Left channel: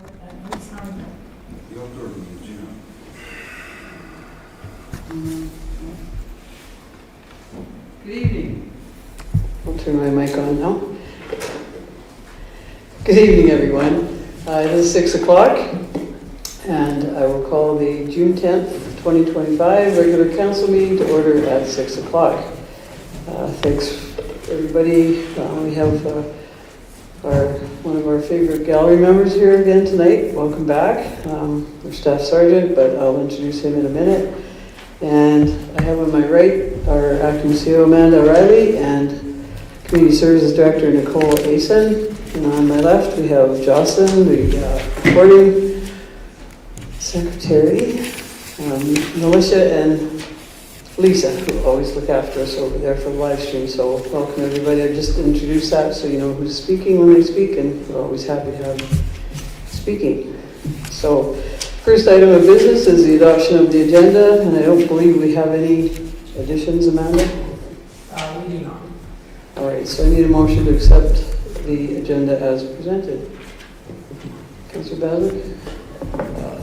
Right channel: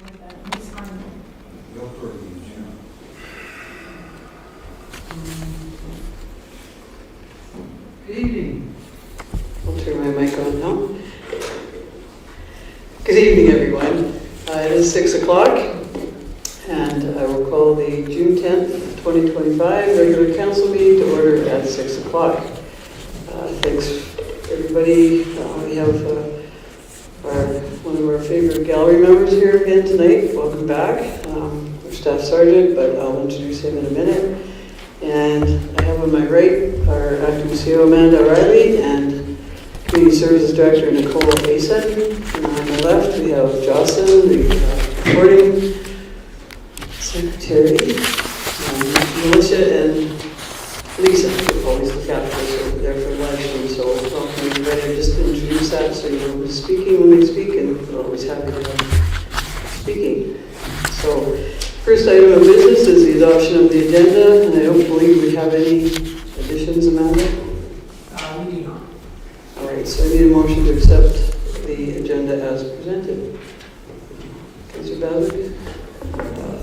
Good evening. I'll turn my mic on now. Good evening, everyone. It is 6 o'clock, and I will call the June 10th, 2025 regular council meeting to order at 6 o'clock. Thanks, everybody. We have one of our favorite gallery members here again tonight. Welcome back. Our staff sergeant, but I'll introduce him in a minute. And I have on my right our acting CEO Amanda Riley and Community Services Director Nicole Asen. And on my left we have Jocelyn, the recording secretary, Militia, and Lisa, who always look after us over there for the live stream. So welcome everybody. I just introduced that so you know who's speaking when they speak, and we're always happy to have them speaking. So first item of business is the adoption of the agenda, and I don't believe we have any additions, Amanda? We do not. All right, so I need a motion to accept the agenda as presented. Councillor Badwick?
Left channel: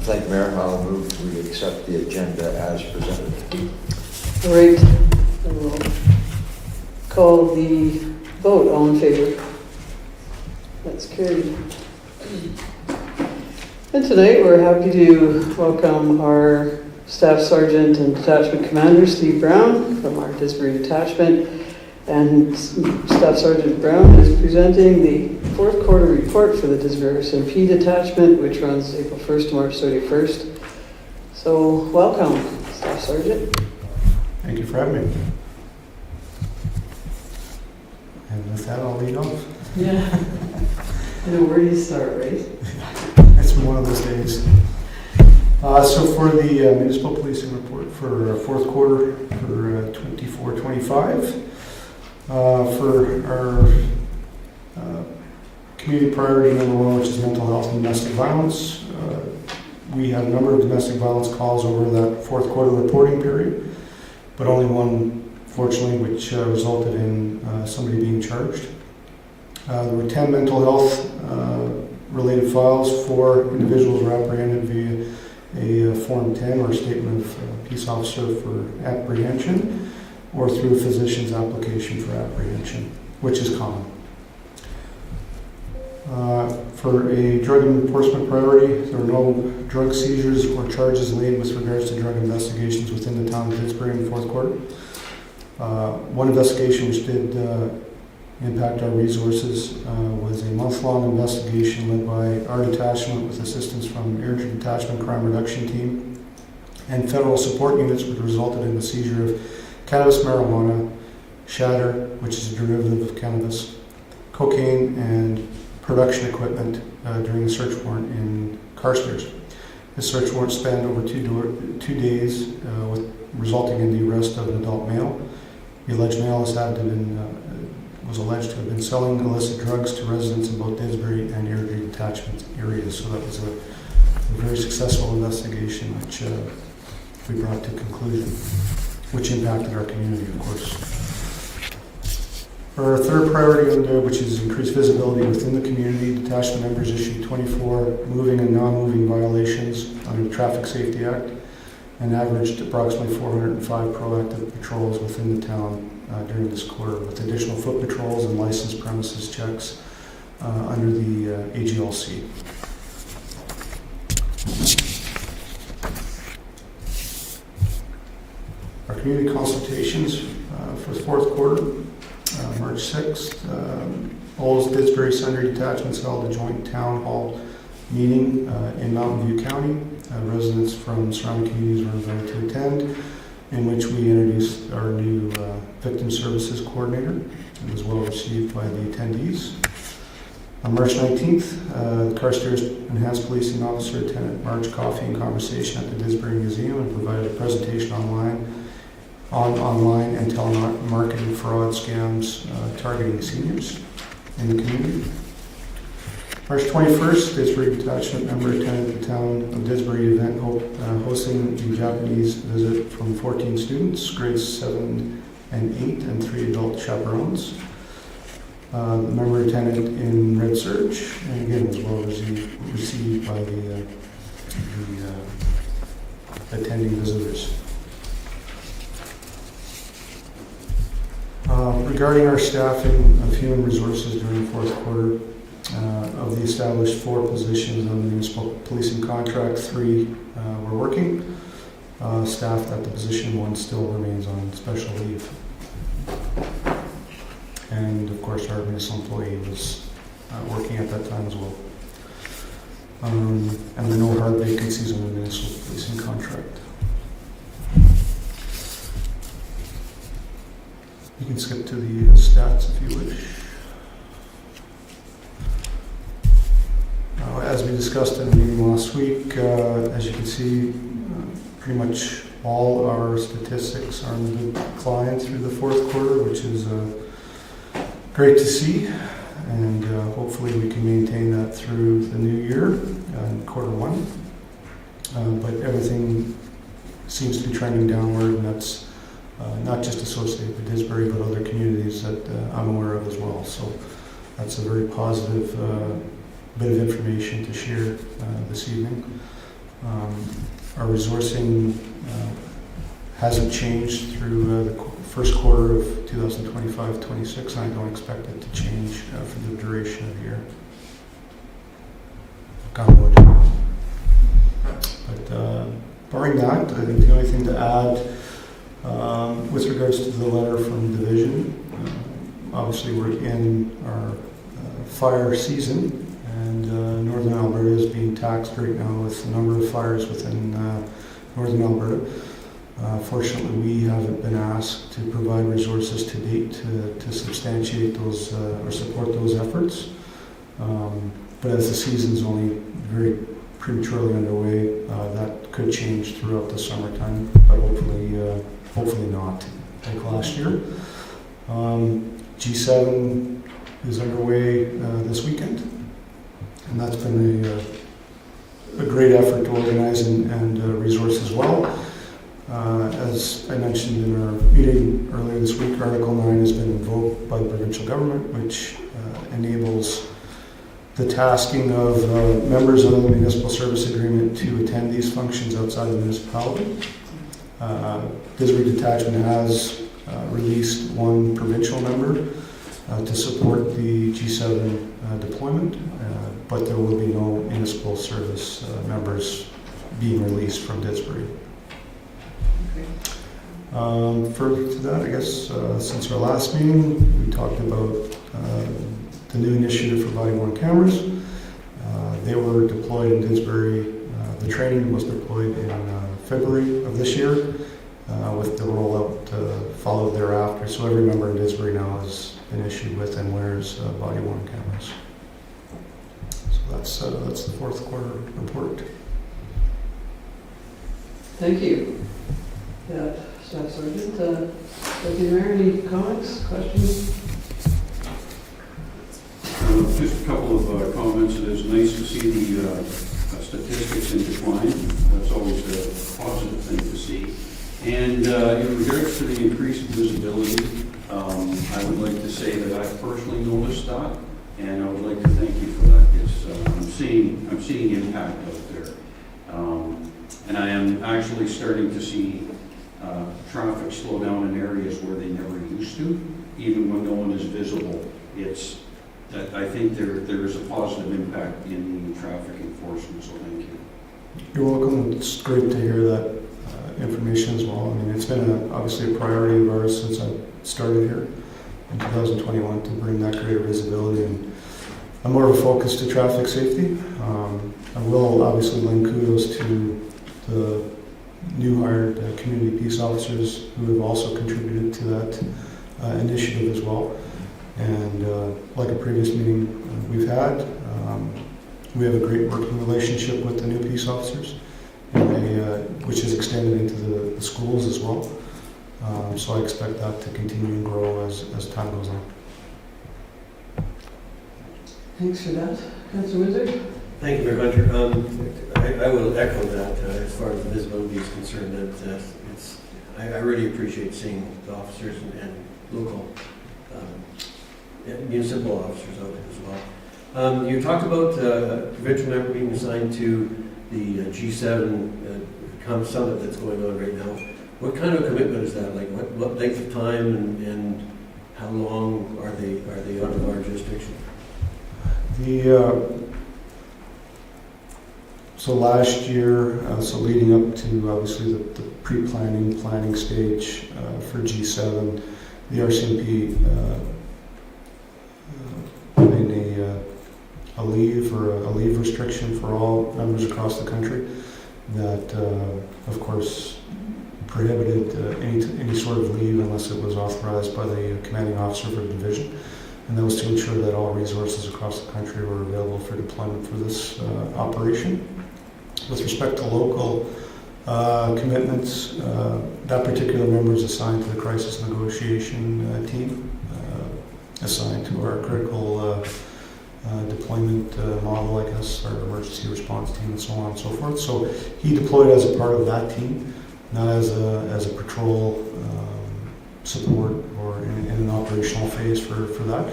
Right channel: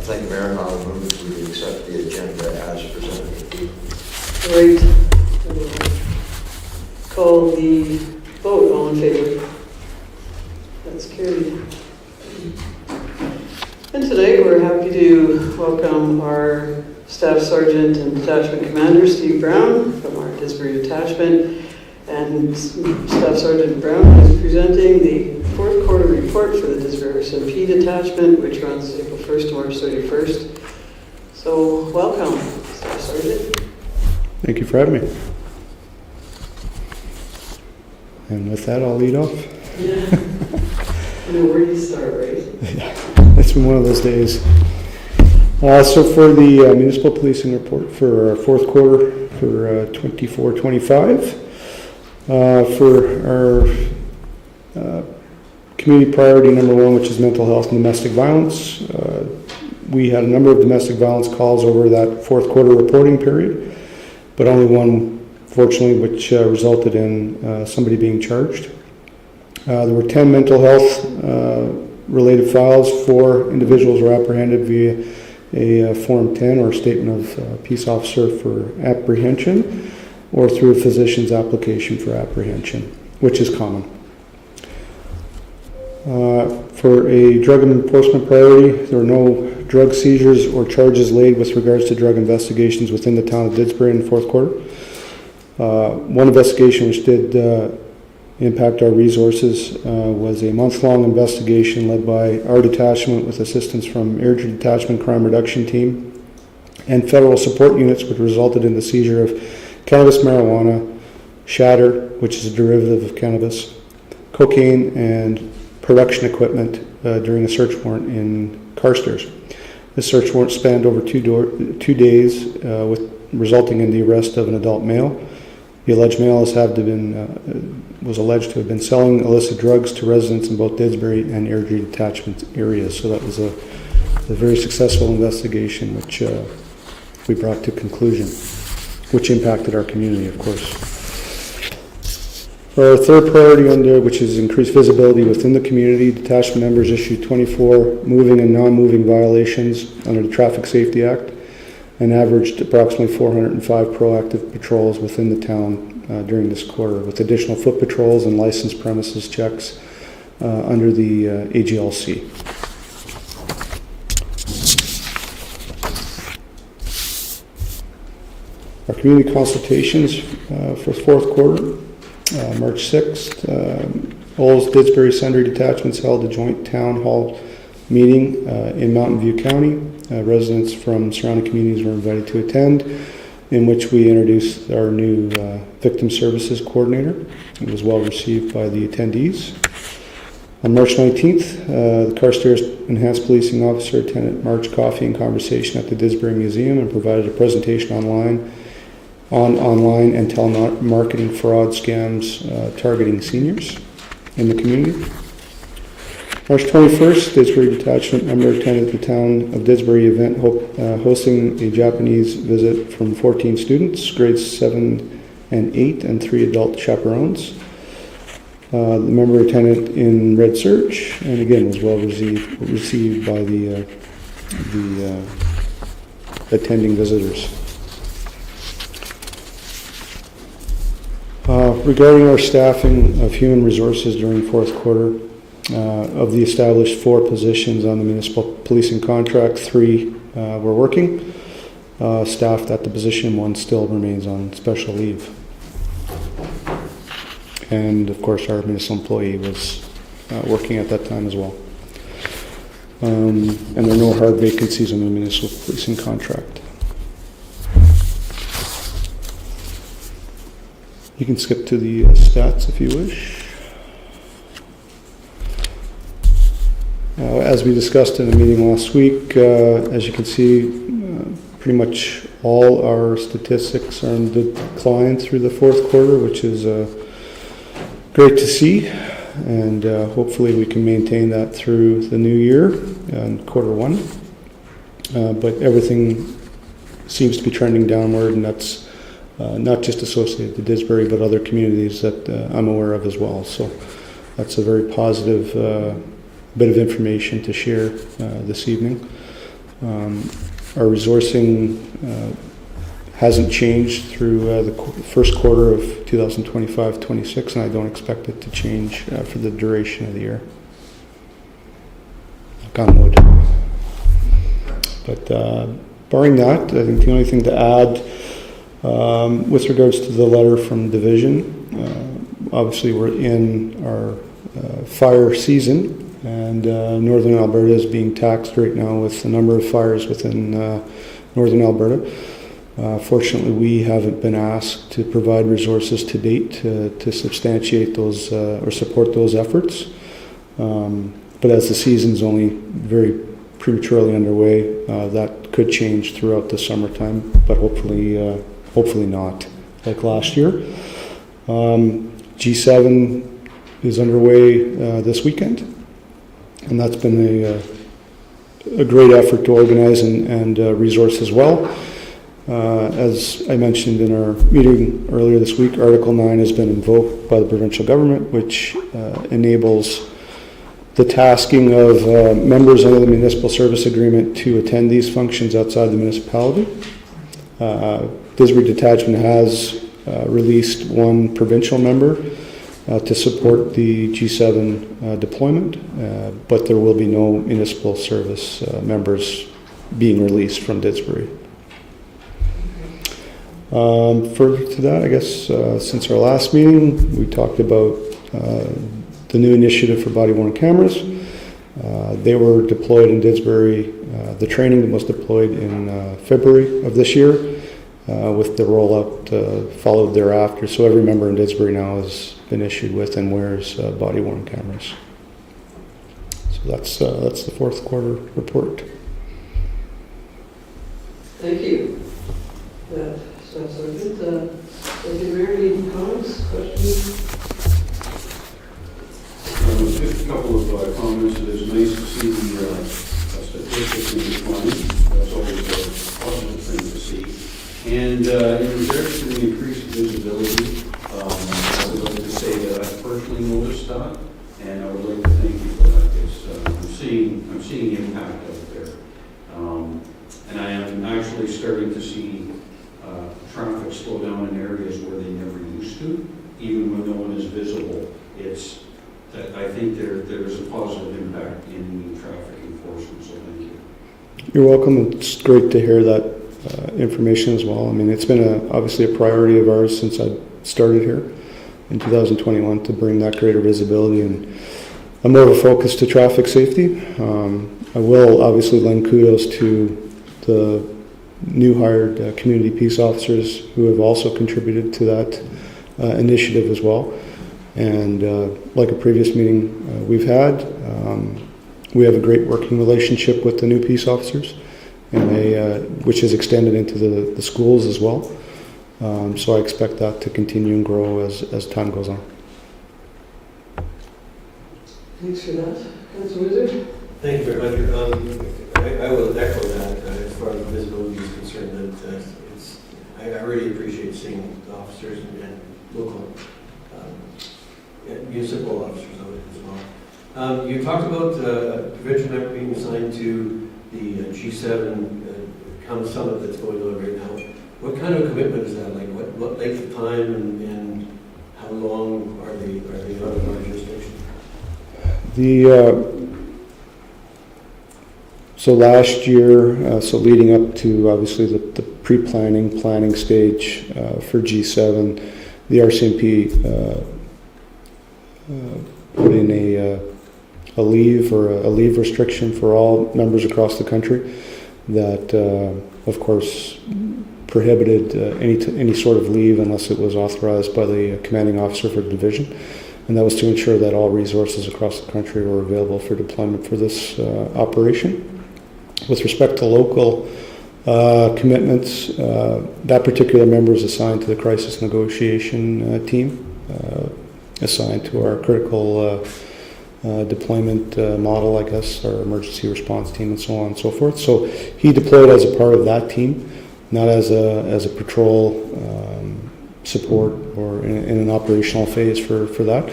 Thank you, Mayor. I'll move to accept the agenda as presented. All right, I will call the vote. All in favor? That's carried. And tonight we're happy to welcome our Staff Sergeant and Detachment Commander Steve Brown from our Disbury Detachment. And Staff Sergeant Brown is presenting the fourth quarter report for the Disbury SMP Detachment, which runs April 1st to March 31st. So welcome, Staff Sergeant. Thank you for having me. And with that, I'll lead off. Yeah. No, where do you start, right? It's been one of those days. So for the municipal policing report for fourth quarter for 24-25, for our community priority number one, which is mental health and domestic violence, we had a number of domestic violence calls over that fourth quarter reporting period, but only one, fortunately, which resulted in somebody being charged. There were 10 mental health related files. 4 individuals were apprehended via a Form 10 or Statement of Peace Officer for apprehension, or through a physician's application for apprehension, which is common. For a drug enforcement priority, there were no drug seizures or charges laid with regards to drug investigations within the town of Didsbury in the fourth quarter. One investigation which did impact our resources was a month-long investigation led by our detachment with assistance from Airdrie Detachment Crime Reduction Team and federal support units, which resulted in the seizure of cannabis, marijuana, shatter, which is a derivative of cannabis, cocaine, and production equipment during a search warrant in Carstairs. The search warrant spanned over 2 days, resulting in the arrest of an adult male. The alleged male was alleged to have been selling illicit drugs to residents in both Didsbury and Airdrie Detachment areas. So that was a very successful investigation, which we brought to conclusion, which impacted our community, of course. For our third priority, which is increased visibility within the community, detachment members issued 24 moving and non-moving violations under the Traffic Safety Act and averaged approximately 405 proactive patrols within the town during this quarter, with additional foot patrols and licensed premises checks under the AGLC. Our community consultations for the fourth quarter, March 6th, Olds Didsbury Sundry Detachments held a joint town hall meeting in Mountain View County. Residents from surrounding communities were invited to attend, in which we introduced our new Victim Services Coordinator. It was well received by the attendees. On March 19th, the Carstairs Enhanced Policing Officer attended March Coffee and Conversation at the Didsbury Museum and provided a presentation on online and telemarketing fraud scams targeting seniors in the community. March 21st, Didsbury Detachment member attended the Town of Didsbury event hosting a Japanese visit from 14 students, grades 7 and 8, and 3 adult chaperones. Member attendant in Red Surge, and again was well received by the attending visitors. Regarding our staffing of human resources during fourth quarter, of the established 4 positions on the municipal policing contract, 3 were working. Staffed at the position, 1 still remains on special leave. And of course our municipal employee was working at that time as well. And there are no hard vacancies on the municipal policing contract. You can skip to the stats if you wish. As we discussed in the meeting last week, as you can see, pretty much all our statistics are on decline through the fourth quarter, which is great to see, and hopefully we can maintain that through the new year and quarter 1. But everything seems to be trending downward, and that's not just associated with Didsbury, but other communities that I'm aware of as well. So that's a very positive bit of information to share this evening. Our resourcing hasn't changed through the first quarter of 2025-26, and I don't expect it to change for the duration of the year. Knock on wood. But barring that, I think the only thing to add with regards to the letter from Division, obviously we're in our fire season, and Northern Alberta is being taxed right now with the number of fires within Northern Alberta. Fortunately, we haven't been asked to provide resources to date to substantiate those or support those efforts. But as the season's only very prematurely underway, that could change throughout the summertime, but hopefully not, like last year. G7 is underway this weekend, and that's been a great effort to organize and resource as well. As I mentioned in our meeting earlier this week, Article 9 has been invoked by the provincial government, which enables the tasking of members under the municipal service agreement to attend these functions outside the municipality. Didsbury Detachment has released 1 provincial member to support the G7 deployment, but there will be no municipal service members being released from Didsbury. Further to that, I guess since our last meeting, we talked about the new initiative for body-worn cameras. They were deployed in Didsbury. The training was deployed in February of this year, with the rollout followed thereafter. So every member in Didsbury now has been issued with and wears body-worn cameras. So that's the fourth quarter report. Thank you. Yeah, so that's sort of good. Deputy Mayor, any comments, questions? Just a couple of comments. It's nice to see the statistics in decline. That's always a positive thing to see. And in regards to the increased visibility, I would like to say that I've personally noticed that, and I would like to thank you for that. I'm seeing impact out there, and I am actually starting to see traffic slow down in areas where they never used to, even when no one is visible. I think there is a positive impact in traffic enforcement, so thank you. You're welcome. It's great to hear that information as well. I mean, it's been obviously a priority of ours since I started here in 2021 to bring that greater visibility and a more of a focus to traffic safety. I will obviously lend kudos to the new hired community peace officers who have also contributed to that initiative as well. And like a previous meeting we've had, we have a great working relationship with the new peace officers, and which is extended into the schools as well. So I expect that to continue and grow as time goes on. Thanks for that. Councilor Wizard? Thank you very much. I will echo that as far as visibility is concerned. That I really appreciate seeing the officers and local municipal officers out there as well. You talked about a provincial member being assigned to the G7 summit that's going on right now. What kind of commitment is that? Like what length of time and how long are they out of our jurisdiction? So last year, so leading up to obviously the planning stage for G7, the RCMP put in a leave restriction for all members across the country that, of course, prohibited any sort of leave unless it was authorized by the commanding officer for the division. And that was to ensure that all resources across the country were available for deployment for this operation. With respect to local commitments, that particular member is assigned to the crisis negotiation team, assigned to our critical deployment model, I guess, our emergency response team, and so on and so forth. So he deployed as a part of that team, not as a patrol support or in an operational phase for that.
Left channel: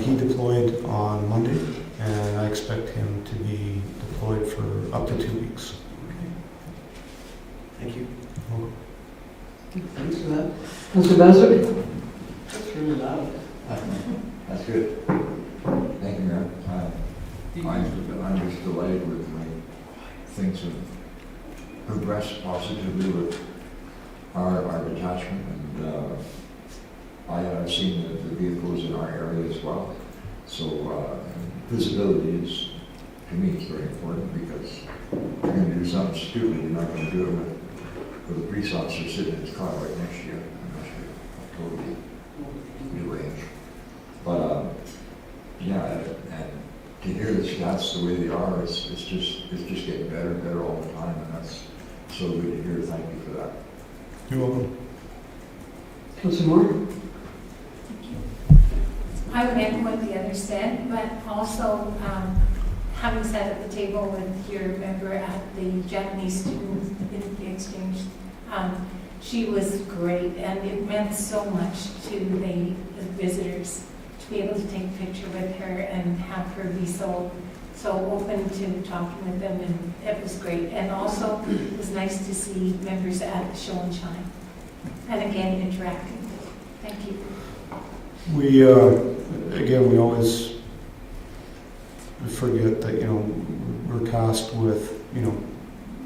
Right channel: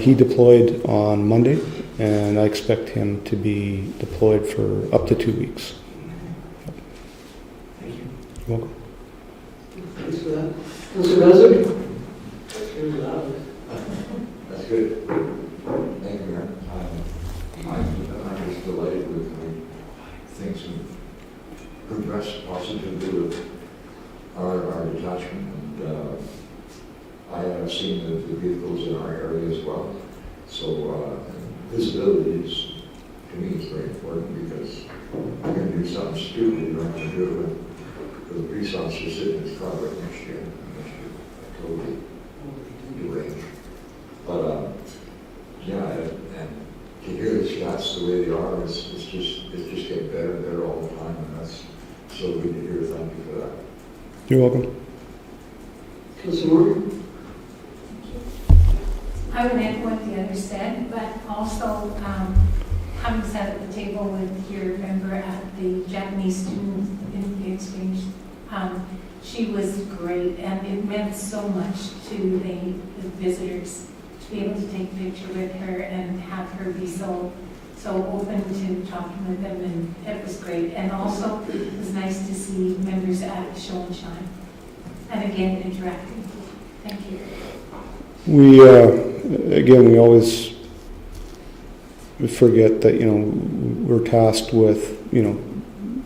He deployed on Monday, and I expect him to be deployed for up to 2 weeks. Thank you. You're welcome. Thanks for that. Councillor Mazur? That's really loud. That's good. Thank you, Mayor. I'm just delighted with things and progressed positively with our detachment. And I have seen the vehicles in our area as well. So visibility is, to me, is very important because you're going to do something stupid, you're not going to do it with a police officer sitting in his car right next to you. Totally new range. But yeah, and to hear the stats the way they are, it's just getting better and better all the time, and that's so good to hear. Thank you for that. You're welcome. Councillor Moore? I would echo what the others said, but also having sat at the table with your member at the Japanese student in exchange, she was great, and it meant so much to the visitors to be able to take a picture with her and have her be so open to talking with them, and it was great. And also, it was nice to see members at Show and Shine, and again, interacting. Thank you. We, again, we always forget that, we're tasked with,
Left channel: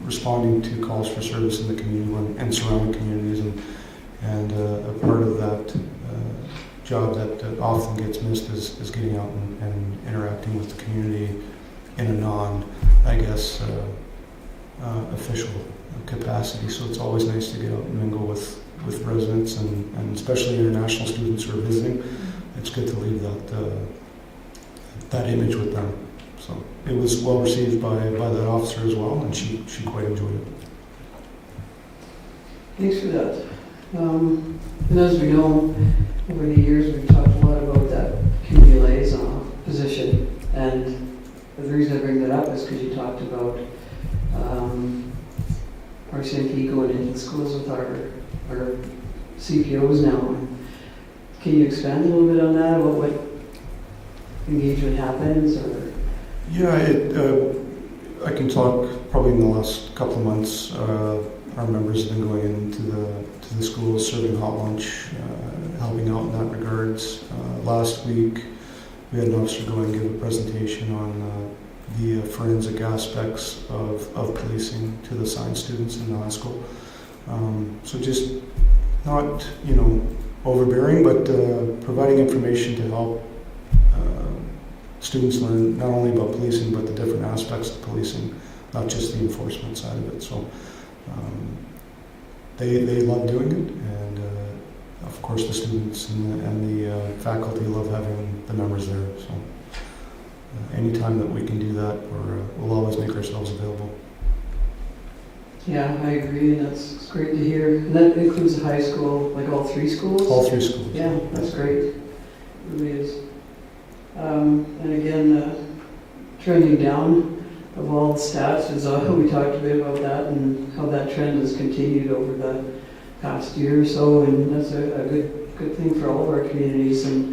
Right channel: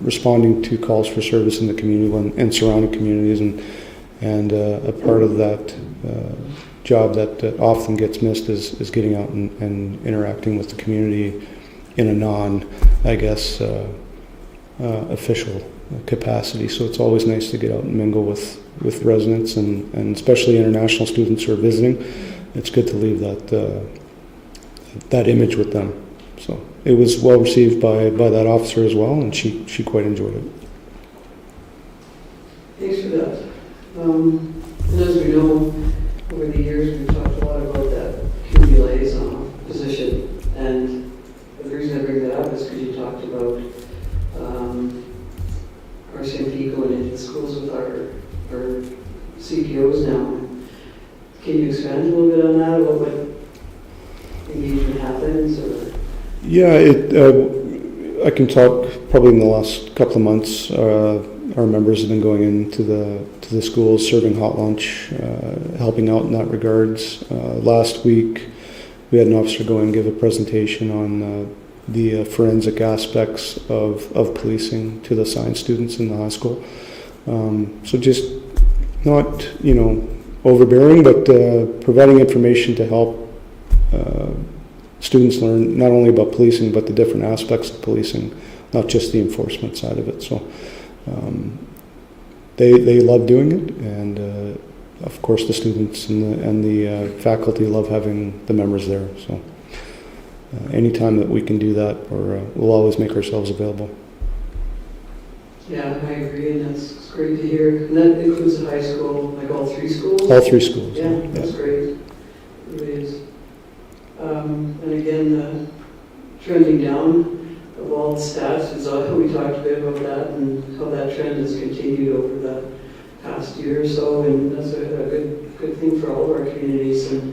responding to calls for service in the community and surrounding communities, and a part of that job that often gets missed is getting out and interacting with the community in a non, I guess, official capacity. So it's always nice to get out and mingle with residents and especially international students who are visiting. It's good to leave that image with them. So it was well received by that officer as well, and she quite enjoyed it. Thanks for that. And as we know, over the years, we've talked a lot about that community liaison position. And the reason I bring that up is because you talked about RCMP going into the schools with our CPOs now. Can you expand a little bit on that? What engagement happens? Or? Yeah, I can talk probably in the last couple of months. Our members have been going into the schools, serving hot lunch, helping out in that regards. Last week, we had an officer go and give a presentation on the forensic aspects of policing to the assigned students in the high school. So just not, overbearing, but providing information to help students learn not only about policing, but the different aspects of policing, not just the enforcement side of it. So they love doing it, and of course the students and the faculty love having the members there. So anytime that we can do that, we'll always make ourselves available. Yeah, I agree, and that's great to hear. And that includes the high school, like all three schools? All three schools. Yeah, that's great. It really is. And again, trending down of all the stats, we talked a bit about that and how that trend has continued over the past year or so, and that's a good thing for all of our communities. And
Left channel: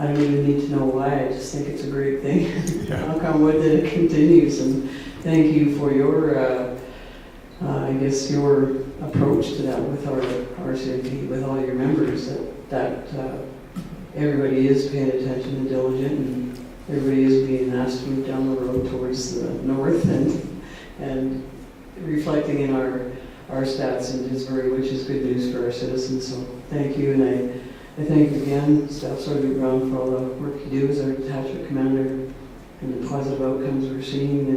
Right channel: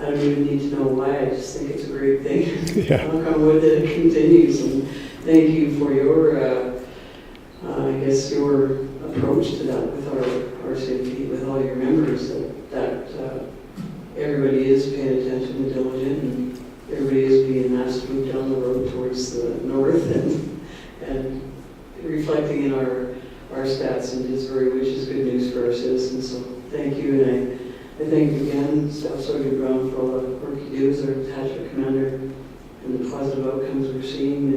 I don't even need to know why, I just think it's a great thing. Yeah. Knock on wood that it continues, and thank you for your, I guess, your approach to that with our city, with all your members, that everybody is paying attention and diligent, and everybody is being asked to move down the road towards the north and reflecting in our stats in Didsbury, which is good news for our citizens. So thank you, and I thank again Staff Sergeant Brown for all the work you do as our detachment commander and the positive outcomes we're seeing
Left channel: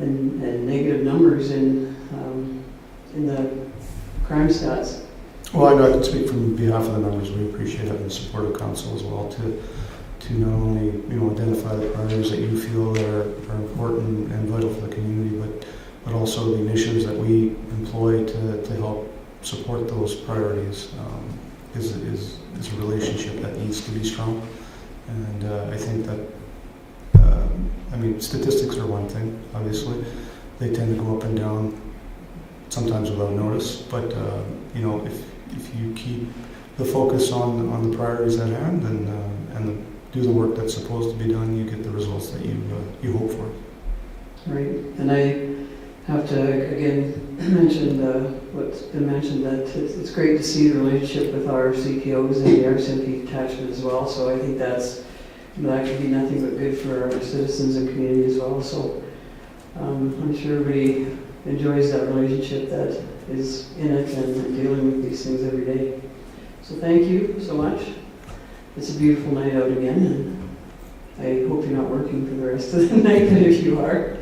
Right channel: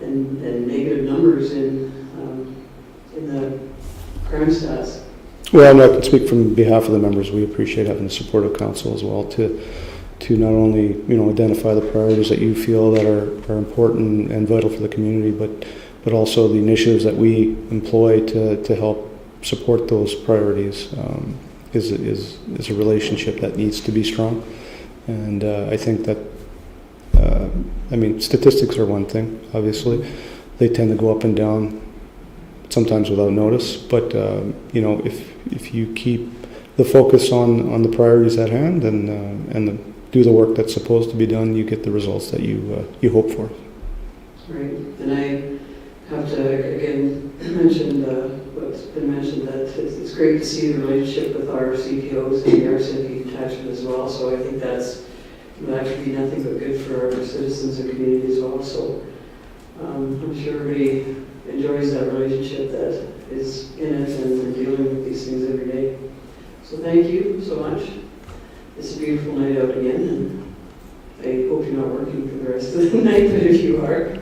and negative numbers in the crime stats. Well, I can speak from behalf of the members. We appreciate having the support of council as well to not only, identify the priorities that you feel that are important and vital for the community, but also the initiatives that we employ to help support those priorities. Is a relationship that needs to be strong, and I think that statistics are one thing. Obviously, they tend to go up and down, sometimes without notice. But if you keep the focus on the priorities at hand and do the work that's supposed to be done, you get the results that you hope for. Right, and I have to again mention what's been mentioned, that it's great to see the relationship with our CPOs and the RCMP detachment as well. So I think that could be nothing but good for our citizens and community as well. So I'm sure everybody enjoys that relationship that is in it and dealing with these things every day. So thank you so much. It's a beautiful night out again, and I hope you're not working for the rest of the night, but if you are,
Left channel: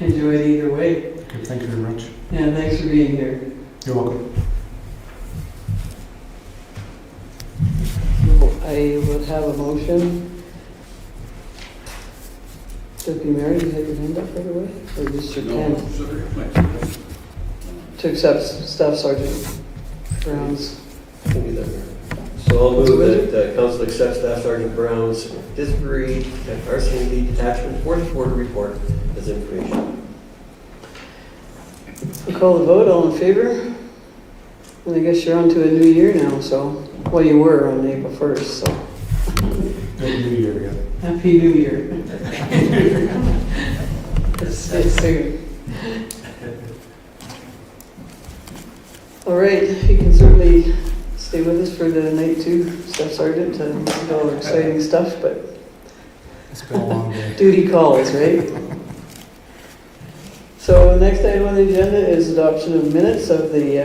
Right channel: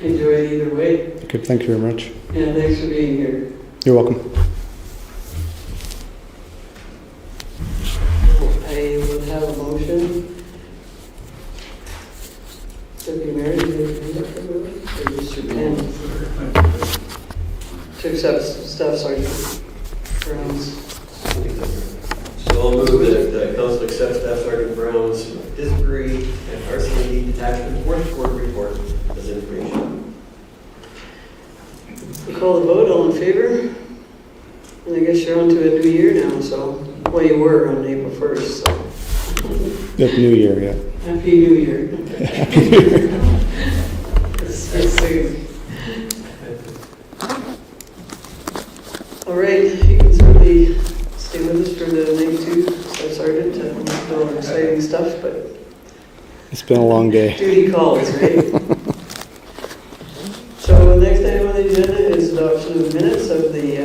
enjoy it either way. Okay, thank you very much. And thanks for being here. You're welcome. I would have a motion. Deputy Mayor, do you have your hand up, everyone? Or just your pen? To accept Staff Sergeant Brown's. So I'll move that council accepts Staff Sergeant Brown's Didsbury and RCMP detachment fourth quarter report as information. We'll call the vote. All in favor? And I guess you're on to a new year now, so, well, you were on April 1st, so. Happy New Year, yeah. Happy New Year. It's soon. All right, you can certainly stay with us for the night too, Staff Sergeant, to do all the exciting stuff, but It's been a long day. duty calls, right? So the next item on the agenda is adoption of minutes of the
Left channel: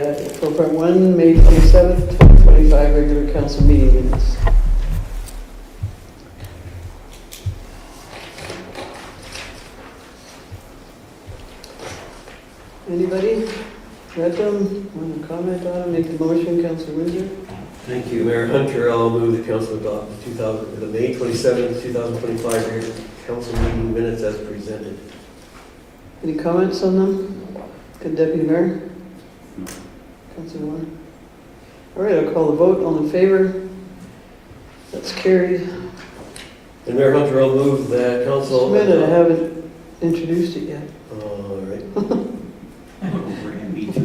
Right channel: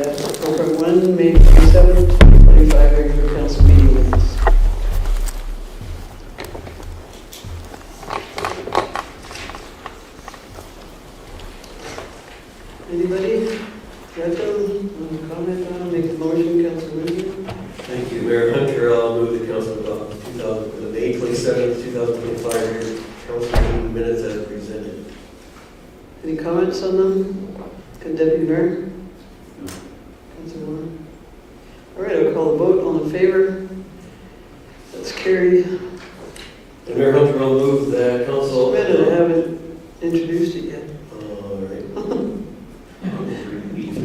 4.1 May 27th, 2025 regular council meeting minutes. Anybody read them? Want to comment on them? Make the motion, Councilor Windsor? Thank you, Mayor Hunter. I'll move the council adopt the May 27th, 2025 regular council meeting minutes as presented. Any comments on them? Good Deputy Mayor? Councilor Warren? All right, I'll call the vote. All in favor? That's carried. And Mayor Hunter, I'll move that council. Just a minute, I haven't introduced it yet. All right. I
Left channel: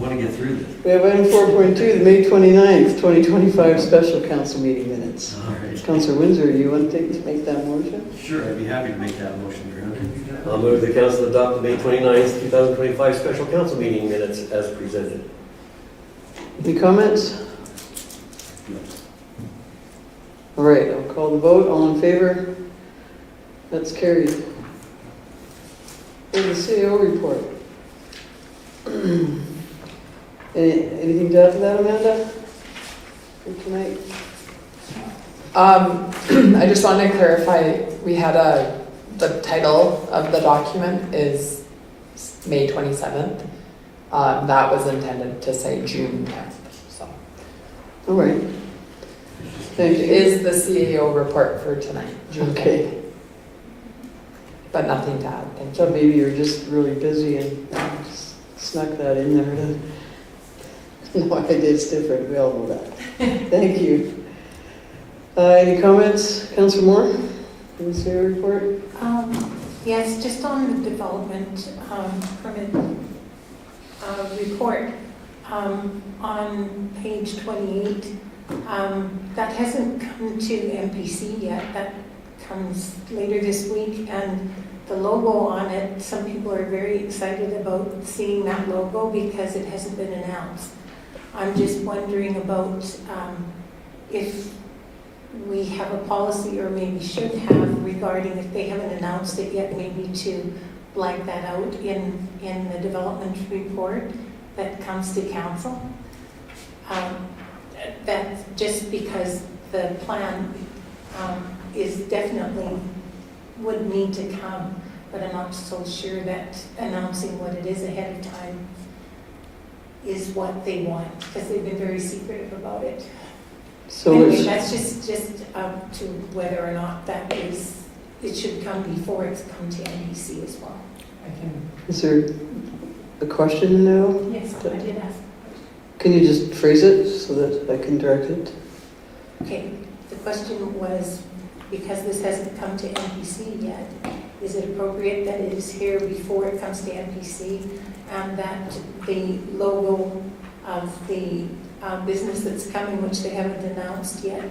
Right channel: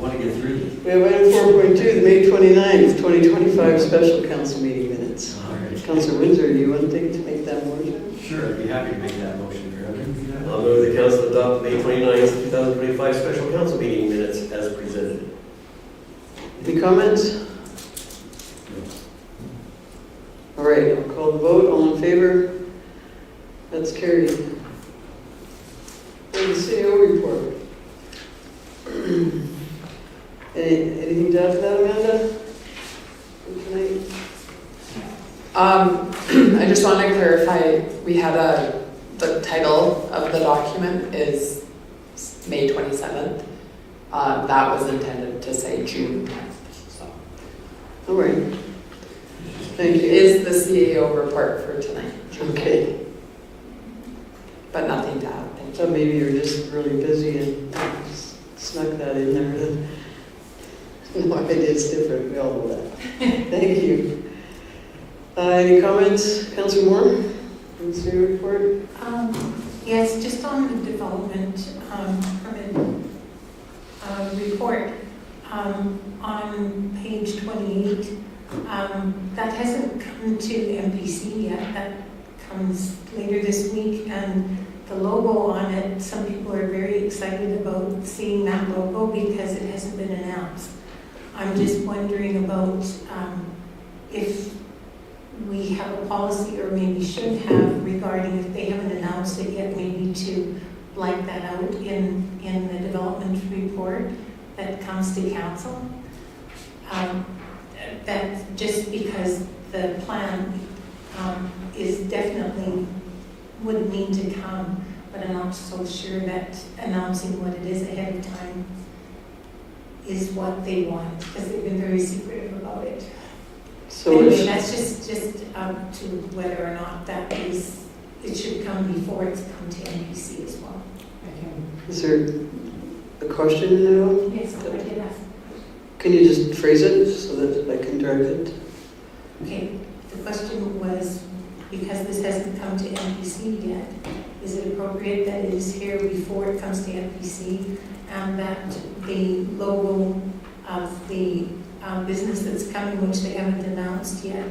want to get through this. We have item 4.2, the May 29th, 2025 special council meeting minutes. All right. Councilor Windsor, do you want to make that motion? Sure, I'd be happy to make that motion, Mayor Hunter. I'll move the council adopt the May 29th, 2025 special council meeting minutes as presented. Any comments? All right, I'll call the vote. All in favor? That's carried. And the CEO report. Anything to add to that, Amanda? For tonight? I just want to clarify, we had the title of the document is May 27th. That was intended to say June 10th, so. All right. Thank you. Is the CAO report for tonight. Okay. But nothing to add, I thank thought you. maybe you were just really busy and just snuck that in there. No, it's different. We all know that. Thank you. Any comments, Councillor Moore? On the CEO report? Yes, just on the development permit report, on page 28, That hasn't come to MPC yet. That comes later this week, and the logo on it, some people are very excited about seeing that logo because it hasn't been announced. I'm just wondering about if we have a policy, or maybe should have, regarding if they haven't announced it yet, maybe to blank that out in the development report that comes to council. That just because the plan is definitely would need to come, but I'm not so sure that announcing what it is ahead of time is what they want, because they've been very secretive about it. So Anyway, it's, that's just up to whether or not that is, it should come before it's come to NBC as well. is there a question now? Yes, I did ask. Can you just phrase it so that I can direct it? Okay, the question was, because this hasn't come to NPC yet, is it appropriate that it is here before it comes to NPC, and that the logo of the business that's coming, which they haven't announced yet,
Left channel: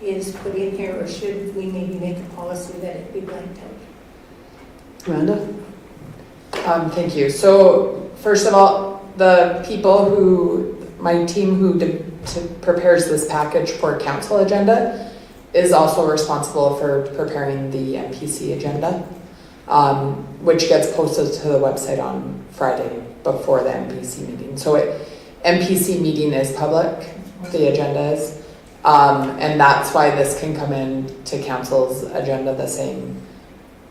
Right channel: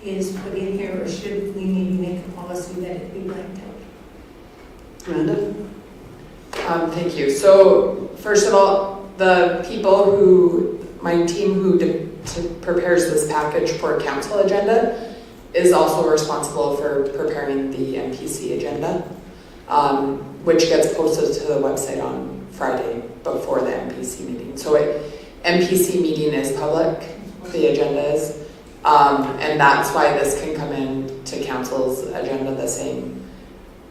is put in here, or should we maybe make a policy that it be blanked out? Amanda? Thank you. So first of all, the people who, my team who prepares this package for council agenda is also responsible for preparing the MPC agenda, which gets posted to the website on Friday before the MPC meeting. So MPC meeting is public, the agenda is, and that's why this can come in to council's agenda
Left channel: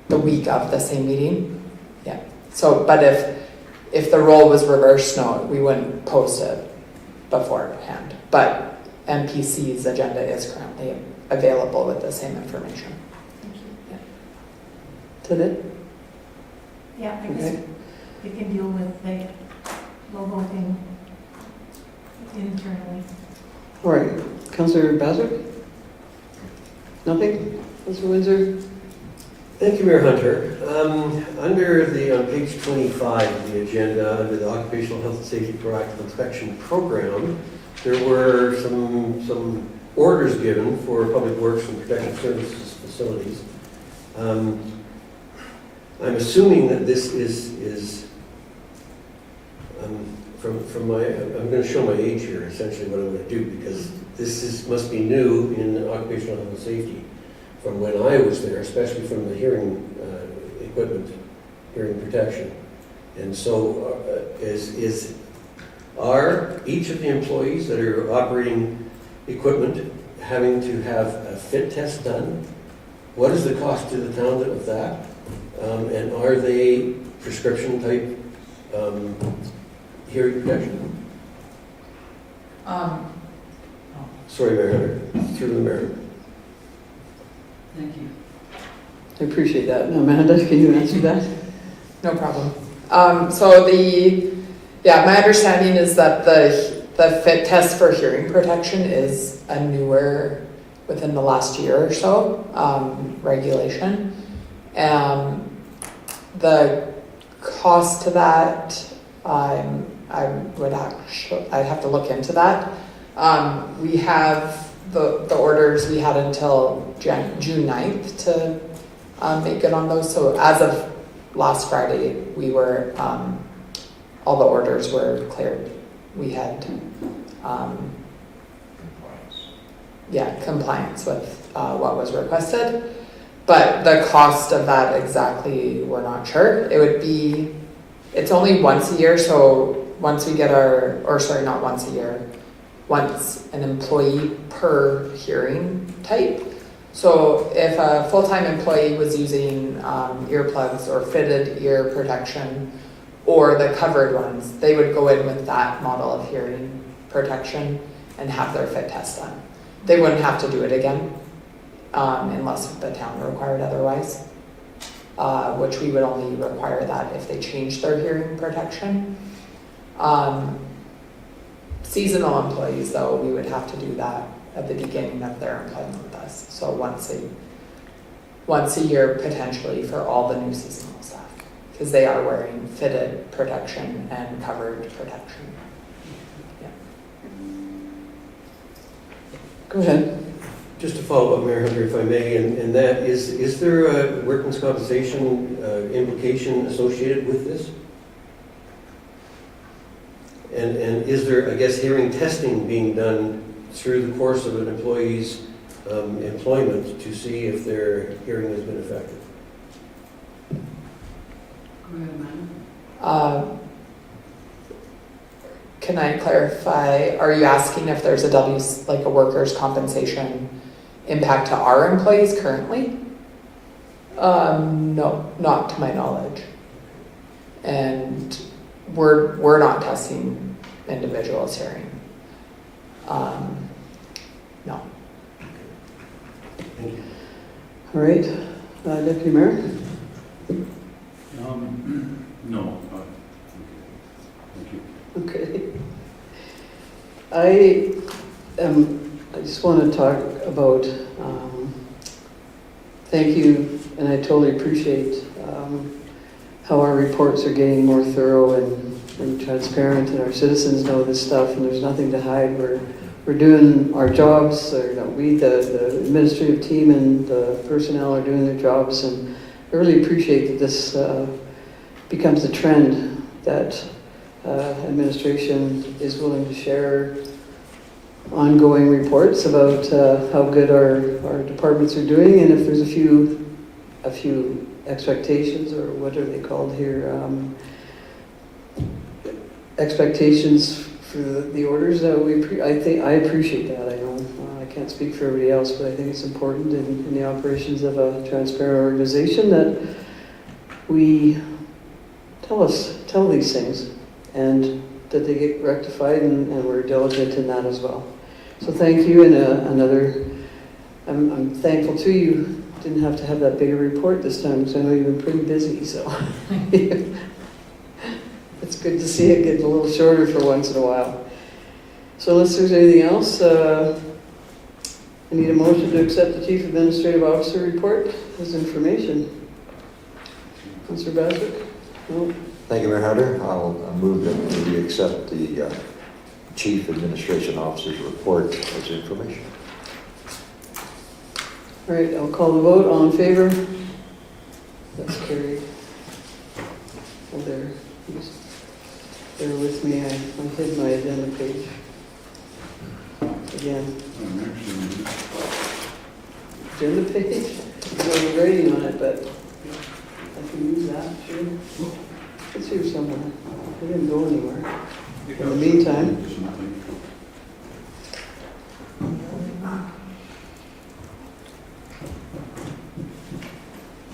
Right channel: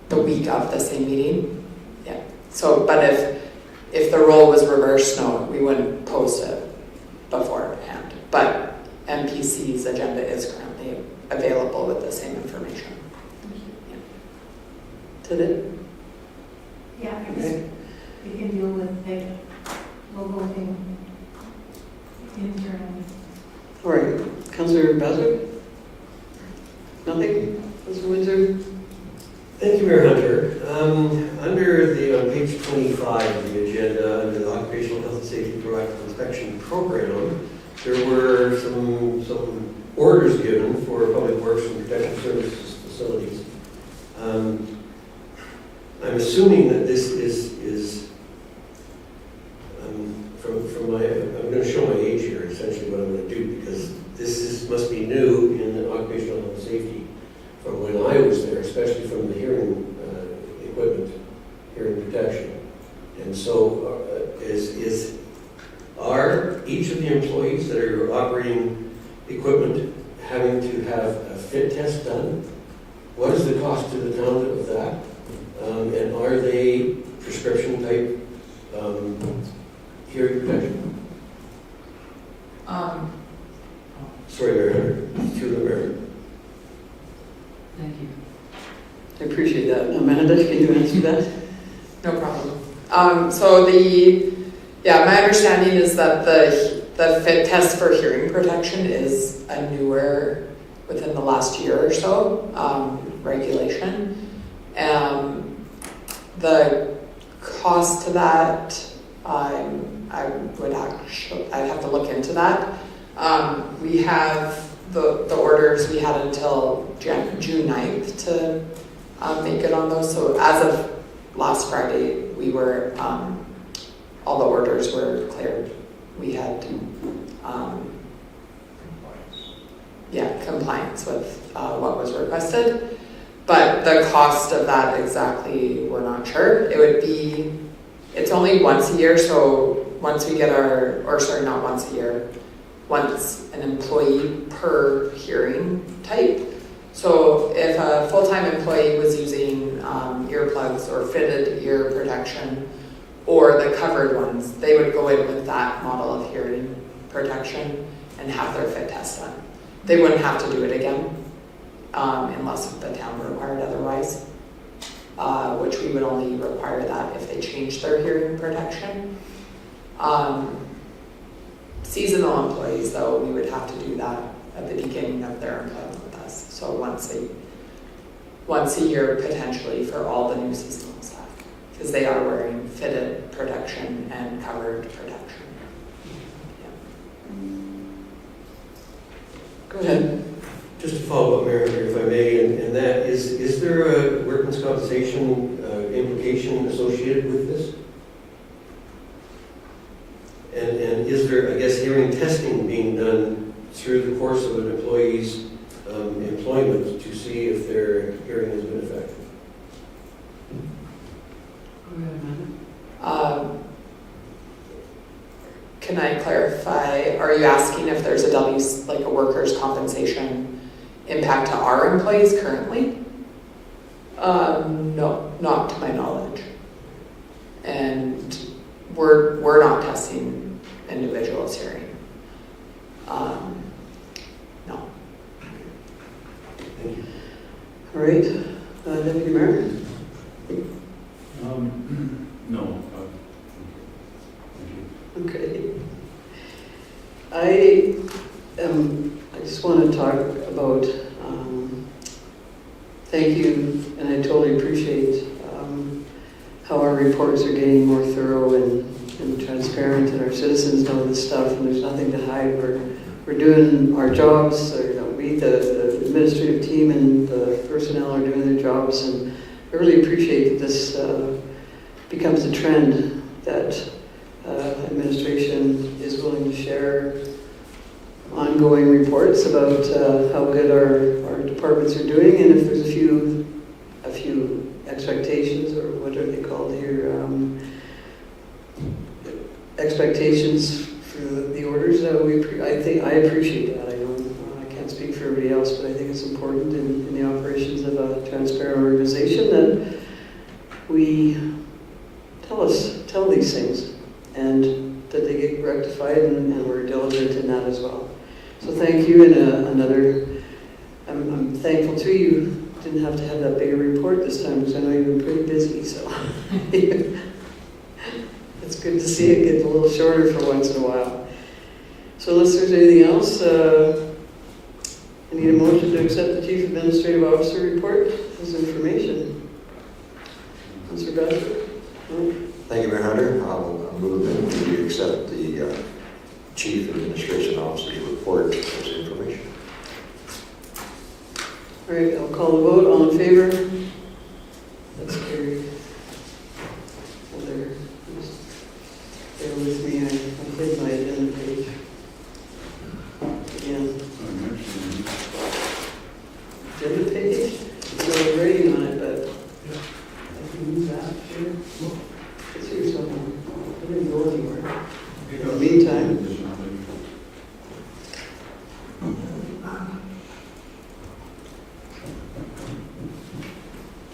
the week of the same meeting. Yeah. So, but if the role was reversed, no, we wouldn't post it beforehand. But MPC's agenda is currently available with the same information. Is that it? Yeah, I guess Okay. we can deal with the logo thing internally. All right. Councillor Bazard? Nothing? Councillor Windsor? Thank you, Mayor Hunter. Under on page 25 of the agenda, under the Occupational Health and Safety Proactive Inspection Program, there were some orders given for public works and protection services facilities. I'm assuming that this is from my, I'm going to show my age here, essentially what I'm going to do, because this must be new in occupational health and safety from when I was there, especially from the hearing equipment, hearing protection. And so are each of the employees that are operating equipment having to have a fit test done? What is the cost to the town of that? And are they prescription type hearing protection? Sorry, Mayor Hunter, through the mayor. Thank you. I appreciate that. Amanda, can you answer that? No problem. So my understanding is that the fit test for hearing protection is a newer, within the last year or so, regulation. The cost to that, I'd have to look into that. We have the orders we had until June 9th to make good on those. So as of last Friday, we were, all the orders were cleared. We had, compliance with what was requested. But the cost of that exactly, we're not sure. It would be, it's only once a year, so once we get not once a year, once an employee per hearing type. So if a full-time employee was using earplugs or fitted ear protection or the covered ones, they would go in with that model of hearing protection and have their fit test done. They wouldn't have to do it again unless the town required otherwise, which we would only require that if they changed their hearing protection. Seasonal employees, though, we would have to do that at the beginning of their employment with us. So once a year, potentially, for all the new seasonal staff, because they are wearing fitted protection and covered protection. Go ahead. Just to follow up, Mayor Hunter, if I may, and that is there a workman's compensation implication associated with this? And is there, I guess, hearing testing being done through the course of an employee's employment to see if their hearing has been affected? Can I clarify, are you asking if there's a workers' compensation impact to our employees currently? No, not to my knowledge. And we're not testing individuals' hearing. No. Thank you. All right, Deputy Mayor? No. Okay. I just want to talk about, thank you, and I totally appreciate how our reports are getting more thorough and transparent, and our citizens know this stuff, and there's nothing to hide. We're doing our jobs, or, we, the administrative team and the personnel are doing their jobs, and I really appreciate that this becomes a trend, that administration is willing to share ongoing reports about how good our departments are doing, and if there's a few expectations, or what are they called here, expectations for the orders that I appreciate that. I know I can't speak for everybody else, but I think it's important in the operations of a transparent organization that we tell these things, and that they get rectified, and we're diligent in that as well. So thank you, and I'm thankful too you didn't have to have that big a report this time, because I know you've been pretty busy, so it's good to see it get a little shorter for once in a while. So unless there's anything else, I need a motion to accept the Chief Administrative Officer report as information. Councillor Bassett? No? Thank you, Mayor Hunter. I'll move that we accept the Chief Administration Officer's report as information. All right, I'll call the vote. All in favor? That's carried. Oh, there. Please bear with me. I hid my agenda page. Again. Agenda page? So we're writing on it, but I can use that, sure. It's here somewhere. It didn't go anywhere. In the meantime,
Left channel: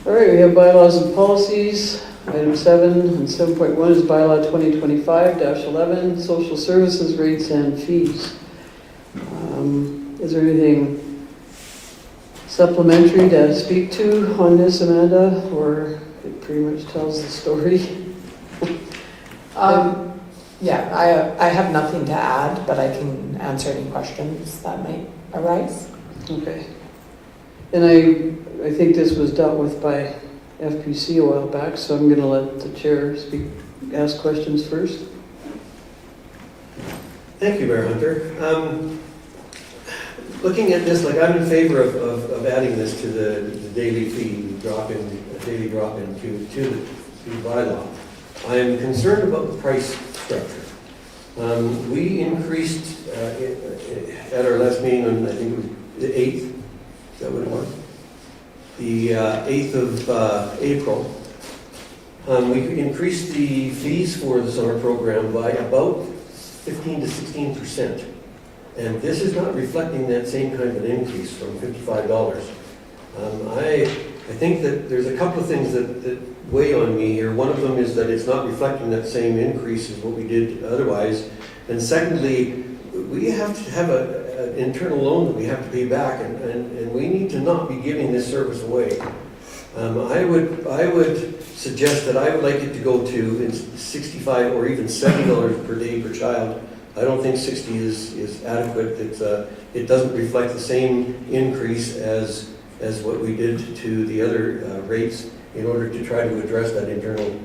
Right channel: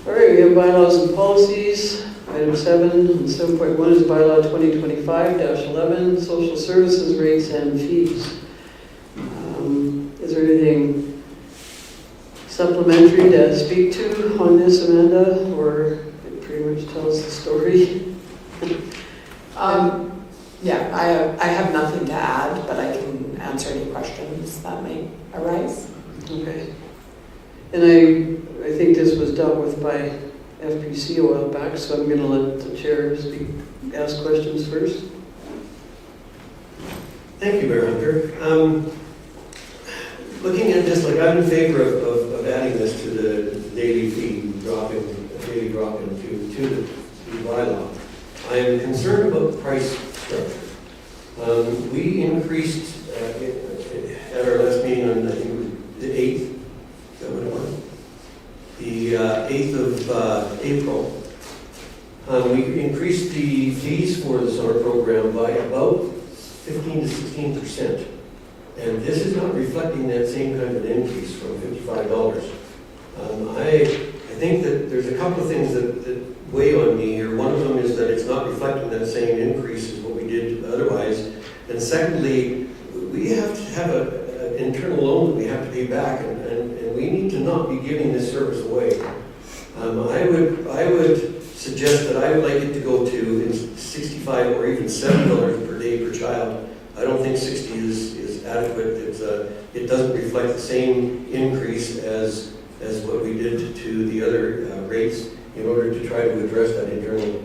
all right, we have bylaws and policies. Item 7 and 7.1 is bylaw 2025-11, social services rates and fees. Is there anything supplementary to speak to on this, Amanda, or it pretty much tells the story? Yeah, I have nothing to add, but I can answer any questions that might arise. Okay. And I think this was dealt with by FPC a while back, so I'm going to let the chair ask questions first. Thank you, Mayor Hunter. Looking at this, I'm in favor of adding this to the daily fee, daily drop-in to the bylaw. I am concerned about the price structure. We increased at our last meeting on, I think, the 8th, is that what it was? The 8th of April. We increased the fees for the summer program by about 15 to 16%. And this is not reflecting that same kind of increase from $55. I think that there's a couple of things that weigh on me here. One of them is that it's not reflecting that same increase as what we did otherwise. And secondly, we have to have an internal loan that we have to pay back, and we need to not be giving this service away. I would suggest that I would like it to go to $65 or even $70 per day per child. I don't think 60 is adequate. It doesn't reflect the same increase as what we did to the other rates in order to try to address that internal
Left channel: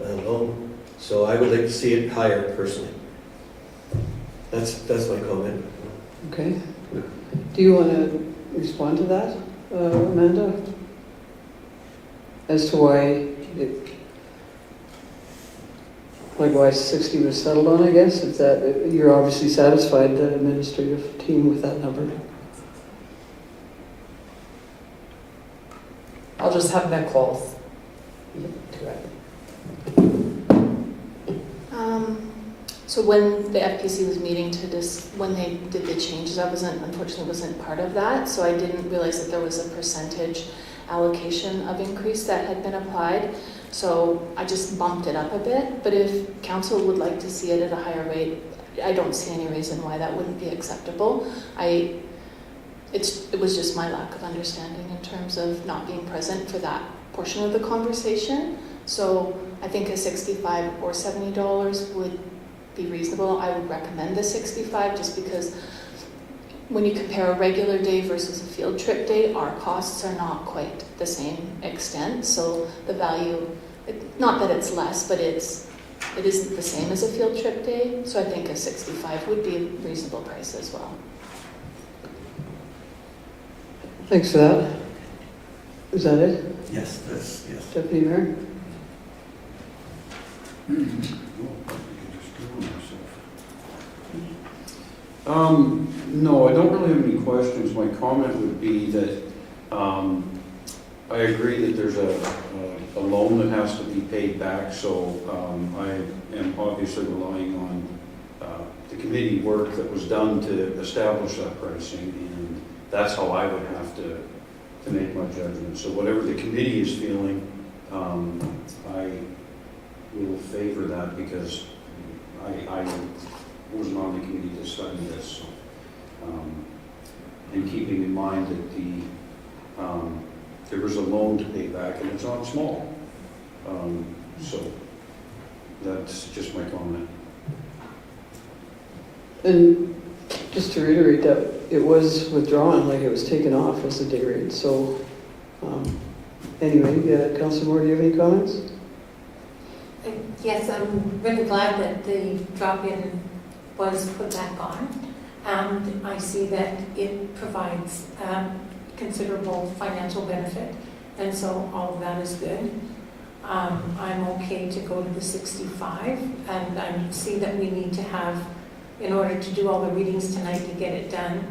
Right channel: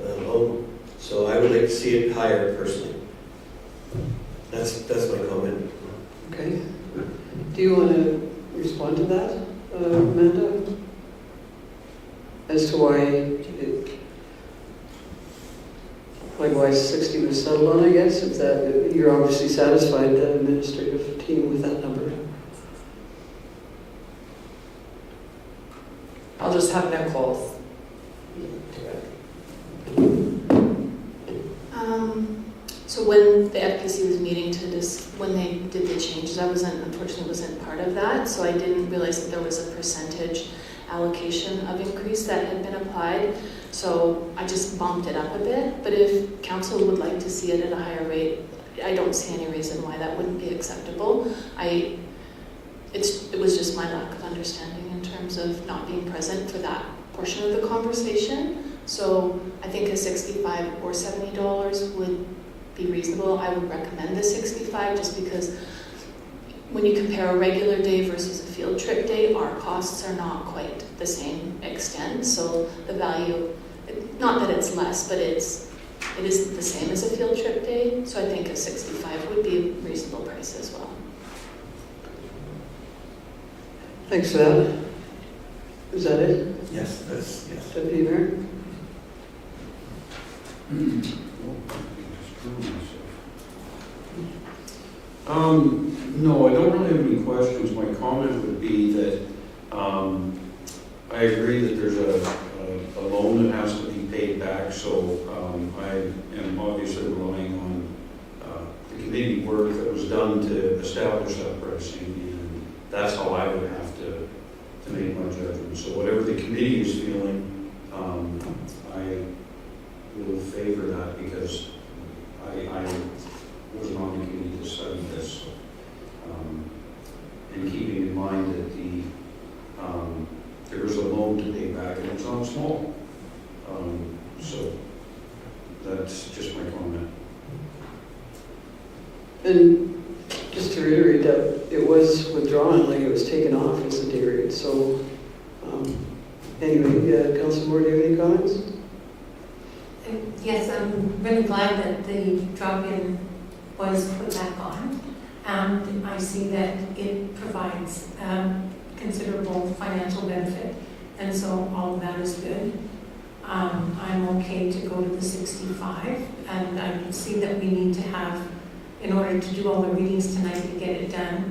loan. So I would like to see it higher personally. That's my comment. Okay. Do you want to respond to that, Amanda? As to why 60 was settled on, I guess? If that, you're obviously satisfied, the administrative team, with that number. I'll just have Nicole do it. So when the FPC was meeting when they did the changes, unfortunately wasn't part of that, so I didn't realize that there was a percentage allocation of increase that had been applied. So I just bumped it up a bit, but if council would like to see it at a higher rate, I don't see any reason why that wouldn't be acceptable. It was just my lack of understanding in terms of not being present for that portion of the conversation. So I think a $65 or $70 would be reasonable. I would recommend the 65 just because when you compare a regular day versus a field trip day, our costs are not quite the same extent. So the value, not that it's less, but it isn't the same as a field trip day. So I think a 65 would be a reasonable price as well. Thanks for that. Is that it, Yes, yes. Deputy Mayor? No, I don't really have any questions. My comment would be that I agree that there's a loan that has to be paid back, so I am obviously relying on the committee work that was done to establish that pricing, and that's how I would have to make my judgment. So whatever the committee is feeling, I will favor that because I wasn't on the committee to study this. And keeping in mind that there was a loan to pay back and it's not small. So that's just my comment. And just to reiterate that it was withdrawn, like it was taken off as a day rate. So anyway, Councilor Moore, do you have any comments? Yes, I'm really glad that the drop-in was put back on. And I see that it provides considerable financial benefit. And so all of that is good. I'm okay to go to the 65. And I see that we need to have, in order to do all the readings tonight, to get it done.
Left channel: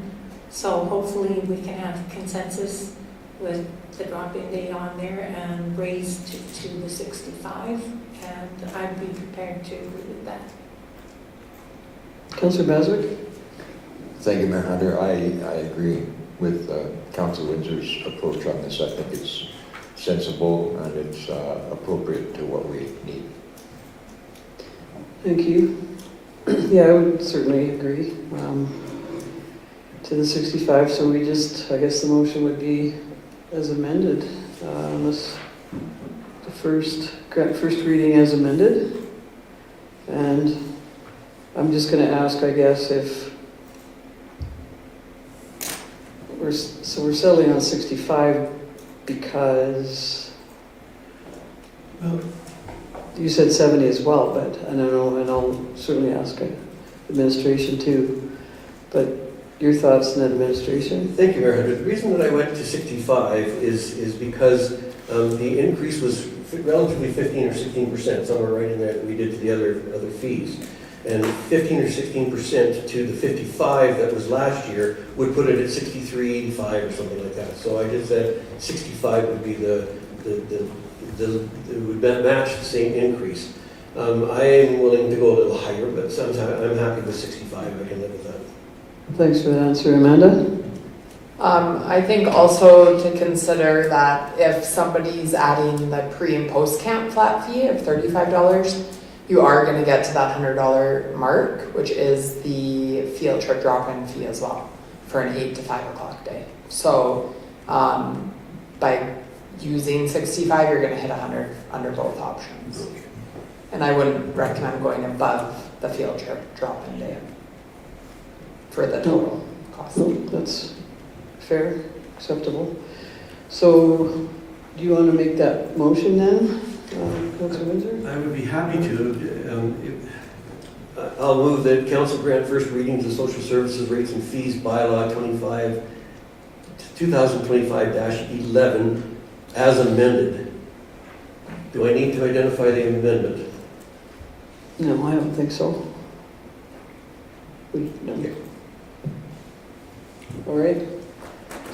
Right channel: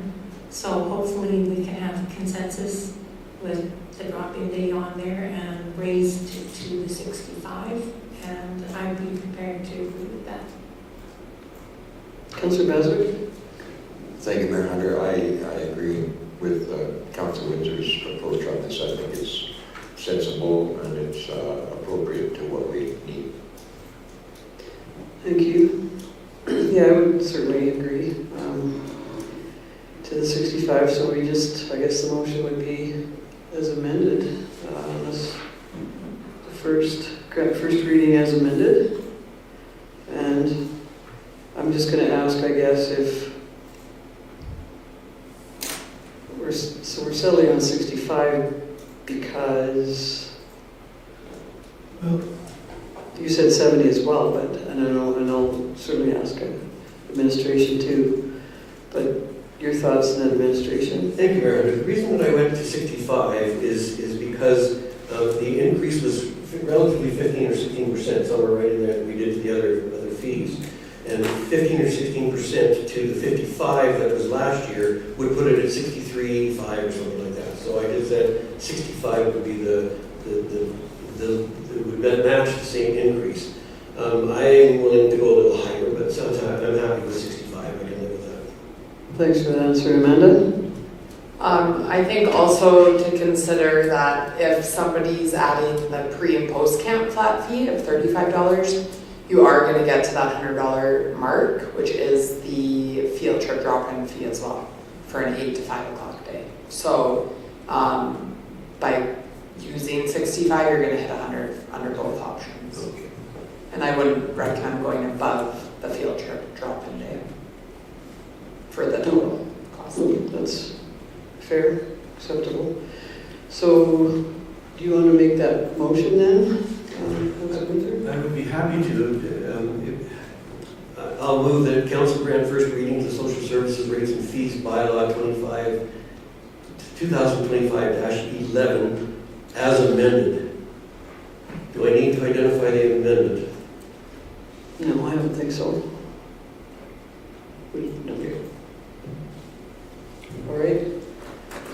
So hopefully we can have consensus with the drop-in date on there and raise to the 65. And I'd be prepared to agree with that. Councilor Baswick? Thank you, Mayor Hunter. I agree with Council Windsor's approach on this. I think it's sensible and it's appropriate to what we need. Thank you. Yeah, I would certainly agree to the 65. So we just, I guess the motion would be as amended, unless the first reading as amended. And I'm just going to ask, I guess, if we're settling on 65 because you said 70 as well, but and I'll certainly ask administration too. But your thoughts on administration? Thank you, Mayor Hunter. The reason that I went to 65 is because the increase was relatively 15 or 16%, somewhere right in there that we did to the other fees. And 15 or 16% to the 55 that was last year would put it at 63.85 or something like that. So I just said 65 would be would match the same increase. I am willing to go a little higher, but I'm happy with 65. I can live with that. Thanks for the answer, Amanda. I think also to consider that if somebody's adding the pre and post camp flat fee of $35, you are going to get to that $100 mark, which is the field trip drop-in fee as well for an 8 to 5 o'clock day. So by using 65, you're going to hit 100 under both options. And I wouldn't recommend going above the field trip drop-in day for the total cost. No, that's fair, acceptable. So do you want to make that motion then, Councilor Windsor? I would be happy to. I'll move that council grant first reading to social services rates and fees bylaw 2025-11 as amended. Do I need to identify the amendment? No, I don't think so. No. All right.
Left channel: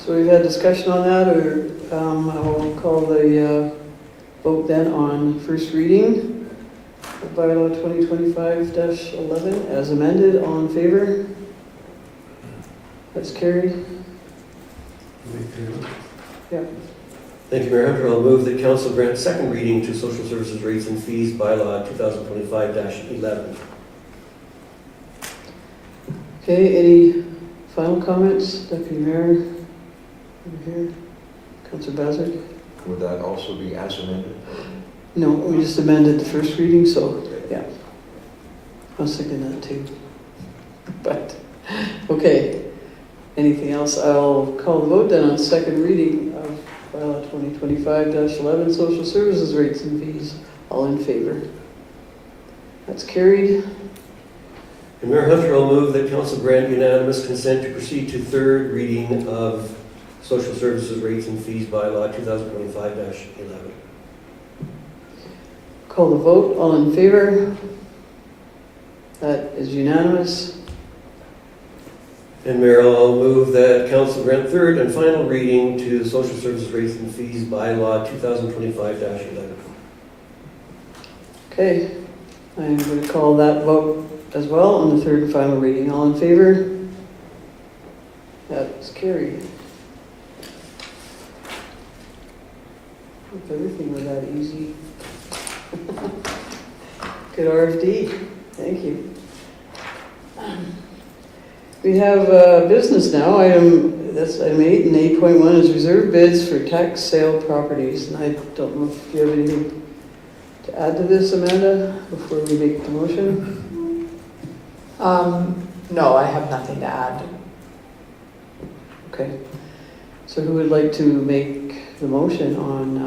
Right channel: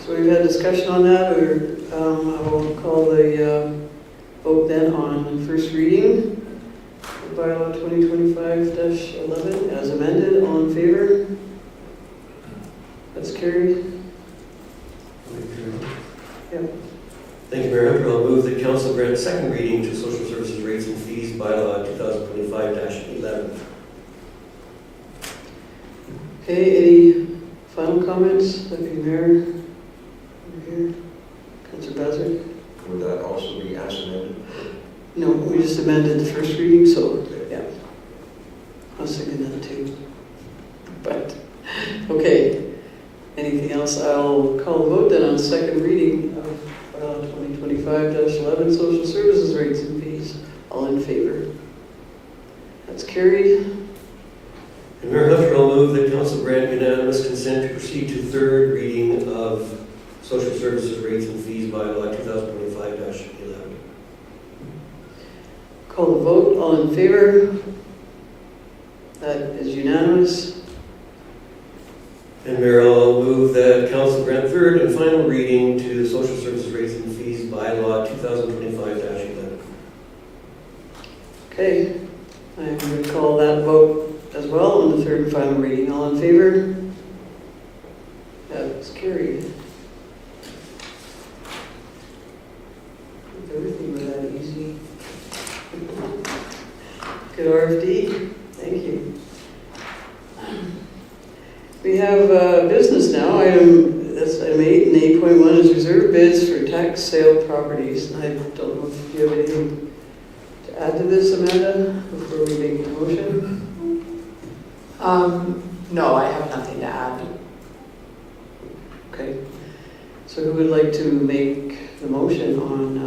So we've had discussion on that, or I will call the vote then on first reading of bylaw 2025-11 as amended. All in favor? That's carried. Yeah. Thank you, Mayor Hunter. I'll move that council grant second reading to social services rates and fees bylaw 2025-11. Okay, any final comments? Deputy Mayor, over here. Councillor Bazard? Would that also be as amended? No, we just amended the first reading, so, yeah. I was thinking that too. But, okay. Anything else? I'll call the vote then on second reading of bylaw 2025-11, social services rates and fees. All in favor? That's carried. And Mayor Hunter, I'll move that council grant unanimous consent to proceed to third reading of social services rates and fees bylaw 2025-11. Call the vote. All in favor? That is unanimous. And Mayor, I'll move that council grant third and final reading to social services rates and fees bylaw 2025-11. Okay. I'm going to call that vote as well on the third and final reading. All in favor? That's carried. If everything were that easy. Good RFD. Thank you. We have business now. That's item 8, and 8.1 is reserve bids for tax sale properties. And I don't know if you have anything to add to this, Amanda, before we make the motion. No, I have nothing to add. Okay. So who would like to make the motion on,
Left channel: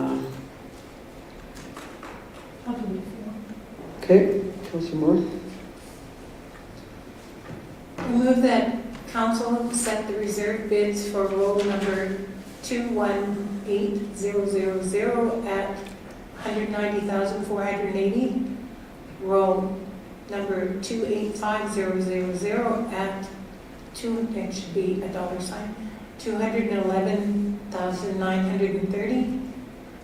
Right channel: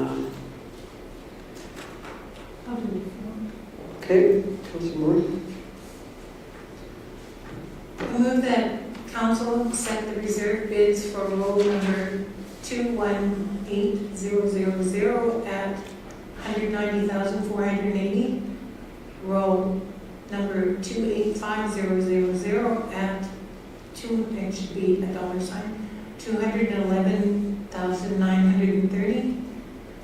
I'll do it. okay, Councillor Moore? I move that council set the reserve bids for roll number 218000 at $190,480. Roll number 285000 at it should be $211,930.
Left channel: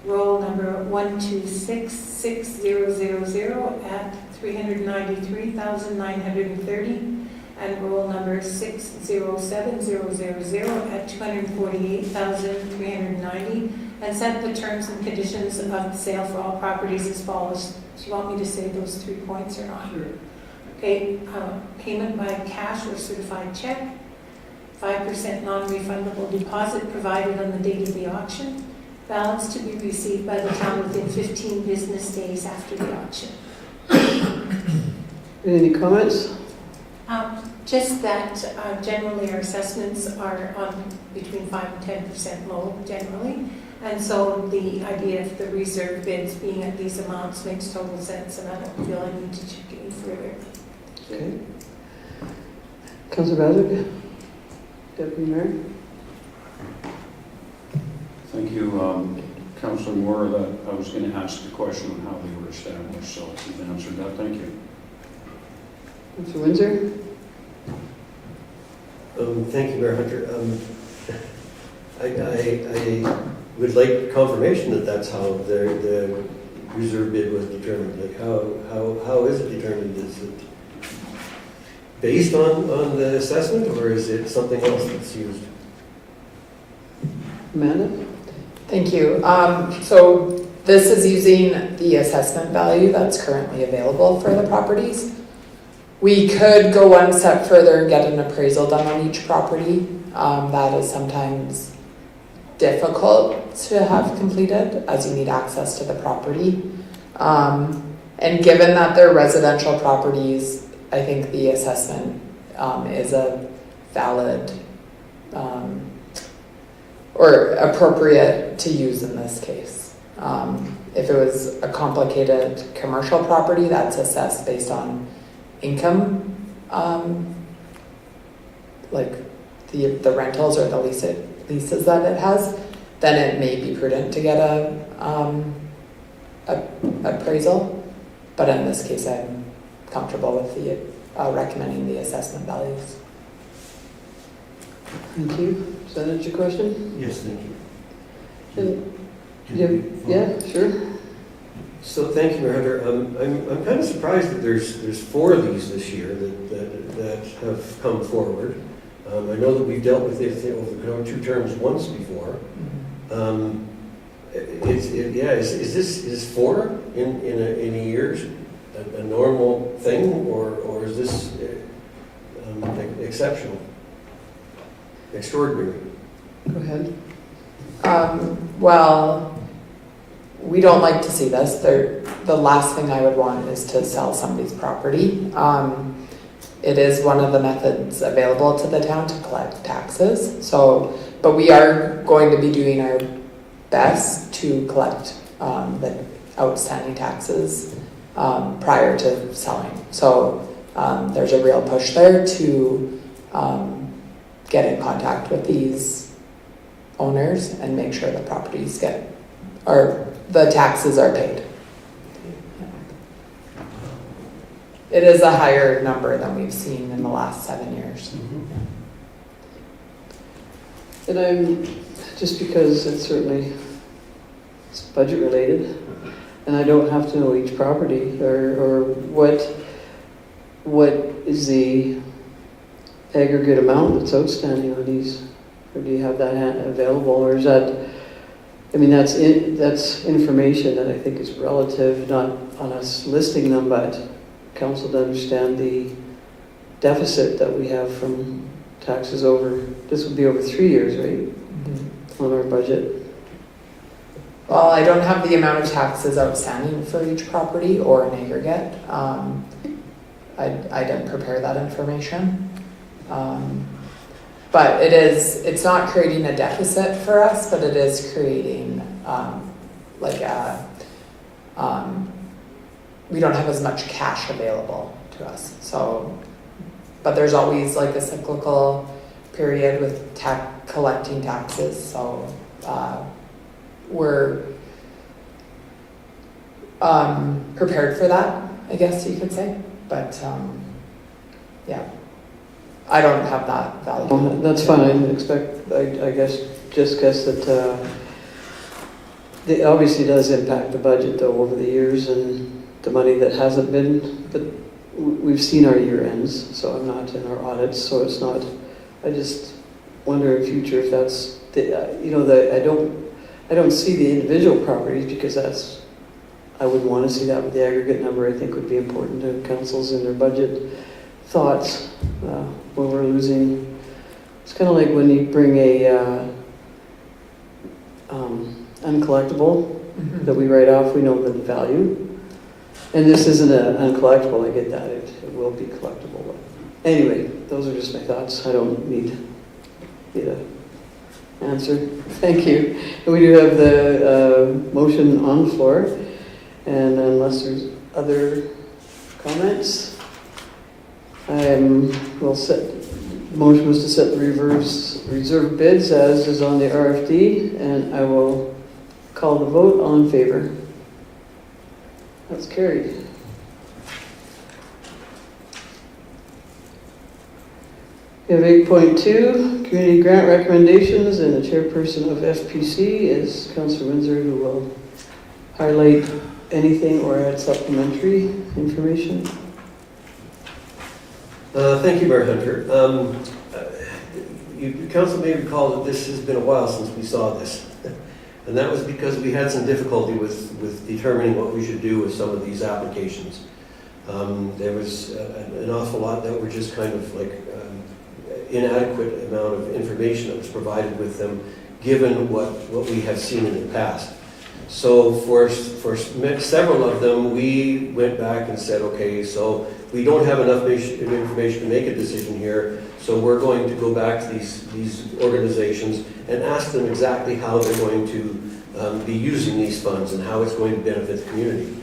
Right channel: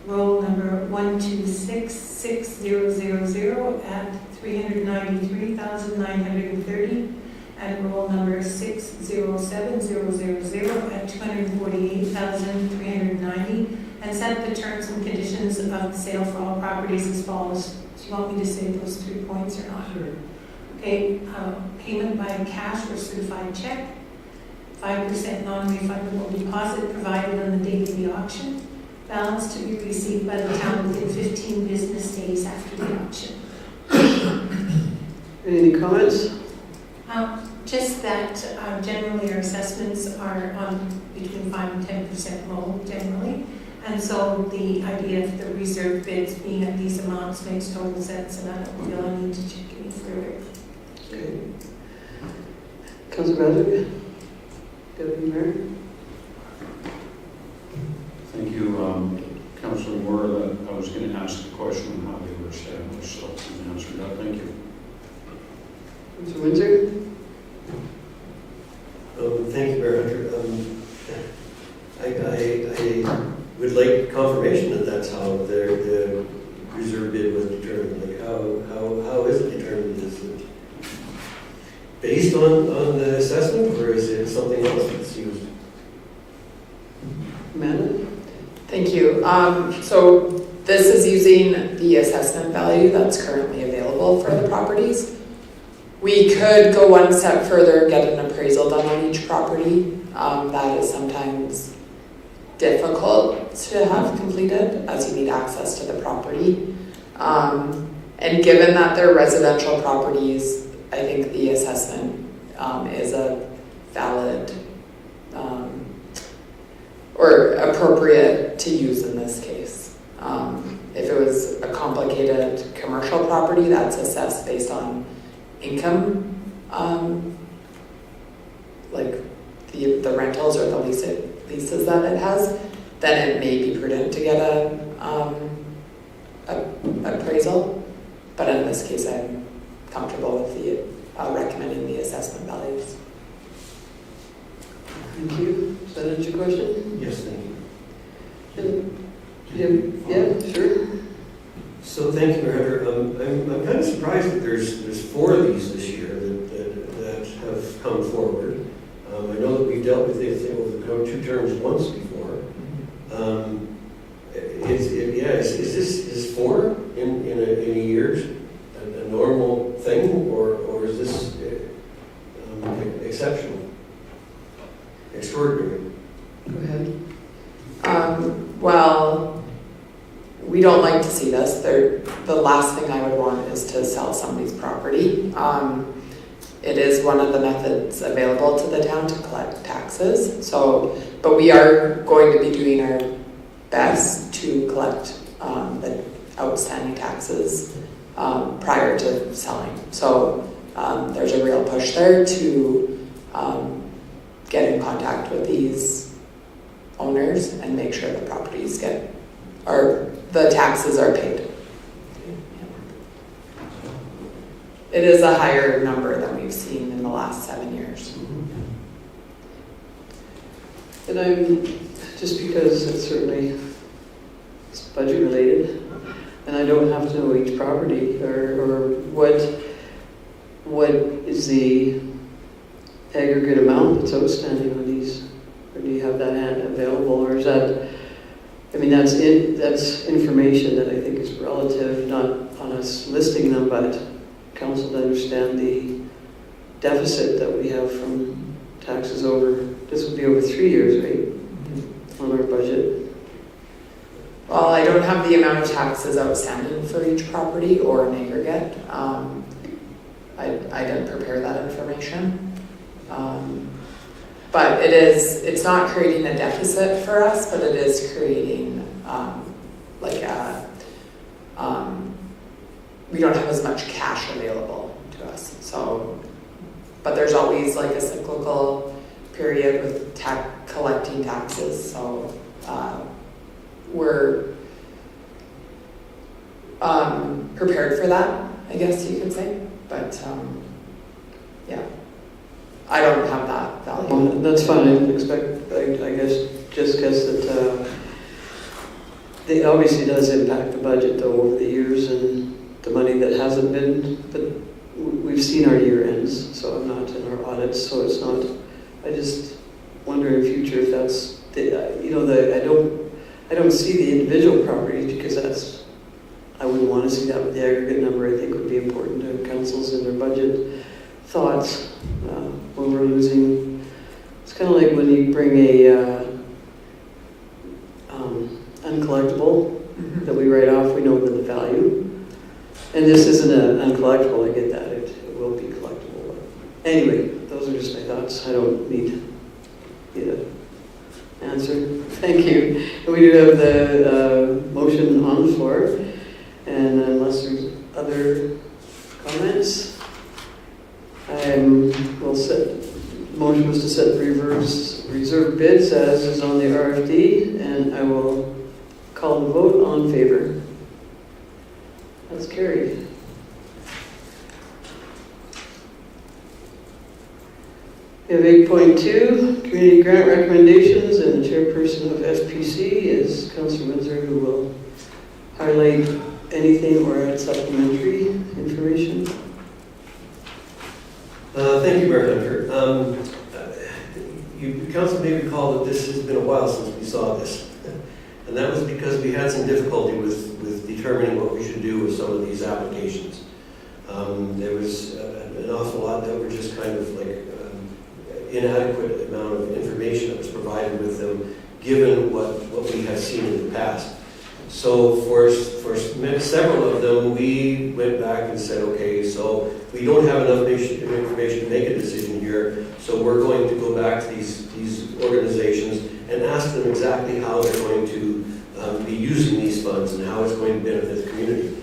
Roll number 126600 at $393,930. And roll number 607000 at $248,390. And set the terms and conditions of the sale for all properties as follows. Do you want me to say those 3 points or not? Sure. Okay, payment by cash or certified check, 5% non-refundable deposit provided on the date of the auction, balance to be received by the town within 15 business days after the auction. Any comments? Just that generally our assessments are on between 5 and 10% low generally. And so the idea of the reserve bids being at these amounts makes total sense, and I don't feel I need to check any further. Okay. Councillor Bazard? Deputy Mayor? Thank you, Councillor Moore. That I was going to ask the question on how they were established, so you've answered that. Thank you. Councillor Windsor? Thank you, Mayor Hunter. I would like confirmation that that's how the reserve bid was determined. Like how is it determined? Is it based on the assessment, or is it something else that's used? Amanda? Thank you. So this is using the assessment value that's currently available for the properties. We could go one step further and get an appraisal done on each property. That is sometimes difficult to have completed as you need access to the property. And given that they're residential properties, I think the assessment is a valid or appropriate to use in this case. If it was a complicated commercial property, that's assessed based on income, like the rentals or the leases that it has, then it may be prudent to get a appraisal. But in this case, I'm comfortable with the recommending the assessment values. Thank you. Does that answer your question? Yes, thank you. Yeah, sure. So thank you, Mayor Hunter. I'm kind of surprised that there's 4 of these this year that have come forward. I know that we've dealt with it over 2 terms once before. Is 4 in a year a normal thing, or is this exceptional, extraordinary? Go ahead. Well, we don't like to see this. The last thing I would want is to sell somebody's property. It is one of the methods available to the town to collect taxes. So, but we are going to be doing our best to collect the outstanding taxes prior to selling. So there's a real push there to get in contact with these owners and make sure the properties the taxes are paid. It is a higher number than we've seen in the last 7 years. And just because it's budget related, and I don't have to know each property or what is the aggregate amount that's outstanding on these, or do you have that available, or is that? I mean, that's information that I think is relative, not on us listing them, but council to understand the deficit that we have from taxes this would be over 3 years, right? On our budget. Well, I don't have the amount of taxes outstanding for each property or an aggregate. I didn't prepare that information. But it's not creating a deficit for us, but it is creating we don't have as much cash available to us. So, but there's always like a cyclical period with collecting taxes. So we're prepared for that, I guess you could say. But yeah, I don't have that value. Well, that's fine. I didn't expect. I guess that it obviously does impact the budget though over the years, and the money that hasn't been. But we've seen our year ends, so I'm not in our audits, so it's not. I just wonder in future if that's I don't see the individual properties because I wouldn't want to see that, but the aggregate number I think would be important to councils in their budget thoughts when we're losing. It's kind of like when you bring a uncollectible that we write off, we know the value. And this isn't an uncollectible, I get that, it will be collectible. But anyway, those are just my thoughts. I don't need an answer. Thank you. And we do have the motion on the floor, and unless there's other comments, the motion was to set the reserve bids as is on the RFD, and I will call the vote. All in favor? That's carried. We have 8.2, community grant recommendations, and the chairperson of FPC is Councillor Windsor, who will highlight anything or add supplementary information. Thank you, Mayor Hunter. Council may recall that this has been a while since we saw this. And that was because we had some difficulty with determining what we should do with some of these applications. There was an awful lot that were just kind of like inadequate amount of information that was provided with them, given what we have seen in the past. So for several of them, we went back and said, okay, so we don't have enough information to make a decision here, so we're going to go back to these organizations and ask them exactly how they're going to be using these funds and how it's going to benefit the community.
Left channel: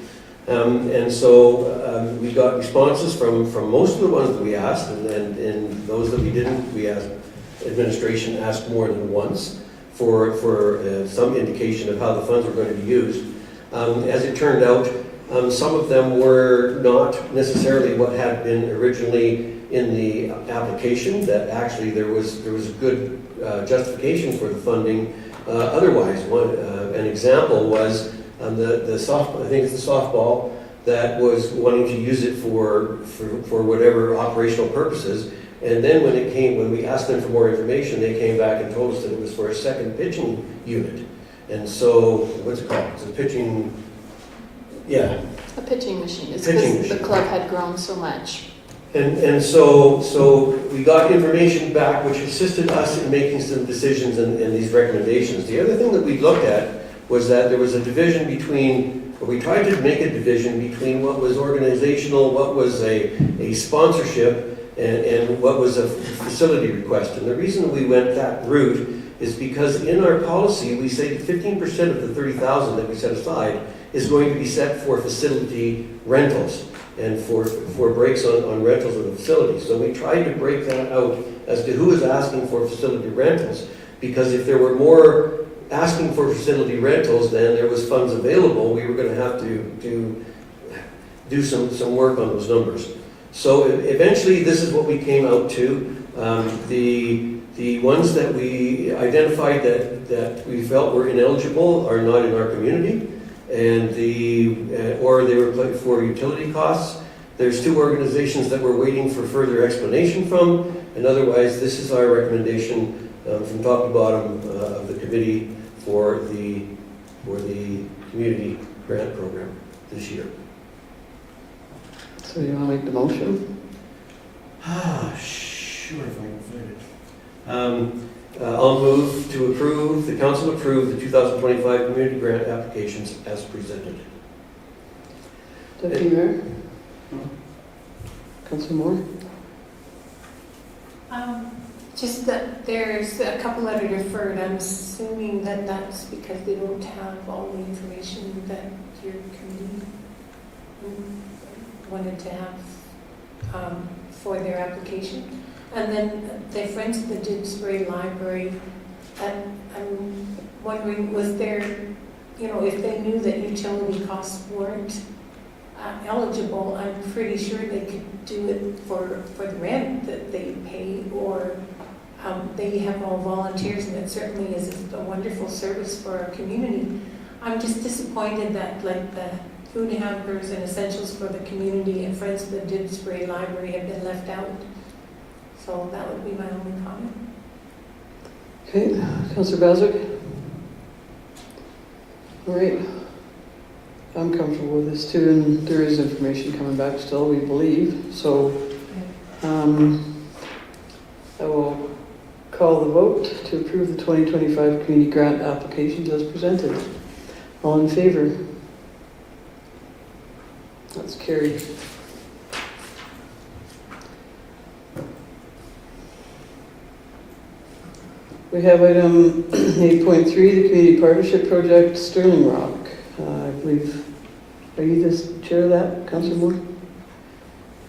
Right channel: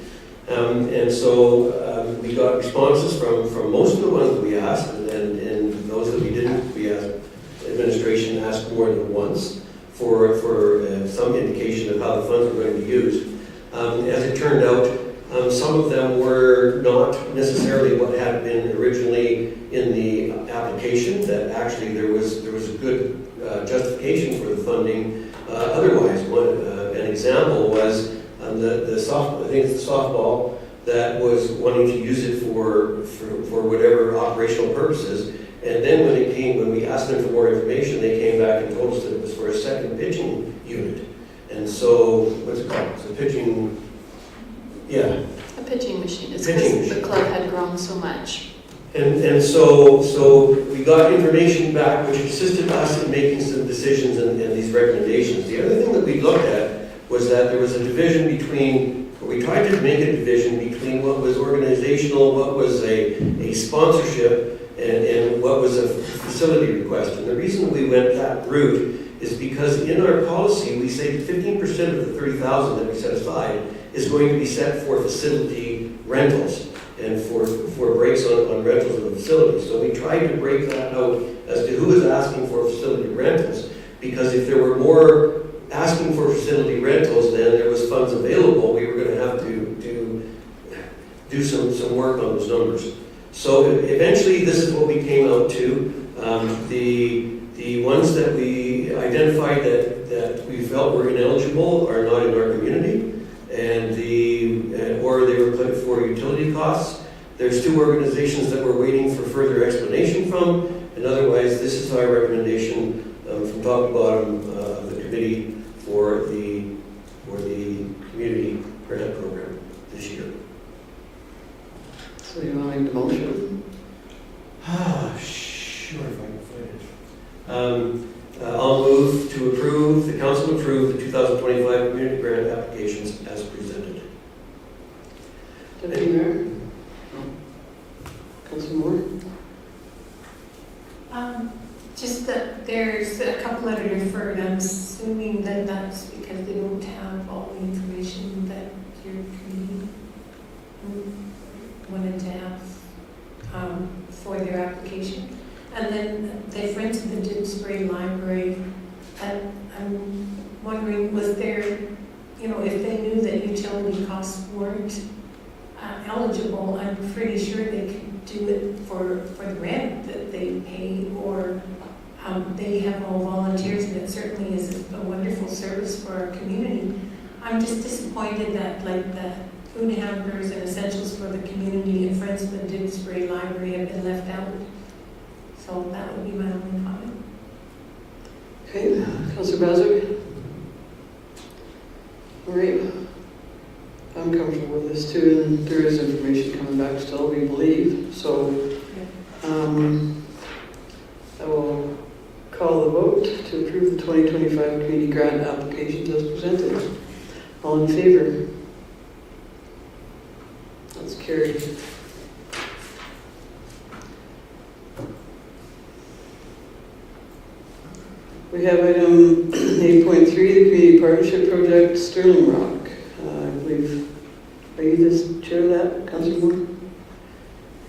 And so we got responses from most of the ones that we asked, and those that we didn't, we asked, administration asked more than once for some indication of how the funds were going to be used. As it turned out, some of them were not necessarily what had been originally in the application, that actually there was a good justification for the funding. Otherwise, an example was the softball that was wanting to use it for whatever operational purposes. And then when we asked them for more information, they came back and told us that it was for a second pitching unit. And so, what's it called? It's a pitching, yeah. A pitching machine. It's Pitching because the machine. club had grown so much. And so we got information back which assisted us in making some decisions and these recommendations. The other thing that we looked at was that there was a division between, or we tried to make a division between what was organizational, what was a sponsorship, and what was a facility request. And the reason we went that route is because in our policy we say 15% of the $30,000 that we set aside is going to be set for facility rentals and for breaks on rentals of the facility. So we tried to break that out as to who is asking for facility rentals, because if there were more asking for facility rentals than there was funds available, we were going to have to do some work on those numbers. So eventually this is what we came out to. The ones that we identified that we felt were ineligible are not in our community, and or they were put for utility costs. There's 2 organizations that we're waiting for further explanation from, and otherwise this is our recommendation from top to bottom of the committee for the community grant program this year. So you want to make the motion? Sure, if I can find it. I'll move to approve, the council approve the 2025 community grant applications as presented. Deputy Mayor? Councillor Moore? Just that there's a couple that are deferred. I'm assuming that that's because they don't have all the information that your committee wanted to have for their application. And then the Friends of the Didsbury Library, and I'm wondering, was there, if they knew that utility costs weren't eligible, I'm pretty sure they could do it for the rent that they pay, or they have all volunteers, and it certainly is a wonderful service for our community. I'm just disappointed that the food hampers and essentials for the community and Friends of the Didsbury Library have been left out. So that would be my only comment. Okay, Councillor Bazard? All right. I'm comfortable with this too, and there is information coming back still, we believe. So I will call the vote to approve the 2025 community grant applications as presented. All in favor? That's carried. We have item 8.3, the Community Partnership Project, Sterling Rock. I believe, are you the chair of that, Councillor Moore?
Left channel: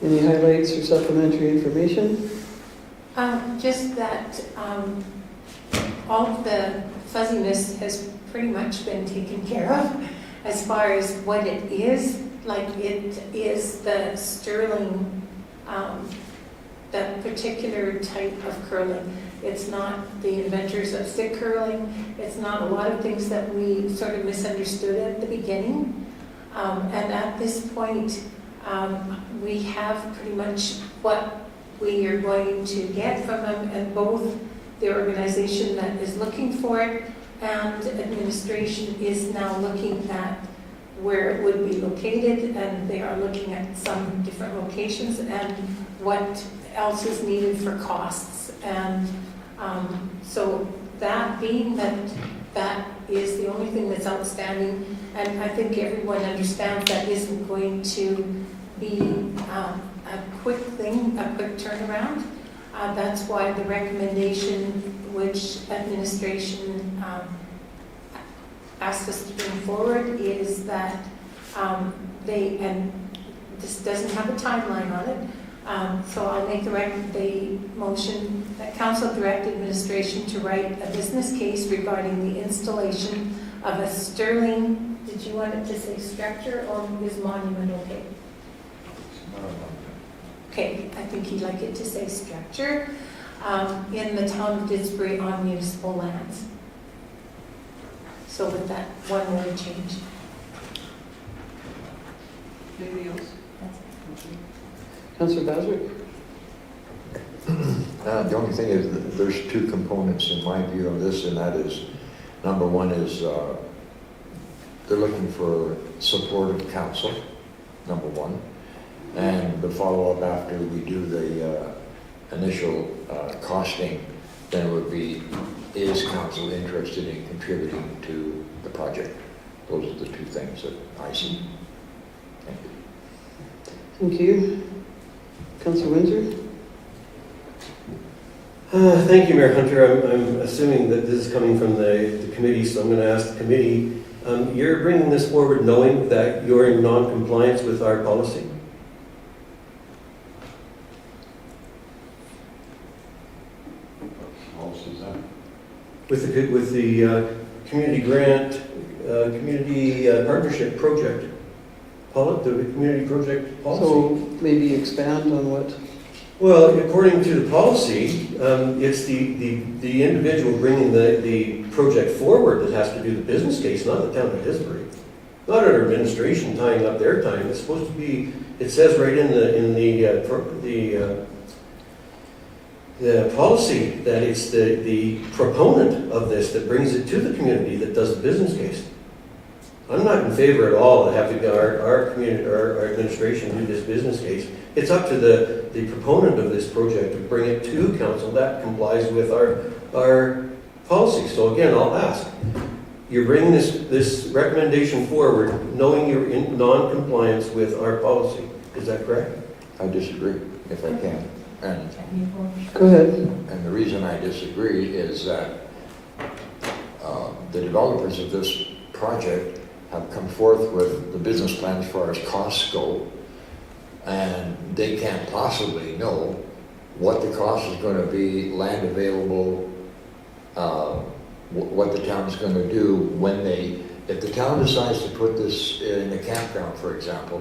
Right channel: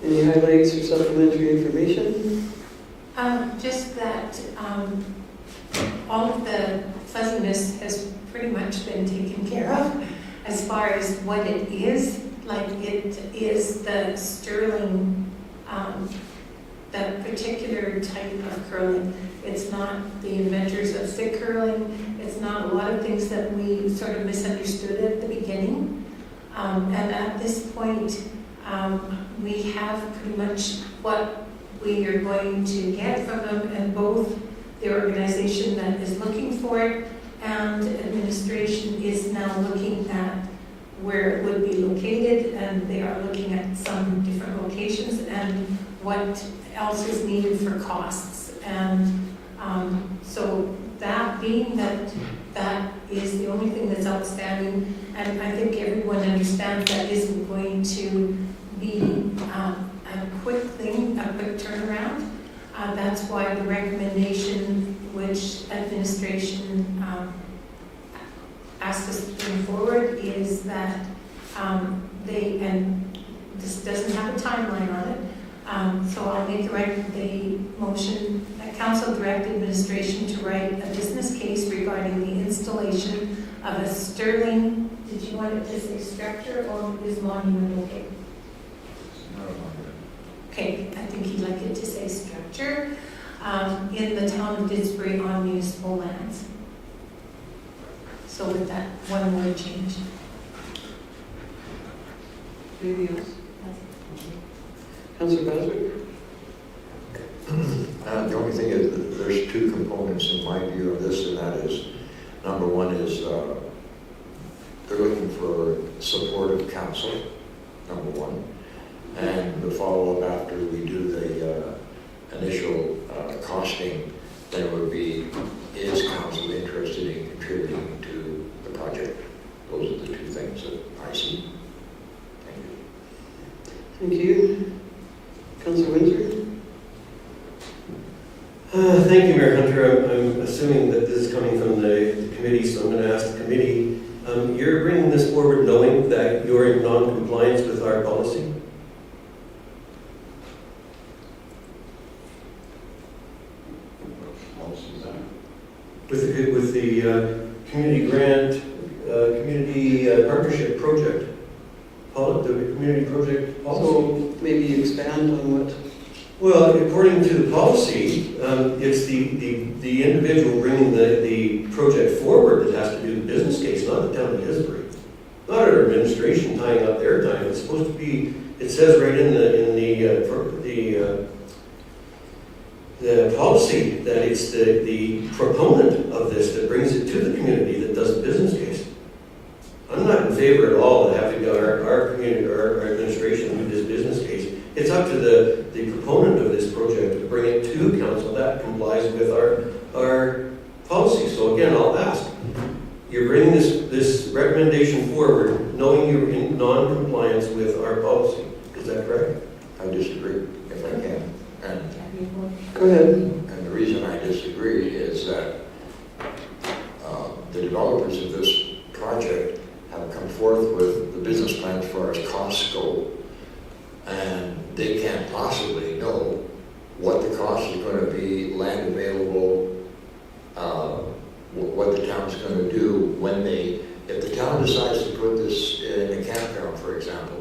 Any highlights or supplementary information? Just that all of the fuzziness has pretty much been taken care of as far as what it is. Like, it is the Sterling, that particular type of curling. It's not the inventors of stick curling. It's not a lot of things that we sort of misunderstood at the beginning. And at this point, we have pretty much what we are going to get from them, and both the organization that is looking for it and administration is now looking at where it would be located, and they are looking at some different locations and what else is needed for costs. And so that being that is the only thing that's outstanding, and I think everyone understands that isn't going to be a quick thing, a quick turnaround. That's why the recommendation which administration asked us to bring forward is that and this doesn't have a timeline on it, so I'll make the motion that council direct administration to write a business case regarding the installation of a Sterling, did you want it to say structure or is monument okay? Okay, I think he'd like it to say structure in the town of Didsbury on municipal lands. So with that one word change. Anything else? Councillor Baswick? The only thing is that there's two components in my view of this, and that is, number one is they're looking for support of council, number one. And the follow-up after we do the initial costing, then it would be, is council interested in contributing to the project? Those are the two things that I see. Thank you. Thank you. Councillor Windsor? Thank you, Mayor Hunter. I'm assuming that this is coming from the committee, so I'm going to ask the committee. You're bringing this forward knowing that you're in non-compliance with our policy? With the community grant, community partnership project. The community project policy. So maybe you expand on what? Well, according to the policy, it's the individual bringing the project forward that has to do the business case, not the town of Didsbury. Not our administration tying up their time. It's supposed to be, it says right in the policy that it's the proponent of this that brings it to the community that does the business case. I'm not in favor at all of having our community, our administration do this business case. It's up to the proponent of this project to bring it to council that complies with our policy. So again, I'll ask, you're bringing this recommendation forward knowing you're in non-compliance with our policy. Is that correct? I disagree, if I can. And Go ahead. And the reason I disagree is that the developers of this project have come forth with the business plan as far as costs go, and they can't possibly know what the cost is going to be, land available, what the town's going to do when if the town decides to put this in a campground, for example,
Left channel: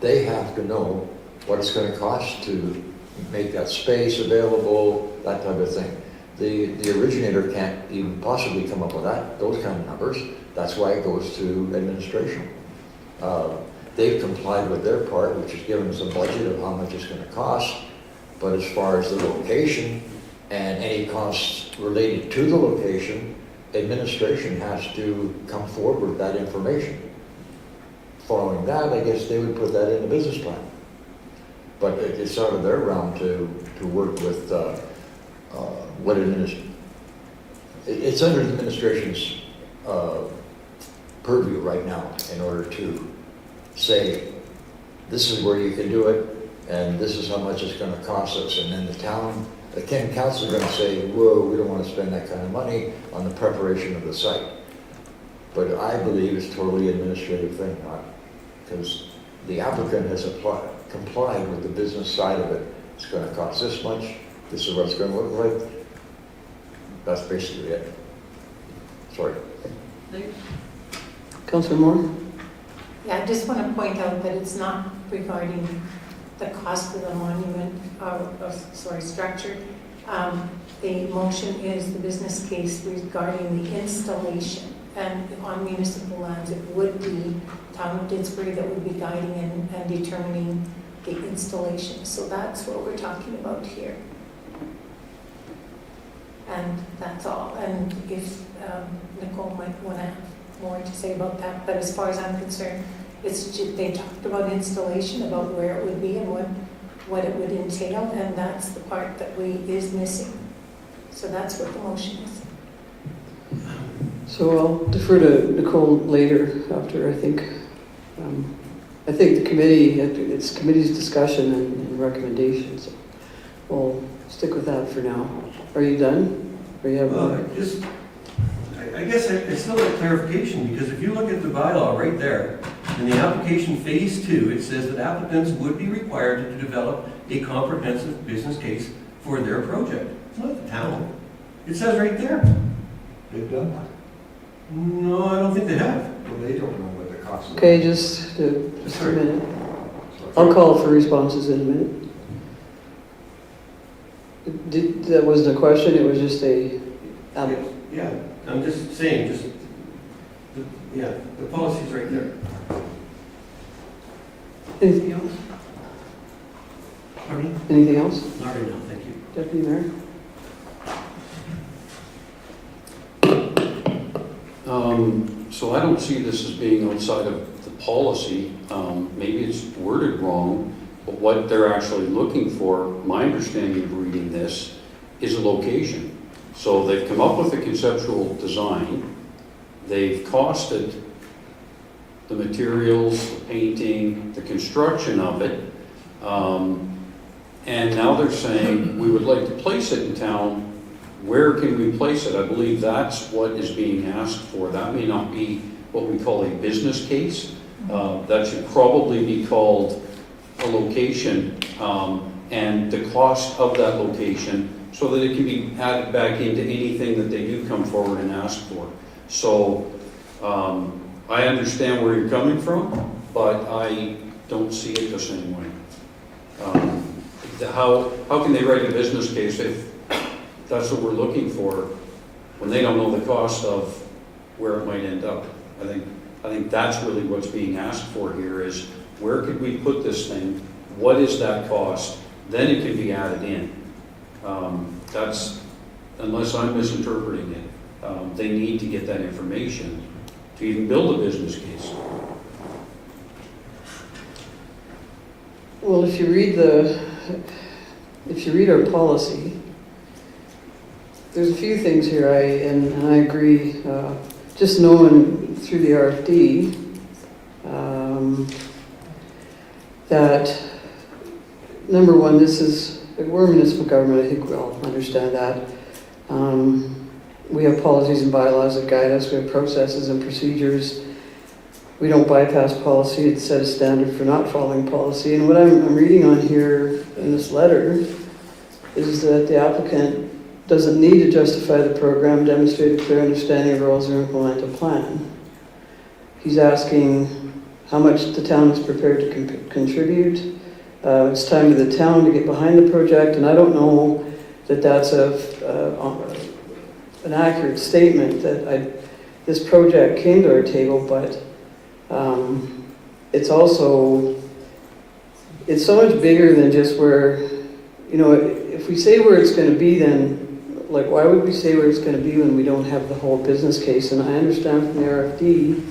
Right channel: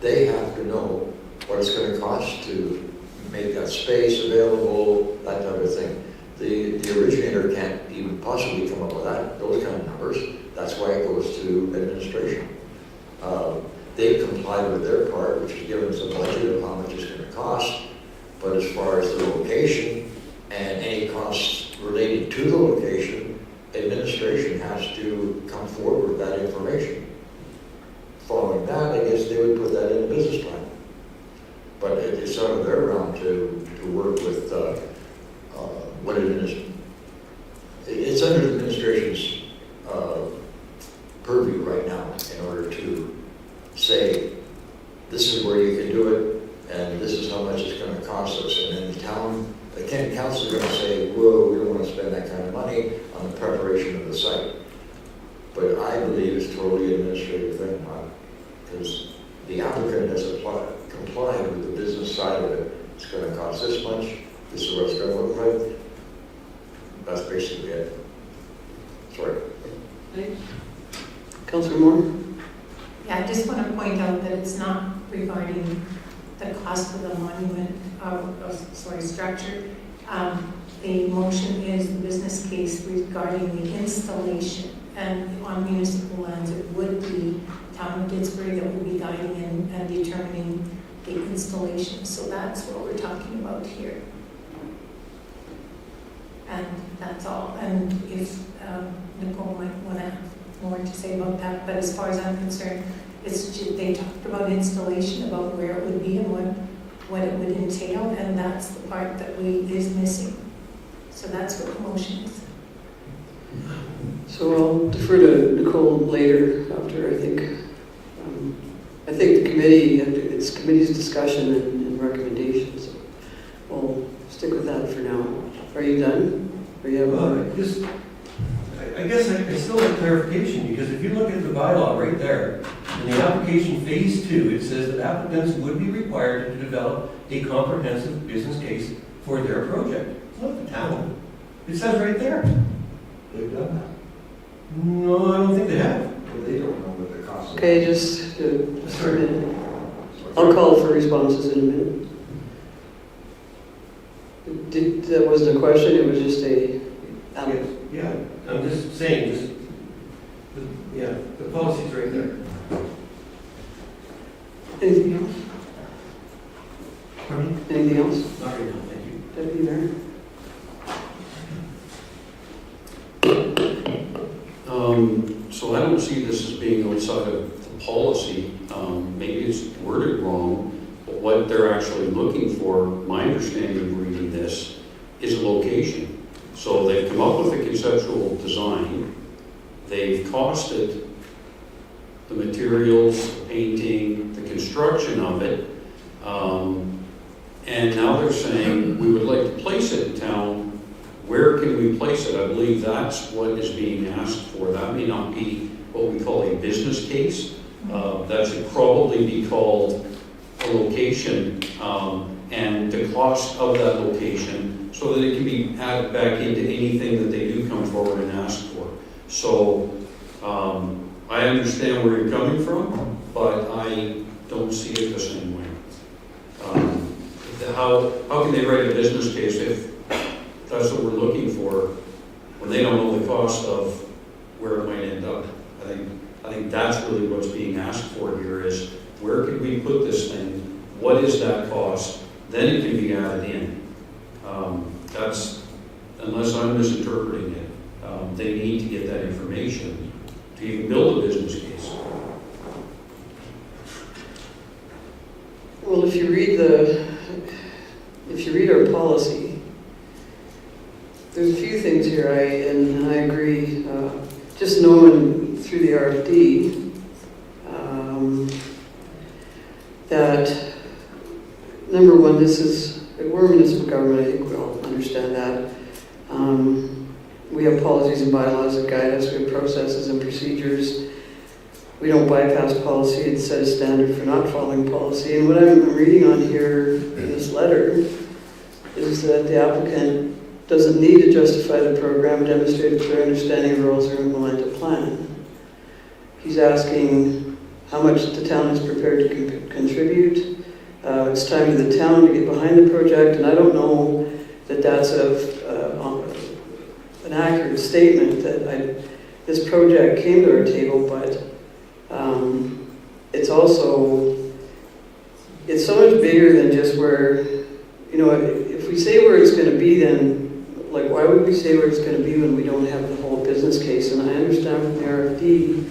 they have to know what it's going to cost to make that space available, that type of thing. The originator can't even possibly come up with those kind of numbers. That's why it goes to administration. They've complied with their part, which is given us a budget of how much it's going to cost. But as far as the location and any costs related to the location, administration has to come forward with that information. Following that, I guess they would put that in the business plan. But it's out of their realm to work with what it is. It's under the administration's purview right now in order to say, this is where you can do it, and this is how much it's going to cost us. And then the town, again, council is going to say, whoa, we don't want to spend that kind of money on the preparation of the site. But I believe it's totally administrative thing, because the applicant has complied with the business side of it. It's going to cost this much. This is what it's going to look like. That's basically it. Sorry. Councillor Moore? Yeah, I just want to point out that it's not regarding the cost of the monument, structure. The motion is the business case regarding the installation, and on municipal lands it would be town of Didsbury that would be guiding and determining the installation. So that's what we're talking about here. And that's all. And if Nicole might want to have more to say about that, but as far as I'm concerned, they talked about installation, about where it would be and what it would entail, and that's the part that is missing. So that's what the motion is. So I'll defer to Nicole later after, I think the committee, it's committee's discussion and recommendations. So we'll stick with that for now. Are you done? Or you have more? I guess I still have clarification, because if you look at the bylaw right there, In the application phase 2, it says that applicants would be required to develop a comprehensive business case for their project. It's not the town. It says right there. They've done that. No, I don't think they have. Well, they don't know what the cost is. Okay, just a minute. I'll call for responses in a minute. That wasn't a question, it was just a, Yeah, I'm just saying, the policy's right there. anything else? Pardon me? Anything else, Not right now, thank you. Deputy Mayor? So I don't see this as being outside of the policy. Maybe it's worded wrong, but what they're actually looking for, my understanding of reading this, is a location. So they've come up with a conceptual design, they've costed the materials, the painting, the construction of it, and now they're saying, we would like to place it in town. Where can we place it? I believe that's what is being asked for. That may not be what we call a business case. That should probably be called a location, and the cost of that location, so that it can be added back into anything that they do come forward and ask for. So I understand where you're coming from, but I don't see it the same way. How can they write a business case if that's what we're looking for when they don't know the cost of where it might end up? I think that's really what's being asked for here is, where could we put this thing? What is that cost? Then it can be added in. That's, unless I'm misinterpreting it, they need to get that information to even build a business case. Well, if you read our policy, there's a few things here, and I agree, just knowing through the RFD, that, number one, we're a municipal government, I think we all understand that. We have policies and bylaws that guide us, we have processes and procedures. We don't bypass policy, it's set a standard for not following policy. And what I'm reading on here in this letter is that the applicant doesn't need to justify the program, demonstrate a clear understanding of roles, or implement a plan. He's asking how much the town is prepared to contribute. It's time to the town to get behind the project, and I don't know that that's an accurate statement, that this project came to our table, but it's so much bigger than just where, if we say where it's going to be, then why would we say where it's going to be when we don't have the whole business case? And I understand from the RFD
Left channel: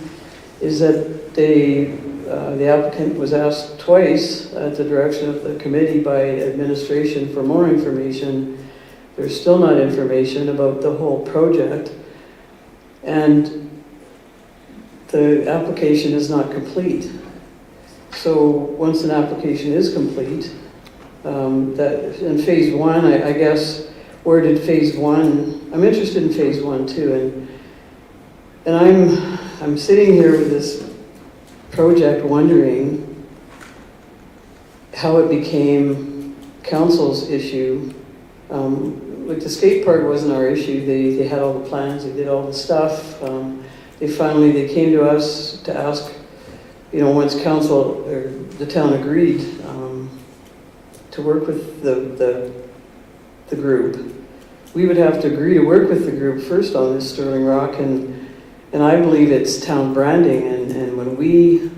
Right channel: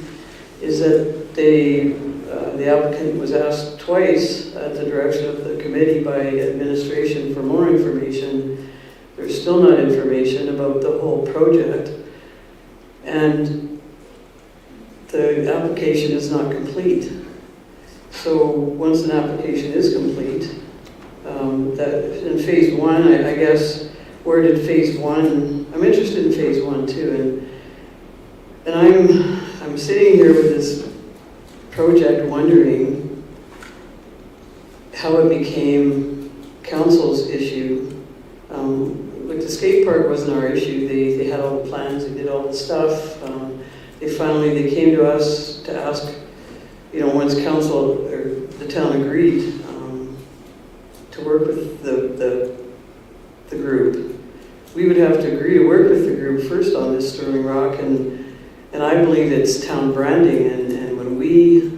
is that the applicant was asked twice at the direction of the committee by administration for more information. There's still not information about the whole project, and the application is not complete. So once an application is complete, that in phase one, I guess, where did phase one? I'm interested in phase one too, and I'm sitting here with this project wondering how it became council's issue. Like the skate park wasn't our issue. They had all the plans, they did all the stuff. They came to us to ask, once council or the town agreed to work with the group, we would have to agree to work with the group first on this Sterling Rock, and I believe it's town branding, and when we,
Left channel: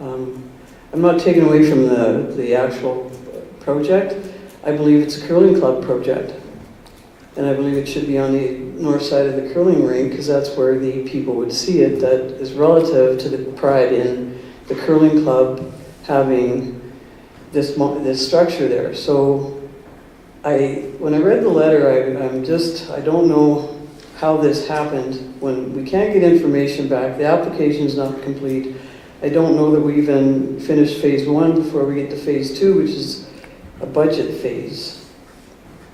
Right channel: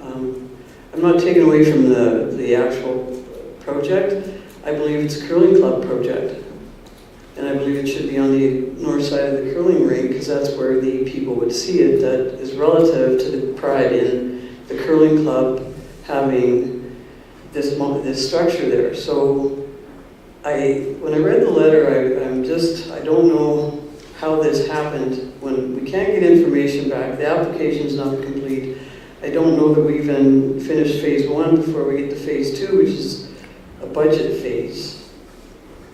I'm not taking away from the actual project, I believe it's a curling club project. And I believe it should be on the north side of the curling rink, because that's where the people would see it, that is relative to the pride in the curling club having this structure there. So when I read the letter, I don't know how this happened when we can't get information back. The application is not complete. I don't know that we even finished phase one before we get to phase two, which is a budget phase.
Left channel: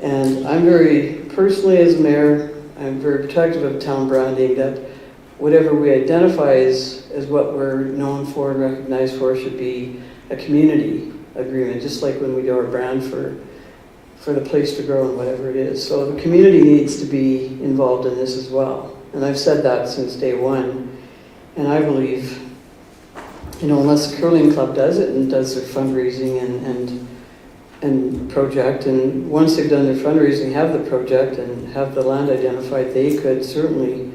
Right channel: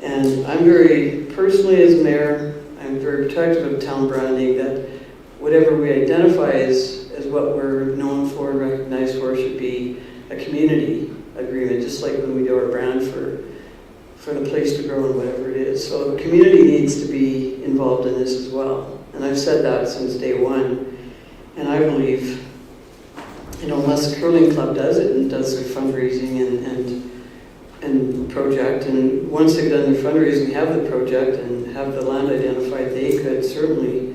And I'm personally as mayor, I'm very protective of town branding, that whatever we identify as as what we're known for and recognized for should be a community agreement, just like when we do our brand for the place to grow and whatever it is. So the community needs to be involved in this as well. And I've said that since day one. And I believe, unless the curling club does it and does their fundraising and project, and once they've done their fundraising, have the project and have the land identified, they could certainly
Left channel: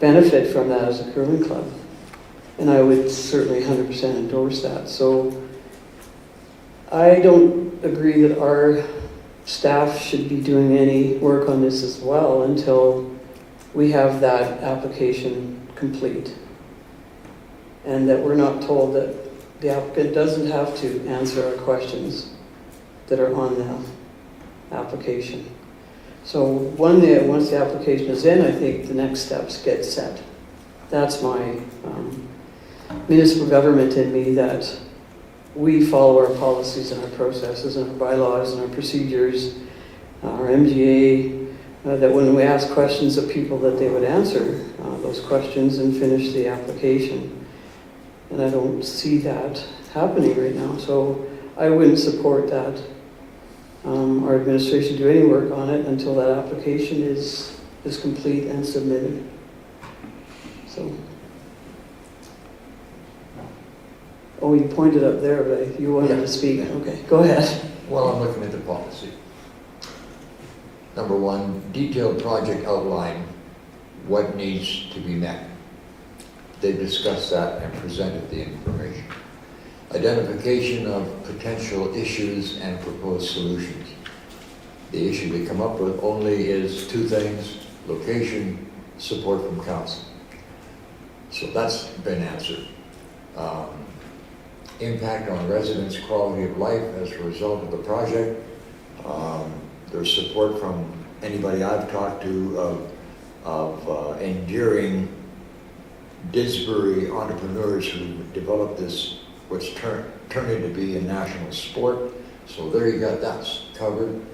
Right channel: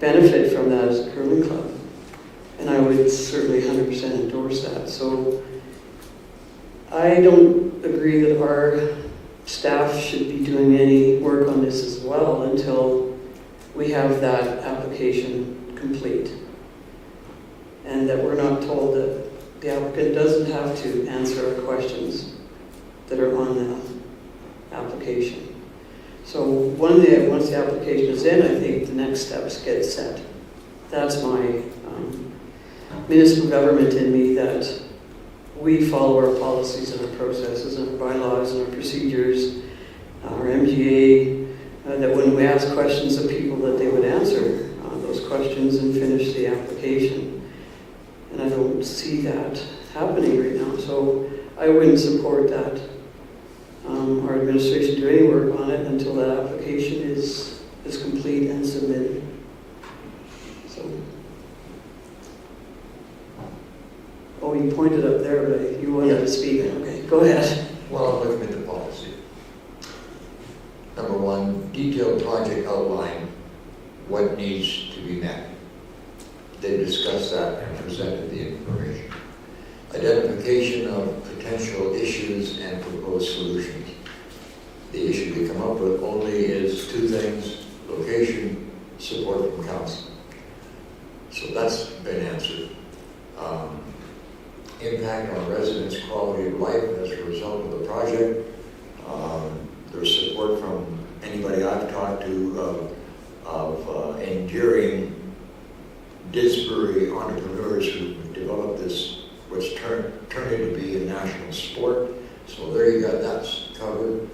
benefit from that as a curling club. And I would certainly 100% endorse that. So I don't agree that our staff should be doing any work on this as well until we have that application complete. And that we're not told that the applicant doesn't have to answer our questions that are on the application. So once the application is in, I think the next steps get set. That's my municipal government in me, that we follow our policies and our processes and our bylaws and our procedures, our MGA, that when we ask questions of people that they would answer those questions and finish the application. And I don't see that happening right now. So I wouldn't support that. Our administration do any work on it until that application is complete and submitted. So. Oh, you pointed up there, but you wanted to speak. Okay, go ahead. Well, I'm looking at the policy. Number one, detailed project outline, what needs to be met. They discussed that and presented the information. Identification of potential issues and proposed solutions. The issue they come up with only is two things: location, support from council. So that's been answered. Impact on residents' quality of life as a result of the project. There's support from anybody I've talked to of enduring Didsbury entrepreneurs who developed this, which turned it to be a national sport. So there you got that covered.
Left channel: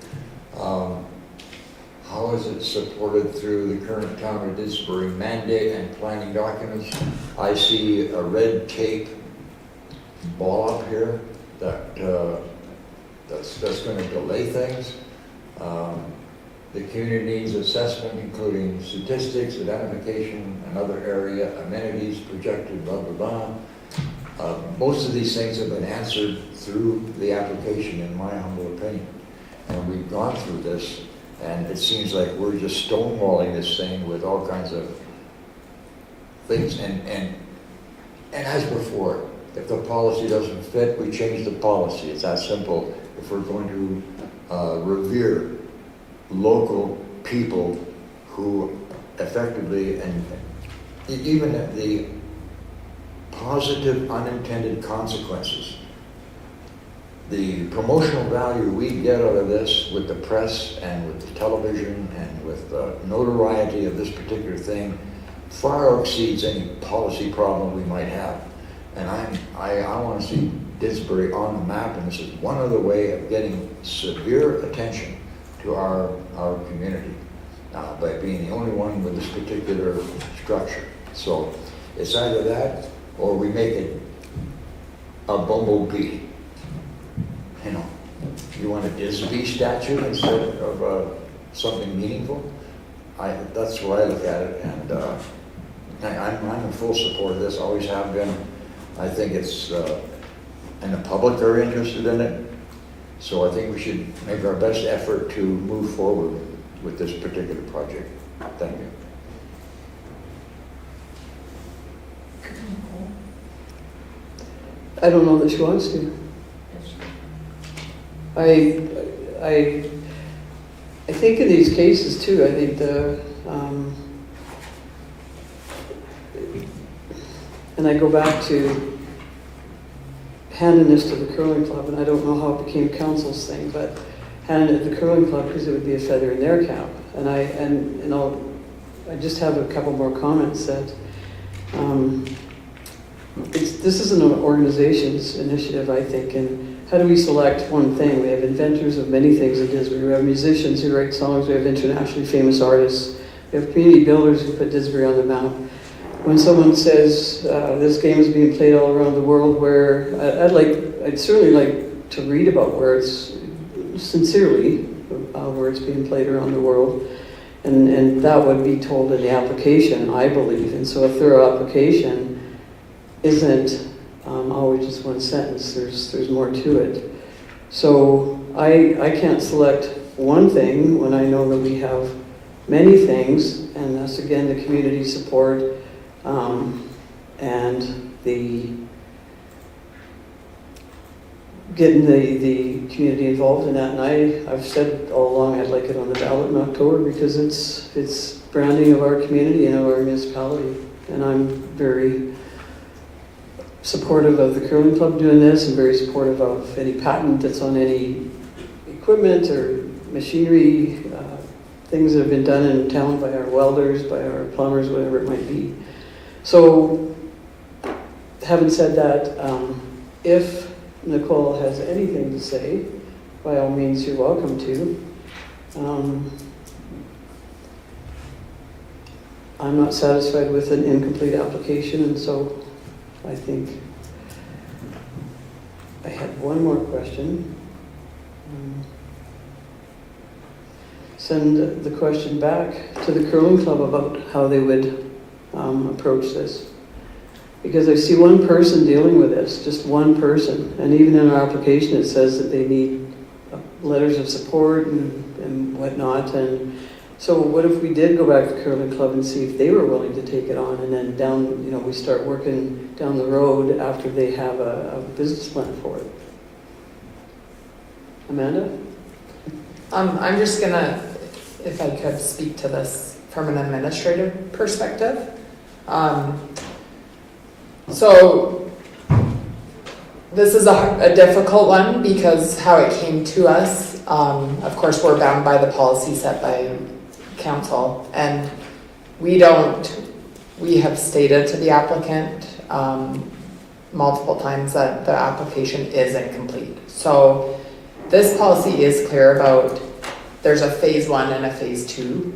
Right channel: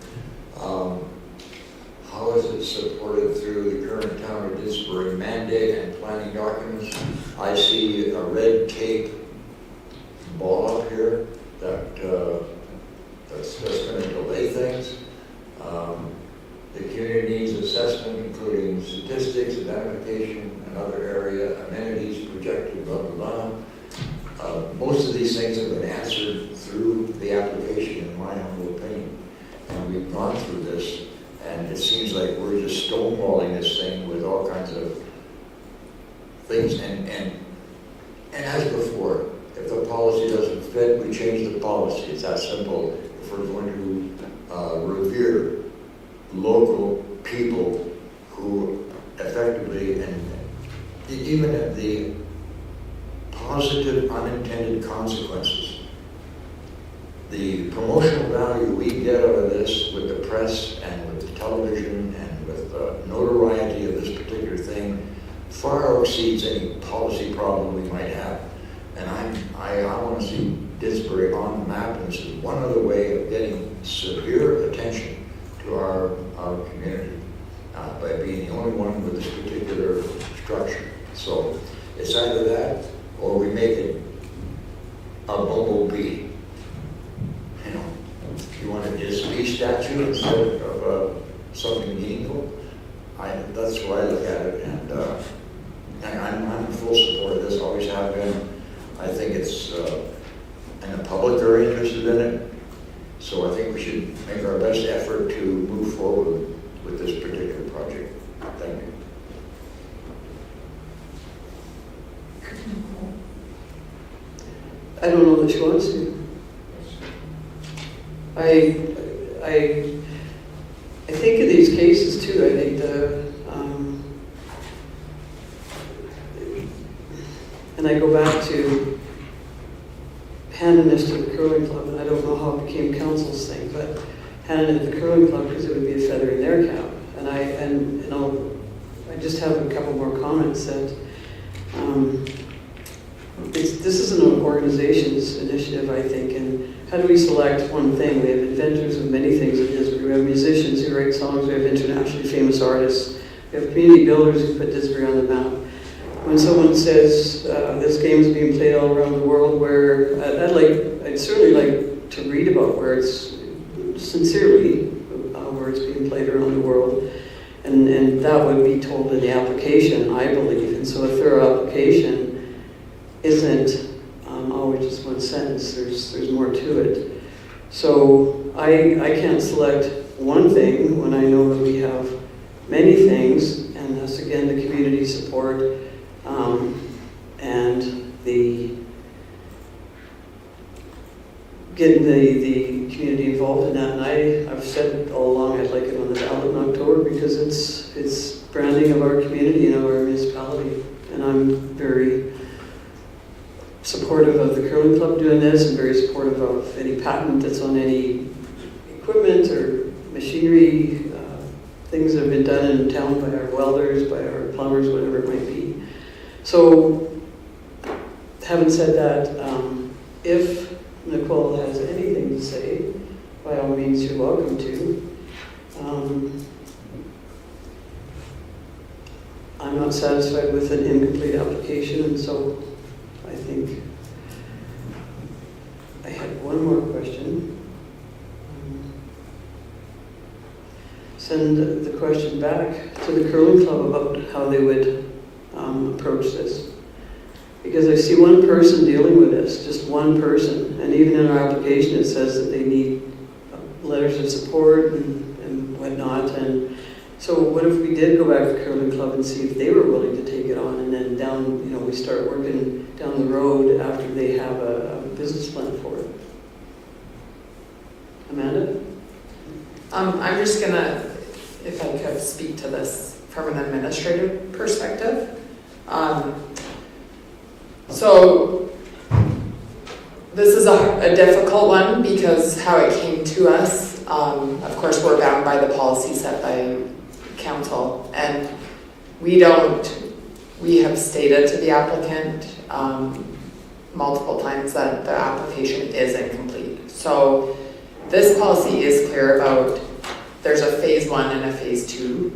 How is it supported through the current town of Didsbury mandate and planning documents? I see a red tape ball up here that's going to delay things. The community needs assessment, including statistics, identification, another area, amenities, projected, blah, blah, blah. Most of these things have been answered through the application, in my humble opinion. And we've gone through this, and it seems like we're just stonewalling this thing with all kinds of things. And as before, if the policy doesn't fit, we change the policy. It's that simple. If we're going to revere local people who effectively, and even at the positive unintended consequences, the promotional value we get out of this with the press and with the television and with the notoriety of this particular thing far exceeds any policy problem we might have. And I want to see Didsbury on the map, and this is one other way of getting severe attention to our community by being the only one with this particular structure. So it's either that or we make it a bumblebee. You know, you want a Disney statue instead of something meaningful. That's the way I look at it, and I'm in full support of this. Always have been. I think it's, and the public are interested in it. So I think we should make our best effort to move forward with this particular project. Thank you. I don't know that she wants to. I think in these cases too, I think and I go back to handing this to the curling club, and I don't know how it became council's thing, but handing it to the curling club because it would be a feather in their cap. And I just have a couple more comments that this is an organization's initiative, I think, and how do we select one thing? We have inventors of many things at Didsbury. We have musicians who write songs. We have internationally famous artists. We have community builders who put Didsbury on the map. when someone says this game is being played all around the world, where I'd certainly like to read about where it's sincerely where it's being played around the world, and that would be told in the application, I believe. And so a thorough application isn't always just one sentence. There's more to it. So I can't select one thing when I know that we have many things, and that's again the community support and the getting the community involved in that. And I've said all along I'd like it on the ballot in October because it's branding of our community and of our municipality. And I'm very supportive of the curling club doing this, and very supportive of any patent that's on any equipment or machinery, things that have been done in town by our welders, by our plumbers, whatever it might be. So, having said that, if Nicole has anything to say, by all means you're welcome to. I'm not satisfied with an incomplete application, and so I think I had one more question. Send the question back to the curling club about how they would approach this. Because I see one person dealing with this, just one person. And even in our application it says that they need letters of support and whatnot. And so what if we did go back to the curling club and see if they were willing to take it on, and then we start working down the road after they have a business plan for it. Amanda? I'm just gonna, if I could speak to this from an administrative perspective. So this is a difficult one because how it came to us, of course we're bound by the policy set by council, and we have stated to the applicant multiple times that the application is incomplete. So this policy is clear about there's a phase 1 and a phase 2.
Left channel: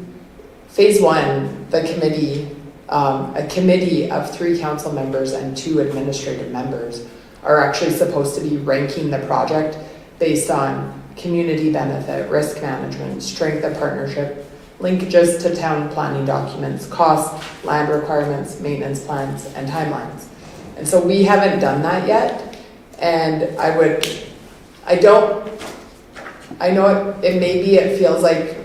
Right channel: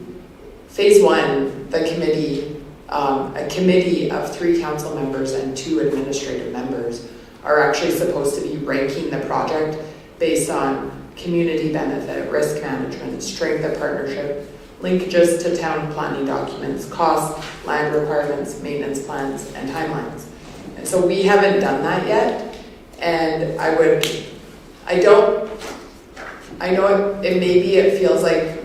Phase 1, the committee, a committee of 3 council members and 2 administrative members are actually supposed to be ranking the project based on community benefit, risk management, strength of partnership, linkages to town planning documents, costs, land requirements, maintenance plans, and timelines. And so we haven't done that yet, and I know it feels like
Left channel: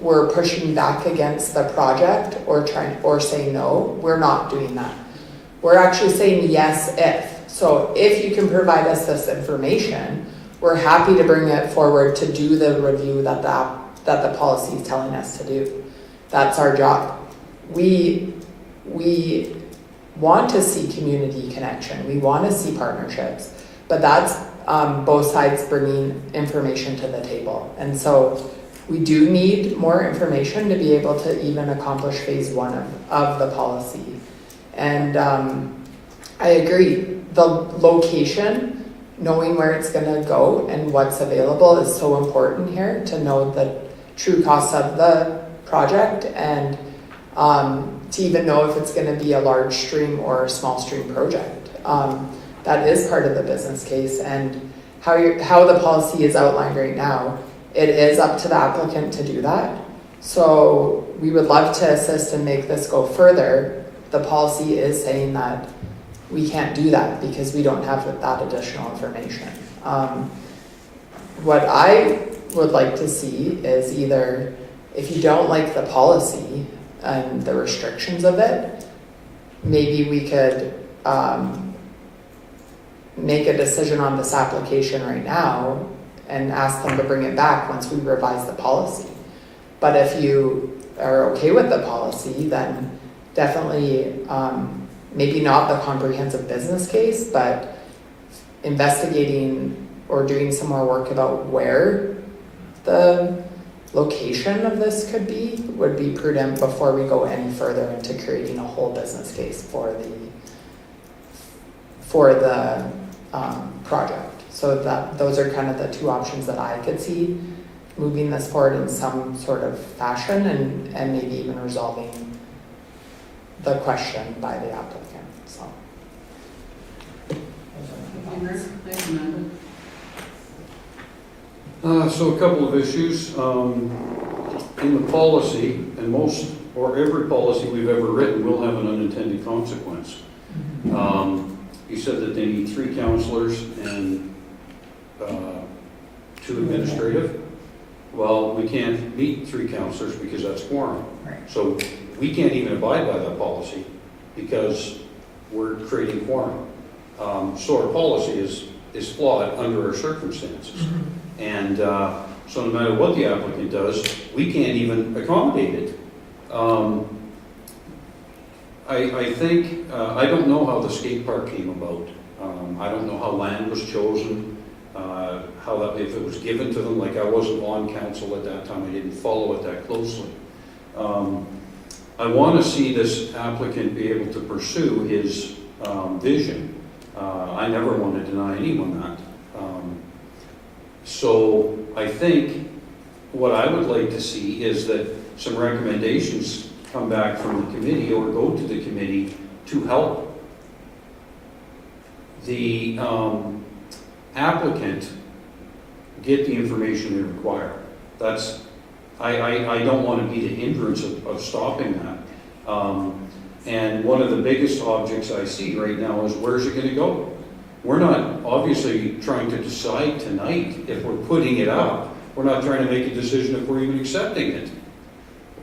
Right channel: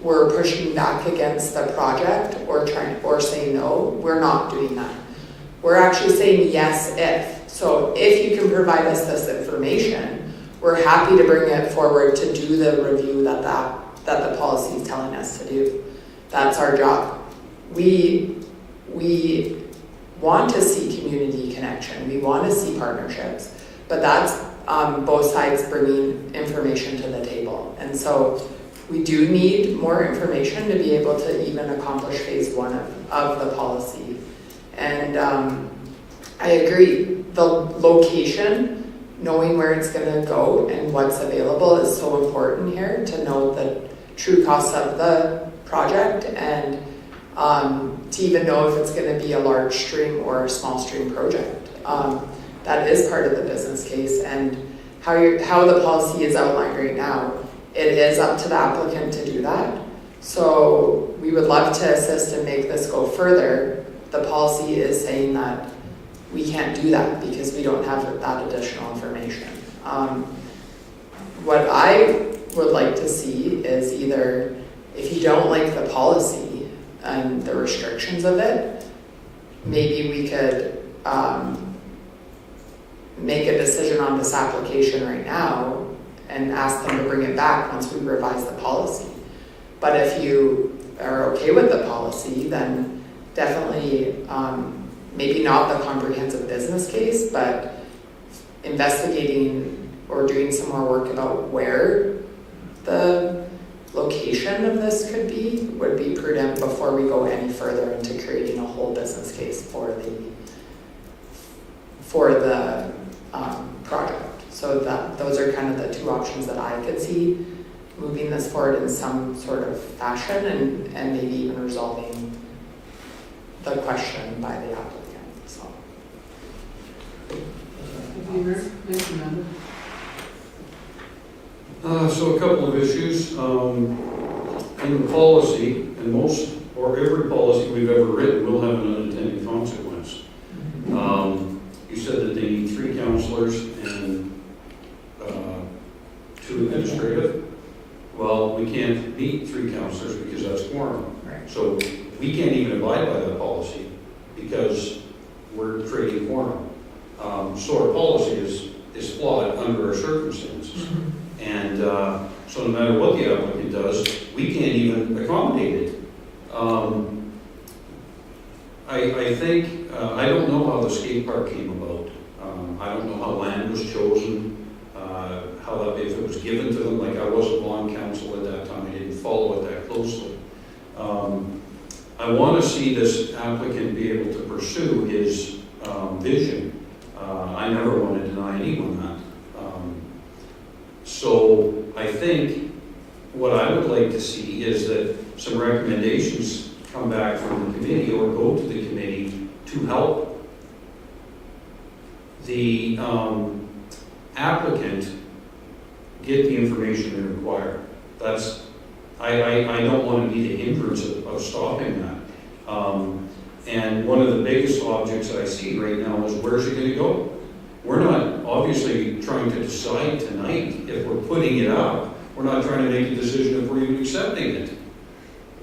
we're pushing back against the project or saying no. We're not doing that. We're actually saying yes if. So if you can provide us this information, we're happy to bring it forward to do the review that the policy is telling us to do. That's our job. We want to see community connection. We want to see partnerships, but that's both sides bringing information to the table. And so we do need more information to be able to even accomplish phase 1 of the policy. And I agree, the location, knowing where it's going to go and what's available is so important here to know the true costs of the project, and to even know if it's going to be a large stream or a small stream project. That is part of the business case, and how the policy is outlined right now, it is up to the applicant to do that. So we would love to assist and make this go further. The policy is saying that we can't do that because we don't have that additional information. What I would like to see is either, if you don't like the policy and the restrictions of it, maybe we could make a decision on this application right now and ask them to bring it back once we revise the policy. But if you are okay with the policy, then definitely maybe not the comprehensive business case, but investigating or doing some more work about where the location of this could be would be prudent before we go any further into creating a whole business case for the project. So those are kind of the 2 options that I could see, moving this forward in some sort of fashion and maybe even resolving the question by the applicant, so. So a couple of issues. In the policy, and most or every policy we've ever written will have an unintended consequence. You said that they need 3 counselors and 2 administrative. Well, we can't meet 3 counselors because that's quorum. Right. So we can't even abide by that policy because we're creating quorum. So our policy is flawed under our circumstances. And so no matter what the applicant does, we can't even accommodate it. I think, I don't know how the skate park came about. I don't know how land was chosen, how that, if it was given to them, like I wasn't on council at that time, I didn't follow it that closely. I want to see this applicant be able to pursue his vision. I never want to deny anyone that. So I think what I would like to see is that some recommendations come back from the committee or go to the committee to help the applicant get the information they require. That's, I don't want to be the hindrance of stopping that. And one of the biggest objects I see right now is where's it going to go? We're not obviously trying to decide tonight if we're putting it up. We're not trying to make a decision if we're even accepting it.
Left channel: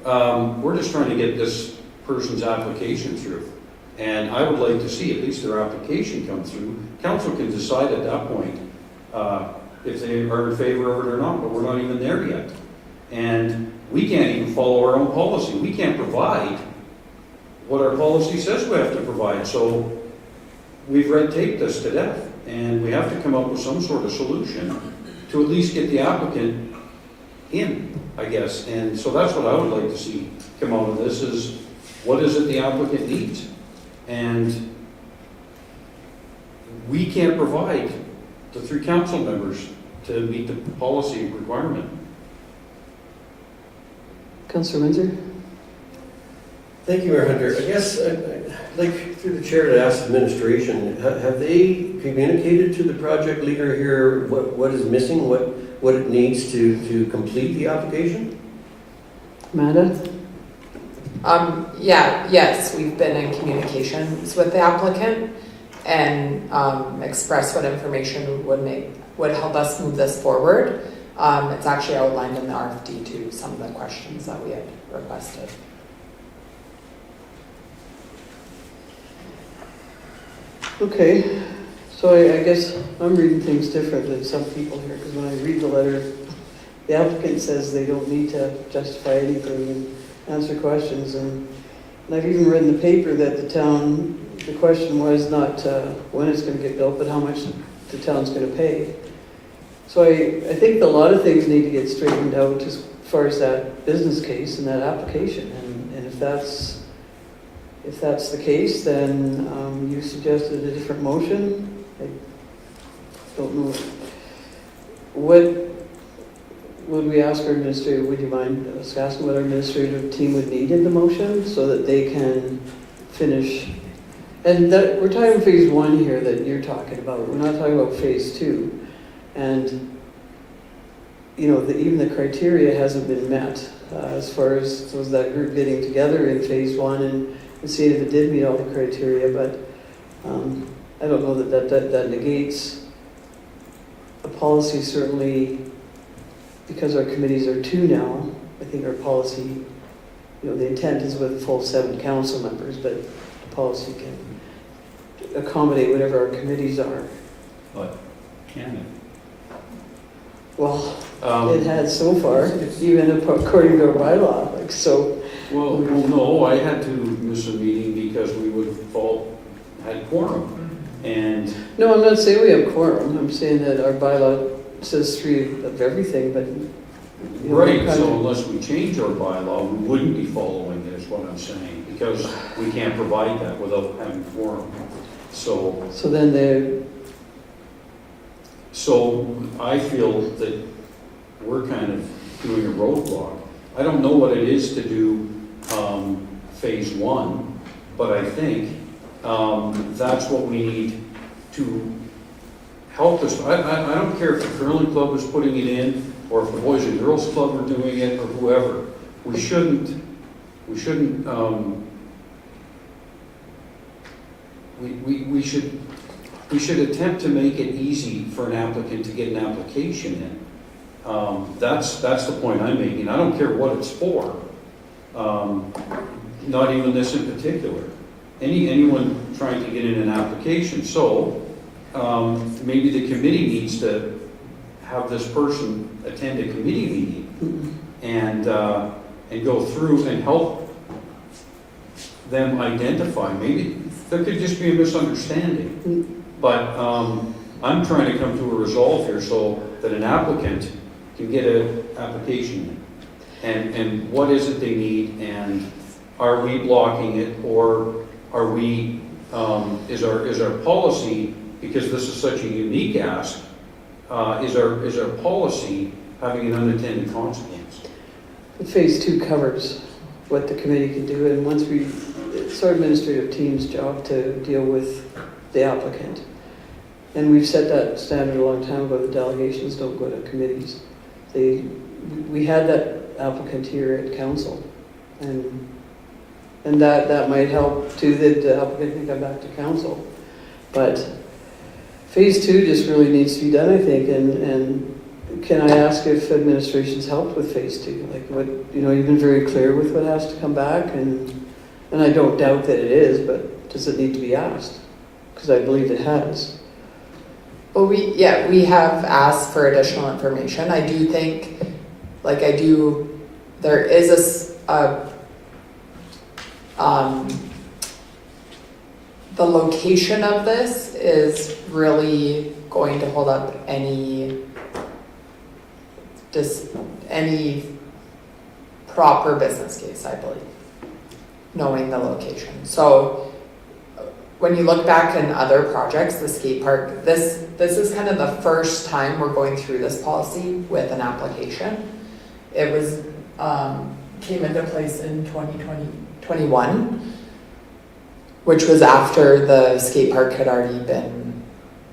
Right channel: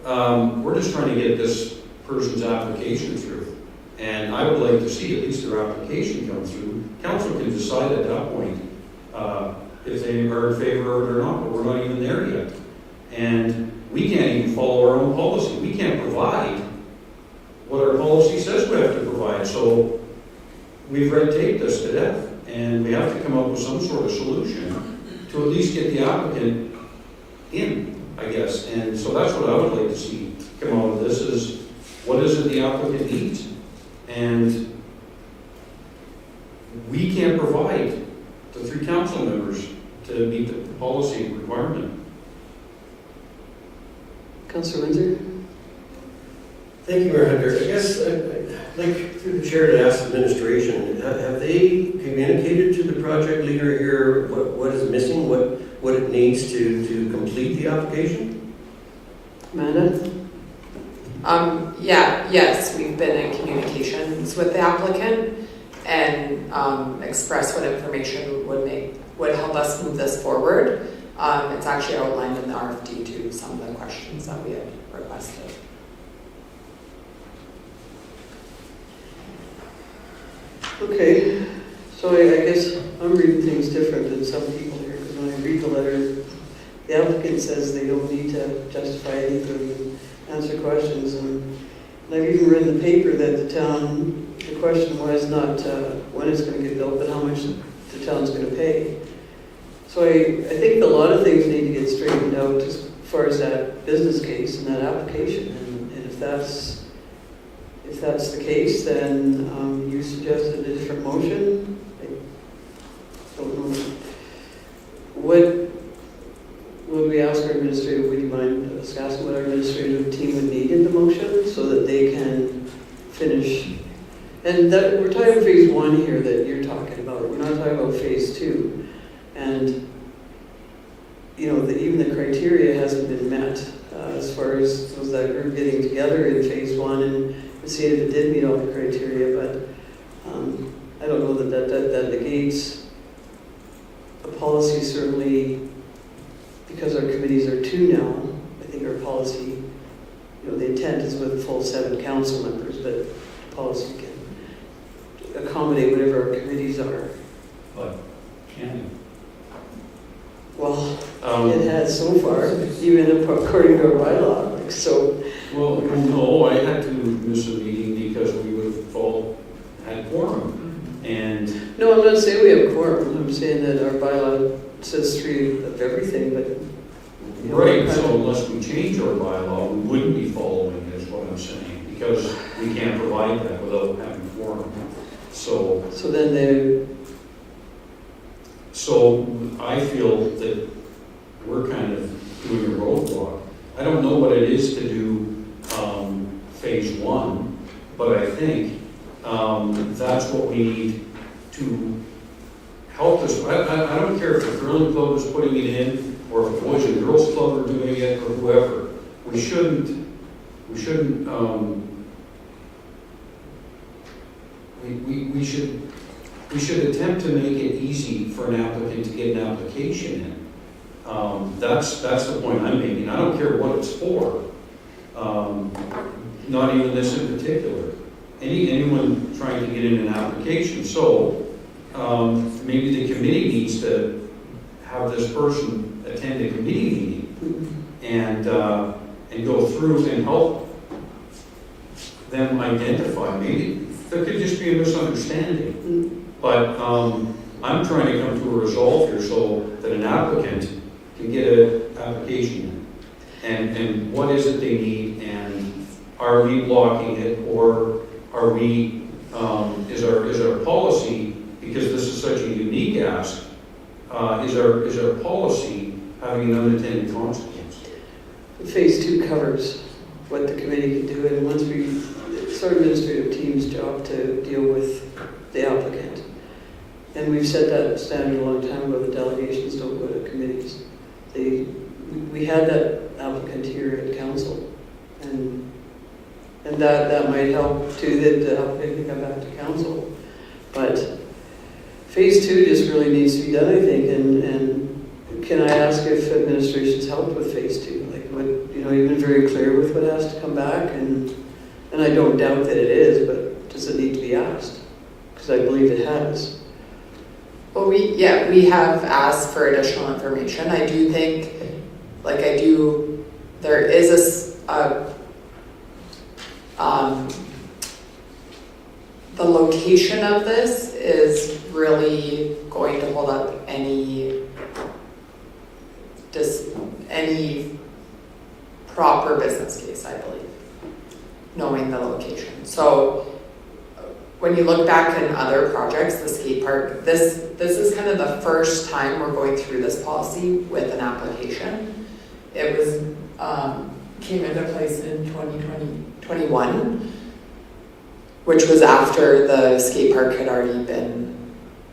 We're just trying to get this person's application through. And I would like to see at least their application come through. Council can decide at that point if they are in favor of it or not, but we're not even there yet. And we can't even follow our own policy. We can't provide what our policy says we have to provide. So we've red taped this to death, and we have to come up with some sort of solution to at least get the applicant in, I guess. And so that's what I would like to see come out of this is what is it the applicant needs? And we can't provide the 3 council members to meet the policy requirement. Councillor Windsor? Thank you, Mayor Hunter. I guess I'd like through the chair to ask administration, have they communicated to the project leader here what is missing, what it needs to complete the application? Amanda? Yes, we've been in communications with the applicant and expressed what information would help us move this forward. It's actually outlined in the RFD too, some of the questions that we had requested. Okay, so I guess I'm reading things different than some people here, because when I read the letter, the applicant says they don't need to justify anything and answer questions, and I've even read in the paper that the question was not when it's going to get built, but how much the town's going to pay. So I think a lot of things need to get straightened out as far as that business case and that application, and if that's the case, then you suggested a different motion. I don't know. What would we ask our administrator, would you mind us asking what our administrative team would need in the motion so that they can finish? And that, we're talking phase 1 here that you're talking about. We're not talking about phase 2. And, you know, even the criteria hasn't been met as far as was that group getting together in phase 1 and seeing if it did meet all the criteria, but I don't know that negates a policy. Certainly, because our committees are 2 now, I think our policy, you know, the intent is with full 7 council members, but the policy can accommodate whatever our committees are. But can it? Well, it has so far, even according to our bylaw, like so. Well, no, I had to miss a meeting because we would have had quorum. And No, I'm not saying we have quorum. I'm saying that our bylaw says 3 of everything, but. You know, right, kind so of- unless we change our bylaw, we wouldn't be following it, is what I'm saying, because we can't provide that without having quorum. So I feel that we're kind of doing a roadblock. I don't know what it is to do phase 1, but I think that's what we need to help us. I don't care if the curling club is putting it in, or if the Boys and Girls Club are doing it, or whoever. We shouldn't we should attempt to make it easy for an applicant to get an application in. That's the point I'm making. I don't care what it's for. Not even this in particular. Anyone trying to get in an application. So maybe the committee needs to have this person attend a committee meeting and go through and help them identify. Maybe there could just be a misunderstanding. But I'm trying to come to a resolve here so that an applicant can get an application in. And what is it they need, and are we blocking it, or are we, is our policy, because this is such a unique ask, is our policy having an unintended consequence? Phase 2 covers what the committee can do, and once it's our administrative team's job to deal with the applicant. And we've set that standard a long time ago, the delegations don't go to committees. We had that applicant here at council, and that might help too, that the applicant can come back to council. But phase 2 just really needs to be done, I think, and can I ask if administration's helped with phase 2? Like what, you've been very clear with what has to come back, and I don't doubt that it is, but does it need to be asked? Because I believe it has. Well, we have asked for additional information. I do think, there is the location of this is really going to hold up any proper business case, I believe, knowing the location. So when you look back in other projects, the skate park, this is kind of the first time we're going through this policy with an application. It was came into place in 2021, which was after the skate park had already been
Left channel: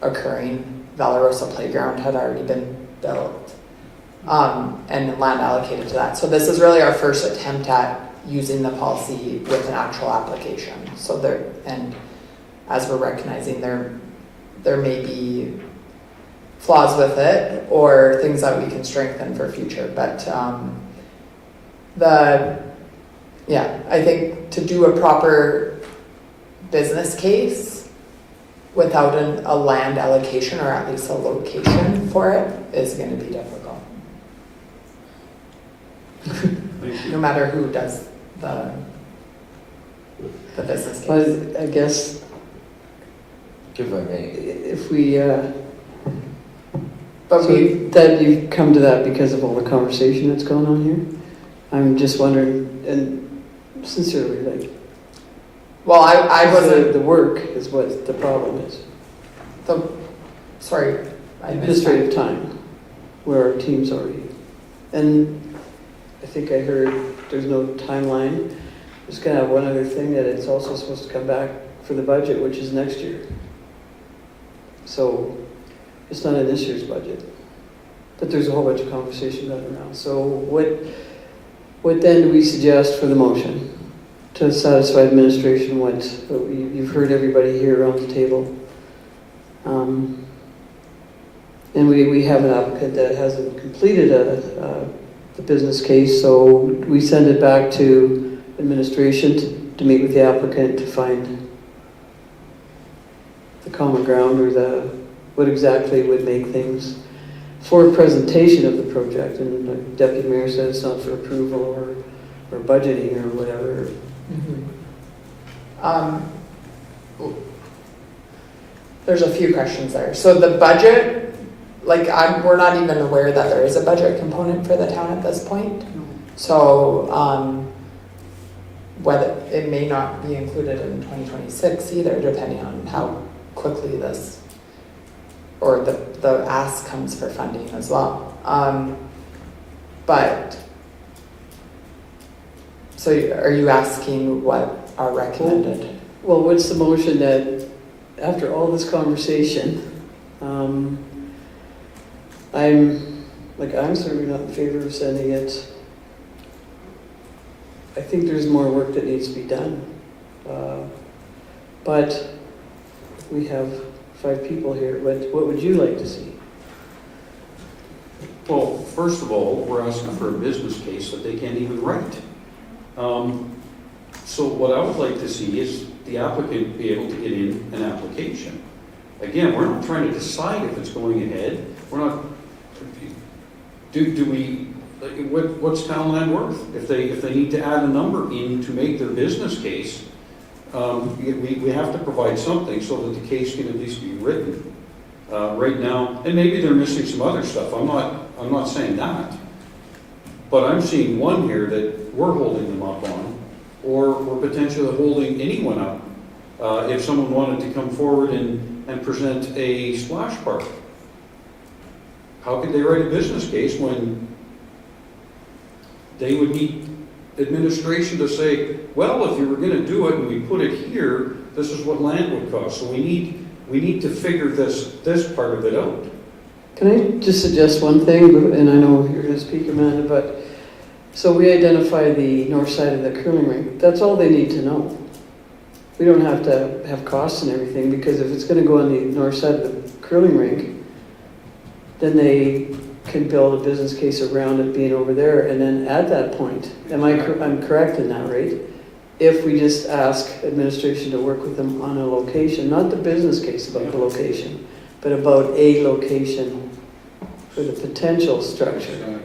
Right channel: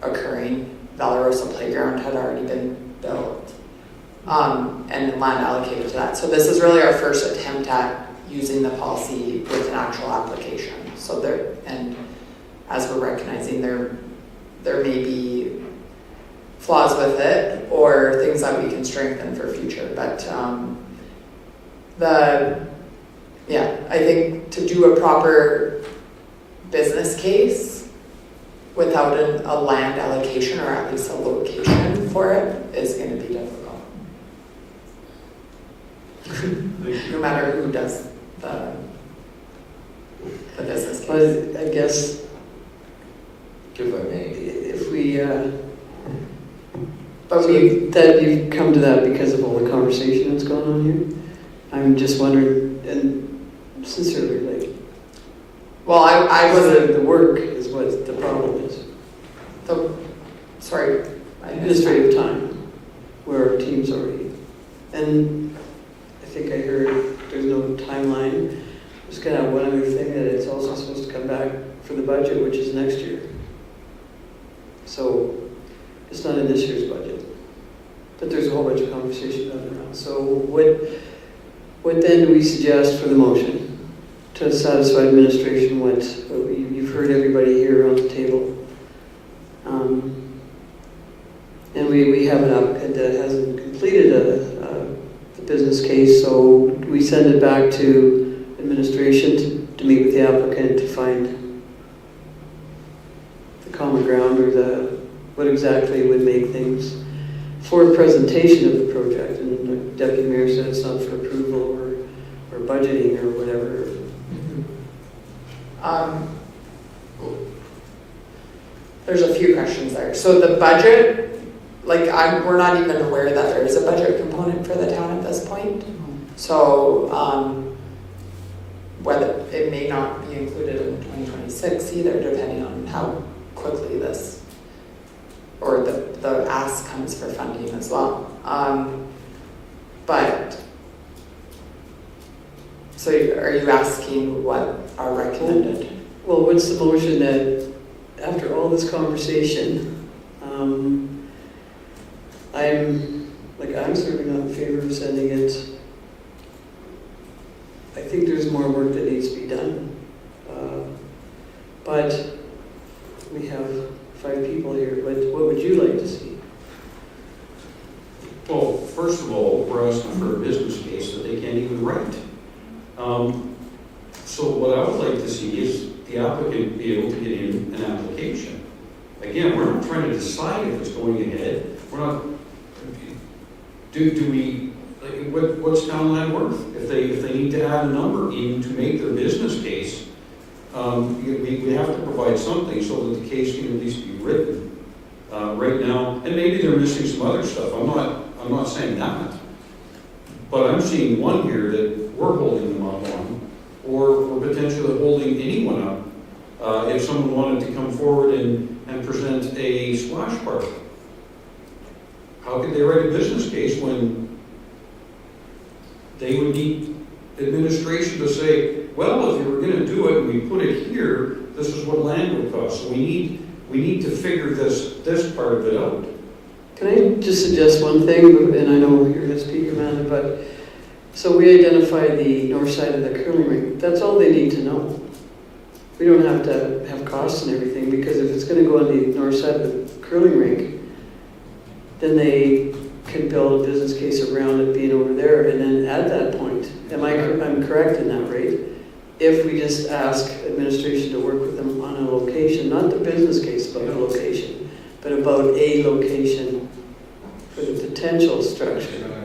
occurring. Valarosa Playground had already been built, and land allocated to that. So this is really our first attempt at using the policy with an actual application. So as we're recognizing, there may be flaws with it or things that we can strengthen for future. But I think to do a proper business case without a land allocation, or at least a location for it, is going to be difficult. No matter who does the business case. But I guess If I may. if that you've come to that because of all the conversation that's going on here, I'm just wondering, and sincerely, Well, I wasn't the work is what the problem is. Sorry, I missed Administrative time, where our team's already, and I think I heard there's no timeline. Just gonna have one other thing, that it's also supposed to come back for the budget, which is next year. So it's not in this year's budget, but there's a whole bunch of conversation going around. So what then do we suggest for the motion to satisfy administration? You've heard everybody here around the table. And we have an applicant that hasn't completed the business case, so we send it back to administration to meet with the applicant to find the common ground, or what exactly would make things for presentation of the project. And the deputy mayor said it's not for approval or budgeting or whatever. There's a few questions there. So the budget, we're not even aware that there is a budget component for the town at this point. So whether it may not be included in 2026 either, depending on how quickly this, or the ask comes for funding as well. But so are you asking what are recommended. Well, what's the motion that, after all this conversation, I'm certainly not in favor of sending it. I think there's more work that needs to be done. But we have 5 people here. What would you like to see? Well, first of all, we're asking for a business case that they can't even write. So what I would like to see is the applicant be able to get in an application. Again, we're not trying to decide if it's going ahead. We're not, what's Townland worth? If they need to add a number in to make their business case, we have to provide something so that the case can at least be written. Right now, and maybe they're missing some other stuff. I'm not saying that. But I'm seeing one here that we're holding them up on, or we're potentially holding anyone up if someone wanted to come forward and present a splash park. How could they write a business case when they would need administration to say, well, if you were going to do it and we put it here, this is what land would cost. So we need to figure this part of it out. Can I just suggest one thing, and I know you're going to speak, Amanda, but so we identify the north side of the curling rink. That's all they need to know. We don't have to have costs and everything, because if it's going to go on the north side of the curling rink, then they can build a business case around it being over there, and then at that point, I'm correct in that, right? If we just ask administration to work with them on a location, not the business case about the location, but about a location for the potential structure.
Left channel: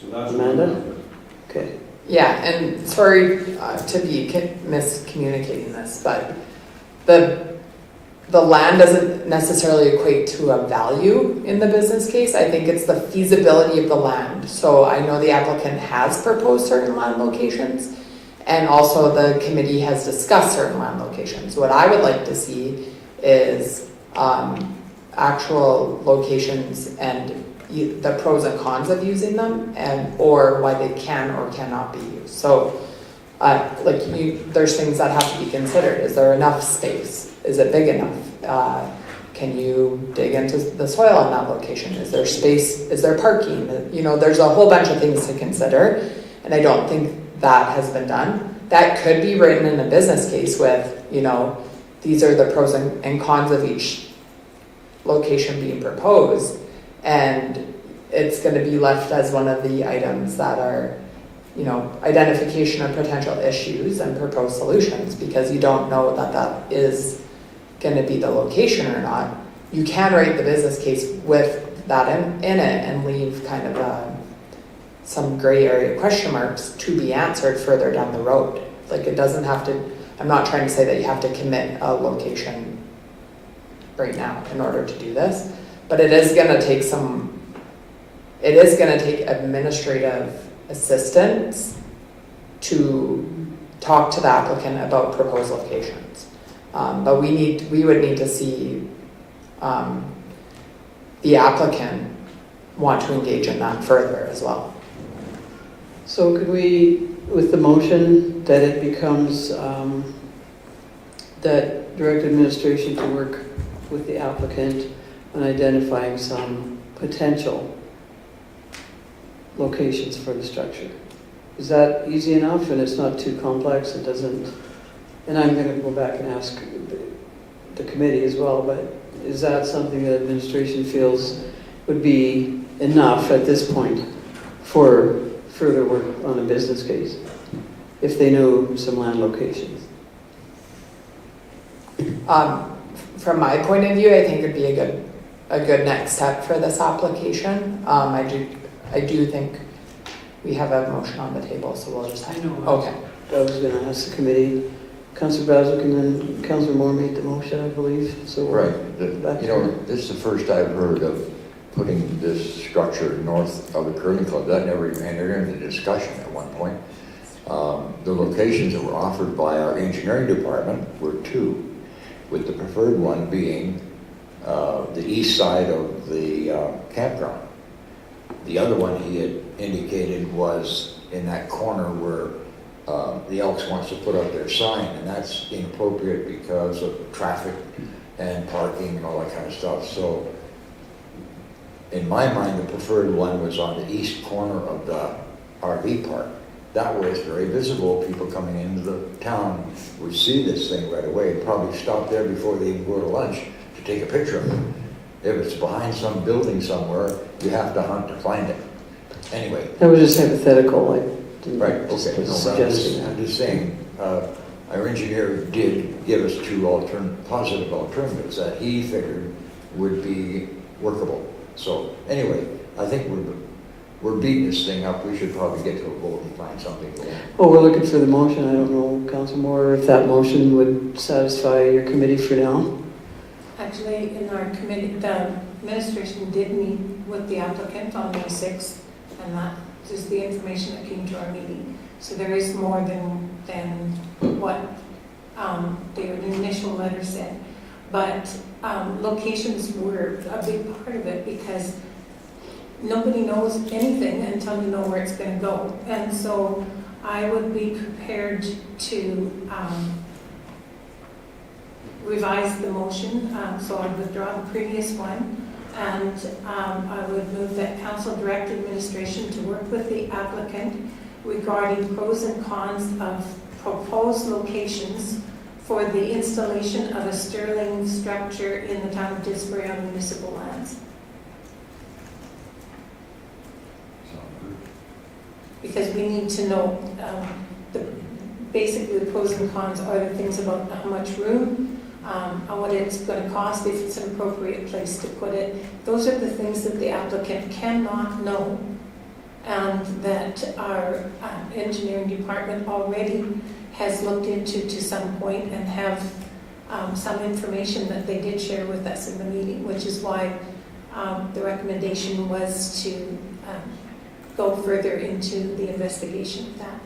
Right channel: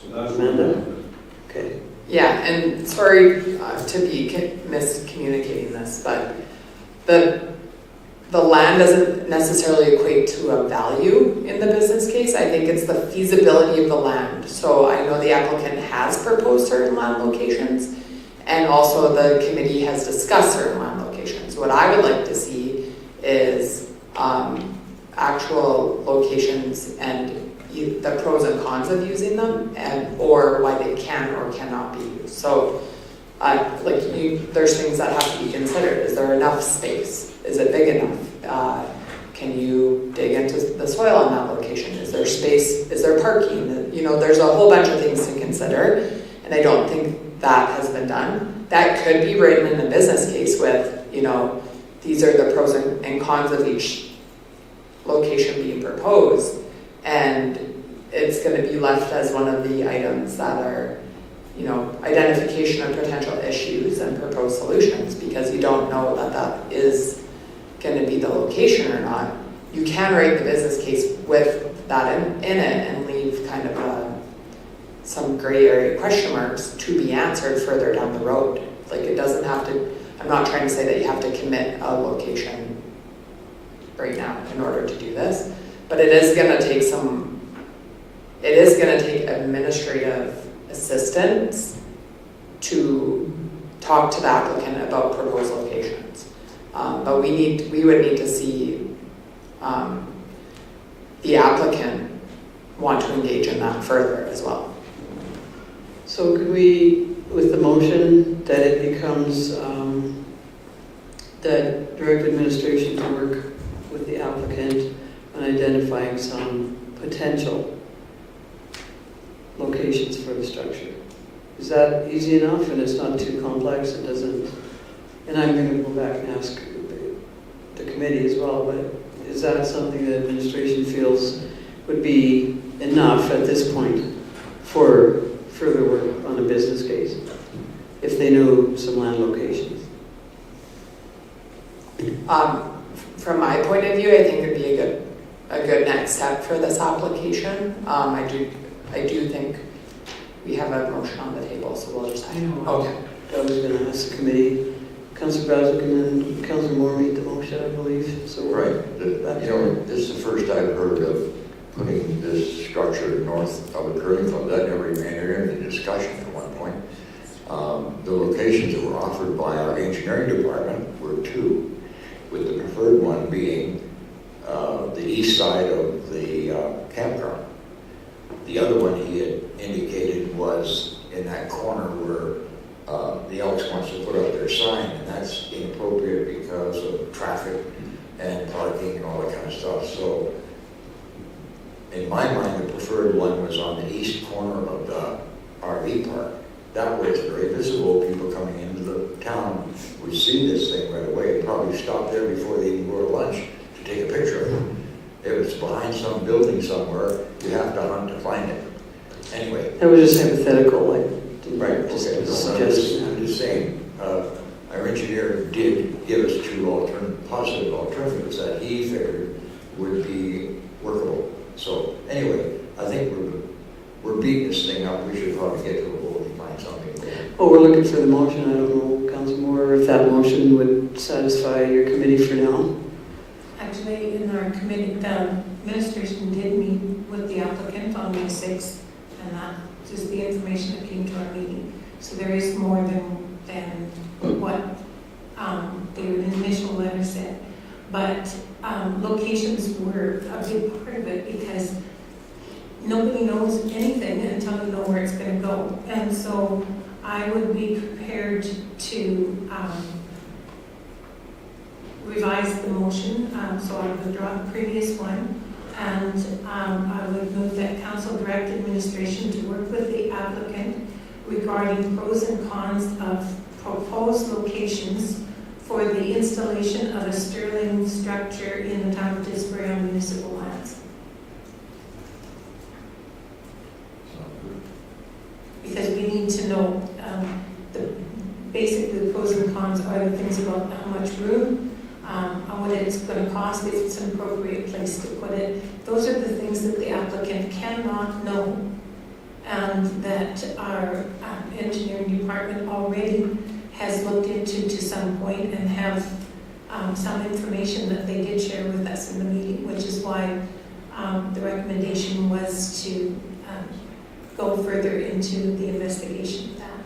So that's Amanda? Okay. Yeah, and sorry to be miscommunicating this, but the land doesn't necessarily equate to a value in the business case. I think it's the feasibility of the land. So I know the applicant has proposed certain land locations, and also the committee has discussed certain land locations. What I would like to see is actual locations and the pros and cons of using them, or why they can or cannot be used. So there's things that have to be considered. Is there enough space? Is it big enough? Can you dig into the soil on that location? Is there space? Is there parking? There's a whole bunch of things to consider, and I don't think that has been done. That could be written in the business case with, these are the pros and cons of each location being proposed, and it's going to be left as one of the items that are, identification of potential issues and proposed solutions, because you don't know that is going to be the location or not. You can write the business case with that in it and leave kind of some gray area question marks to be answered further down the road. It doesn't have to, I'm not trying to say that you have to commit a location right now in order to do this, but it is going to take administrative assistance to talk to the applicant about proposed locations. But we would need to see the applicant want to engage in that further as well. So could we, with the motion, that it becomes that direct administration to work with the applicant on identifying some potential locations for the structure? Is that easy enough and it's not too complex? It doesn't, and I'm going to go back and ask the committee as well, but is that something that administration feels would be enough at this point for further work on a business case, if they know some land locations? From my point of view, I think it'd be a good next step for this application. I do think we have a motion on the table, so we'll just. I know. Okay. I was going to ask the committee. Councillor Bowser and then Councillor Moore made the motion, I believe. So Right. This is the first I've heard of putting this structure north of the curling club. That never even entered into discussion at one point. The locations that were offered by our engineering department were 2, with the preferred one being the east side of the campground. The other one he had indicated was in that corner where the Elks wants to put up their sign, and that's inappropriate because of traffic and parking and all that kind of stuff. So in my mind, the preferred one was on the east corner of the RV park. That way it's very visible. People coming into the town would see this thing right away, probably stop there before they even go to lunch to take a picture of it. If it's behind some building somewhere, you have to hunt to find it. Anyway. That was just hypothetical, like. Right, okay. Just No, suggesting that. I'm just saying, our engineer did give us two positive alternatives that he figured would be workable. So anyway, I think we're beating this thing up. We should probably get to a vote and find something. Well, we're looking for the motion. I don't know, Council Moore, if that motion would satisfy your committee for now. Actually, in our committee, the administration did meet with the applicant on May 6th, and that is the information that came to our meeting. So there is more than what the initial letter said. But locations were a big part of it because nobody knows anything until you know where it's going to go. And so I would be prepared to revise the motion. So I would withdraw the previous one. And I would move that council direct administration to work with the applicant regarding pros and cons of proposed locations for the installation of a Sterling structure in the town of Didsbury on municipal lands. Because we need to know, basically the pros and cons are the things about how much room, what it's going to cost, if it's an appropriate place to put it. Those are the things that the applicant cannot know, and that our engineering department already has looked into to some point and have some information that they did share with us in the meeting, which is why the recommendation was to go further into the investigation of that.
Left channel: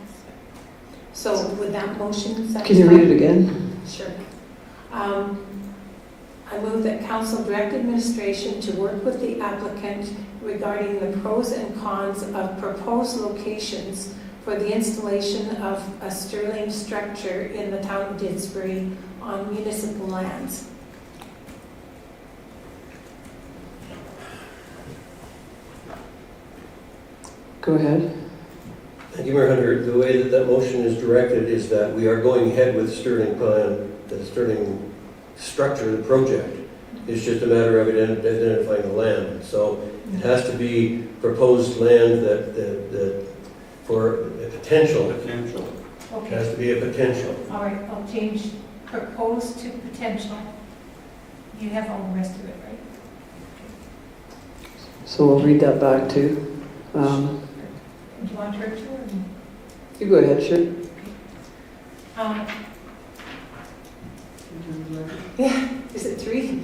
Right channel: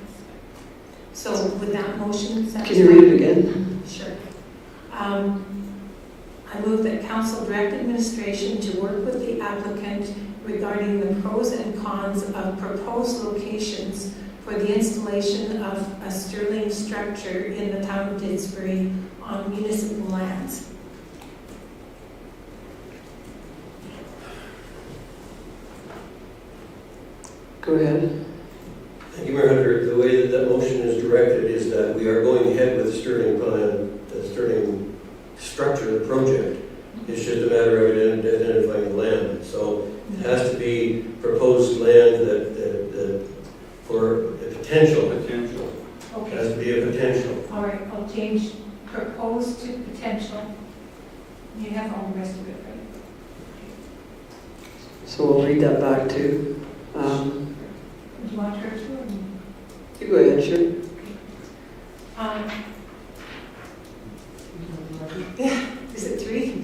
So with that motion, Can you read it again? Sure. I move that council direct administration to work with the applicant regarding the pros and cons of proposed locations for the installation of a Sterling structure in the town of Didsbury on municipal lands. Go ahead. Thank you, Mayor Hunter. The way that motion is directed is that we are going ahead with Sterling plan, the Sterling structure of the project. It's just a matter of identifying the land. So it has to be proposed land that for a potential. It has to be a potential. All right, I'll change proposed to potential. You have all the rest of it, right? So we'll read that back too. Do you want her to? Or? You go ahead, sure. Yeah, is it 3?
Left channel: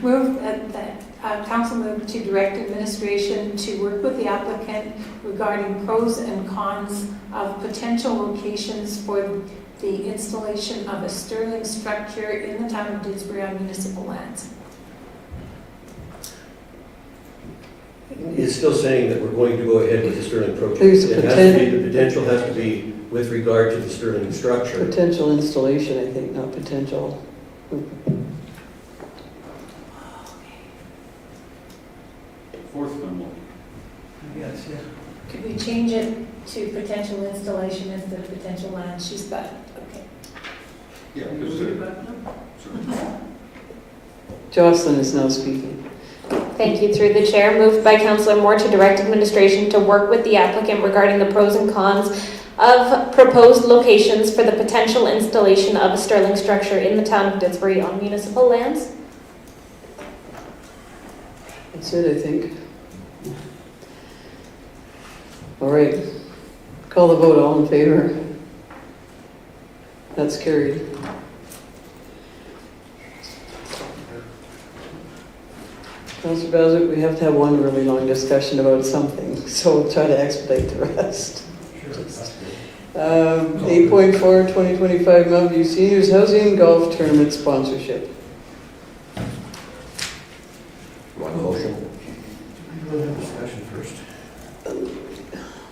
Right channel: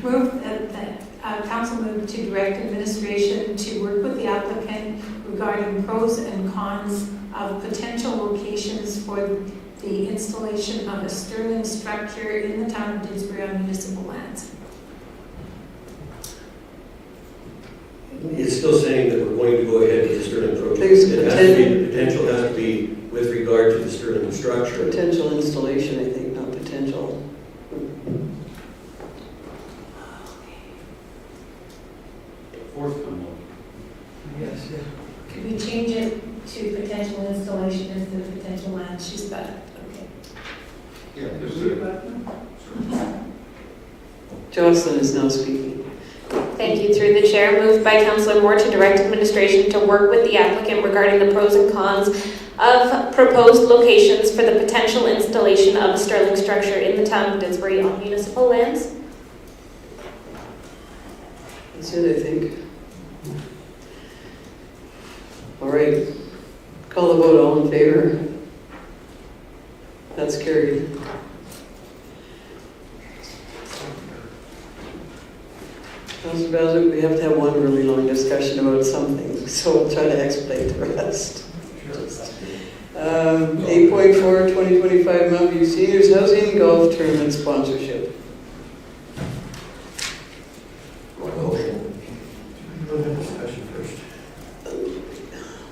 Move that council move to direct administration to work with the applicant regarding pros and cons of potential locations for the installation of a Sterling structure in the town of Didsbury on municipal lands. It's still saying that we're going to go ahead with the Sterling project. I think it's It has to be, the potential has to be with regard to the Sterling structure. Potential installation, I think, not potential. Fourth memo. Yes, yeah. Could we change it to potential installation instead of potential land? She's got, okay. Yeah, just do it. Jocelyn is now speaking. Thank you. Through the chair, moved by Councillor Moore to direct administration to work with the applicant regarding the pros and cons of proposed locations for the potential installation of a Sterling structure in the town of Didsbury on municipal lands. That's it, I think. All right. Call the vote. All in favor? That's carried. Councilor Bowser, we have to have one really long discussion about something, so we'll try to expedite the rest. 8.4, 2025 Mount View Seniors Housing Golf Tournament Sponsorship. One motion. We'll have discussion first.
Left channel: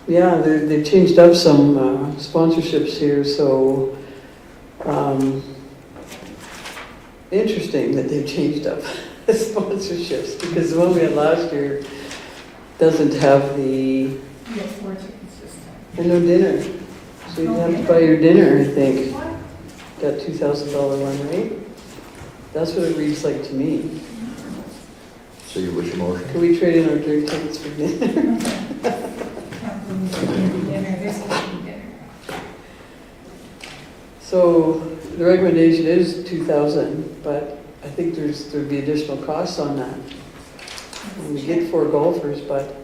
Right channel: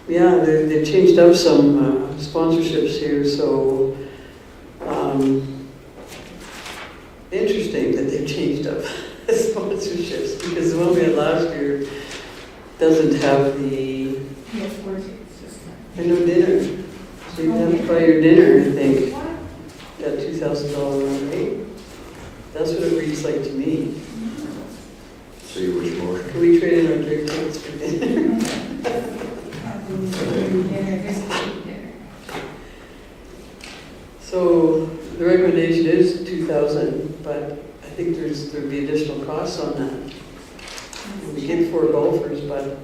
Yeah, they've changed up some sponsorships here, so interesting that they've changed up sponsorships, because the one we had last year doesn't have the, and no dinner. So you have to buy your dinner, I think. Got $2,000 run rate. That's what it reads like to me. So you wish motion? Can we trade in our drink tickets for dinner? So the recommendation is 2,000, but I think there'd be additional costs on that. We get 4 golfers, but,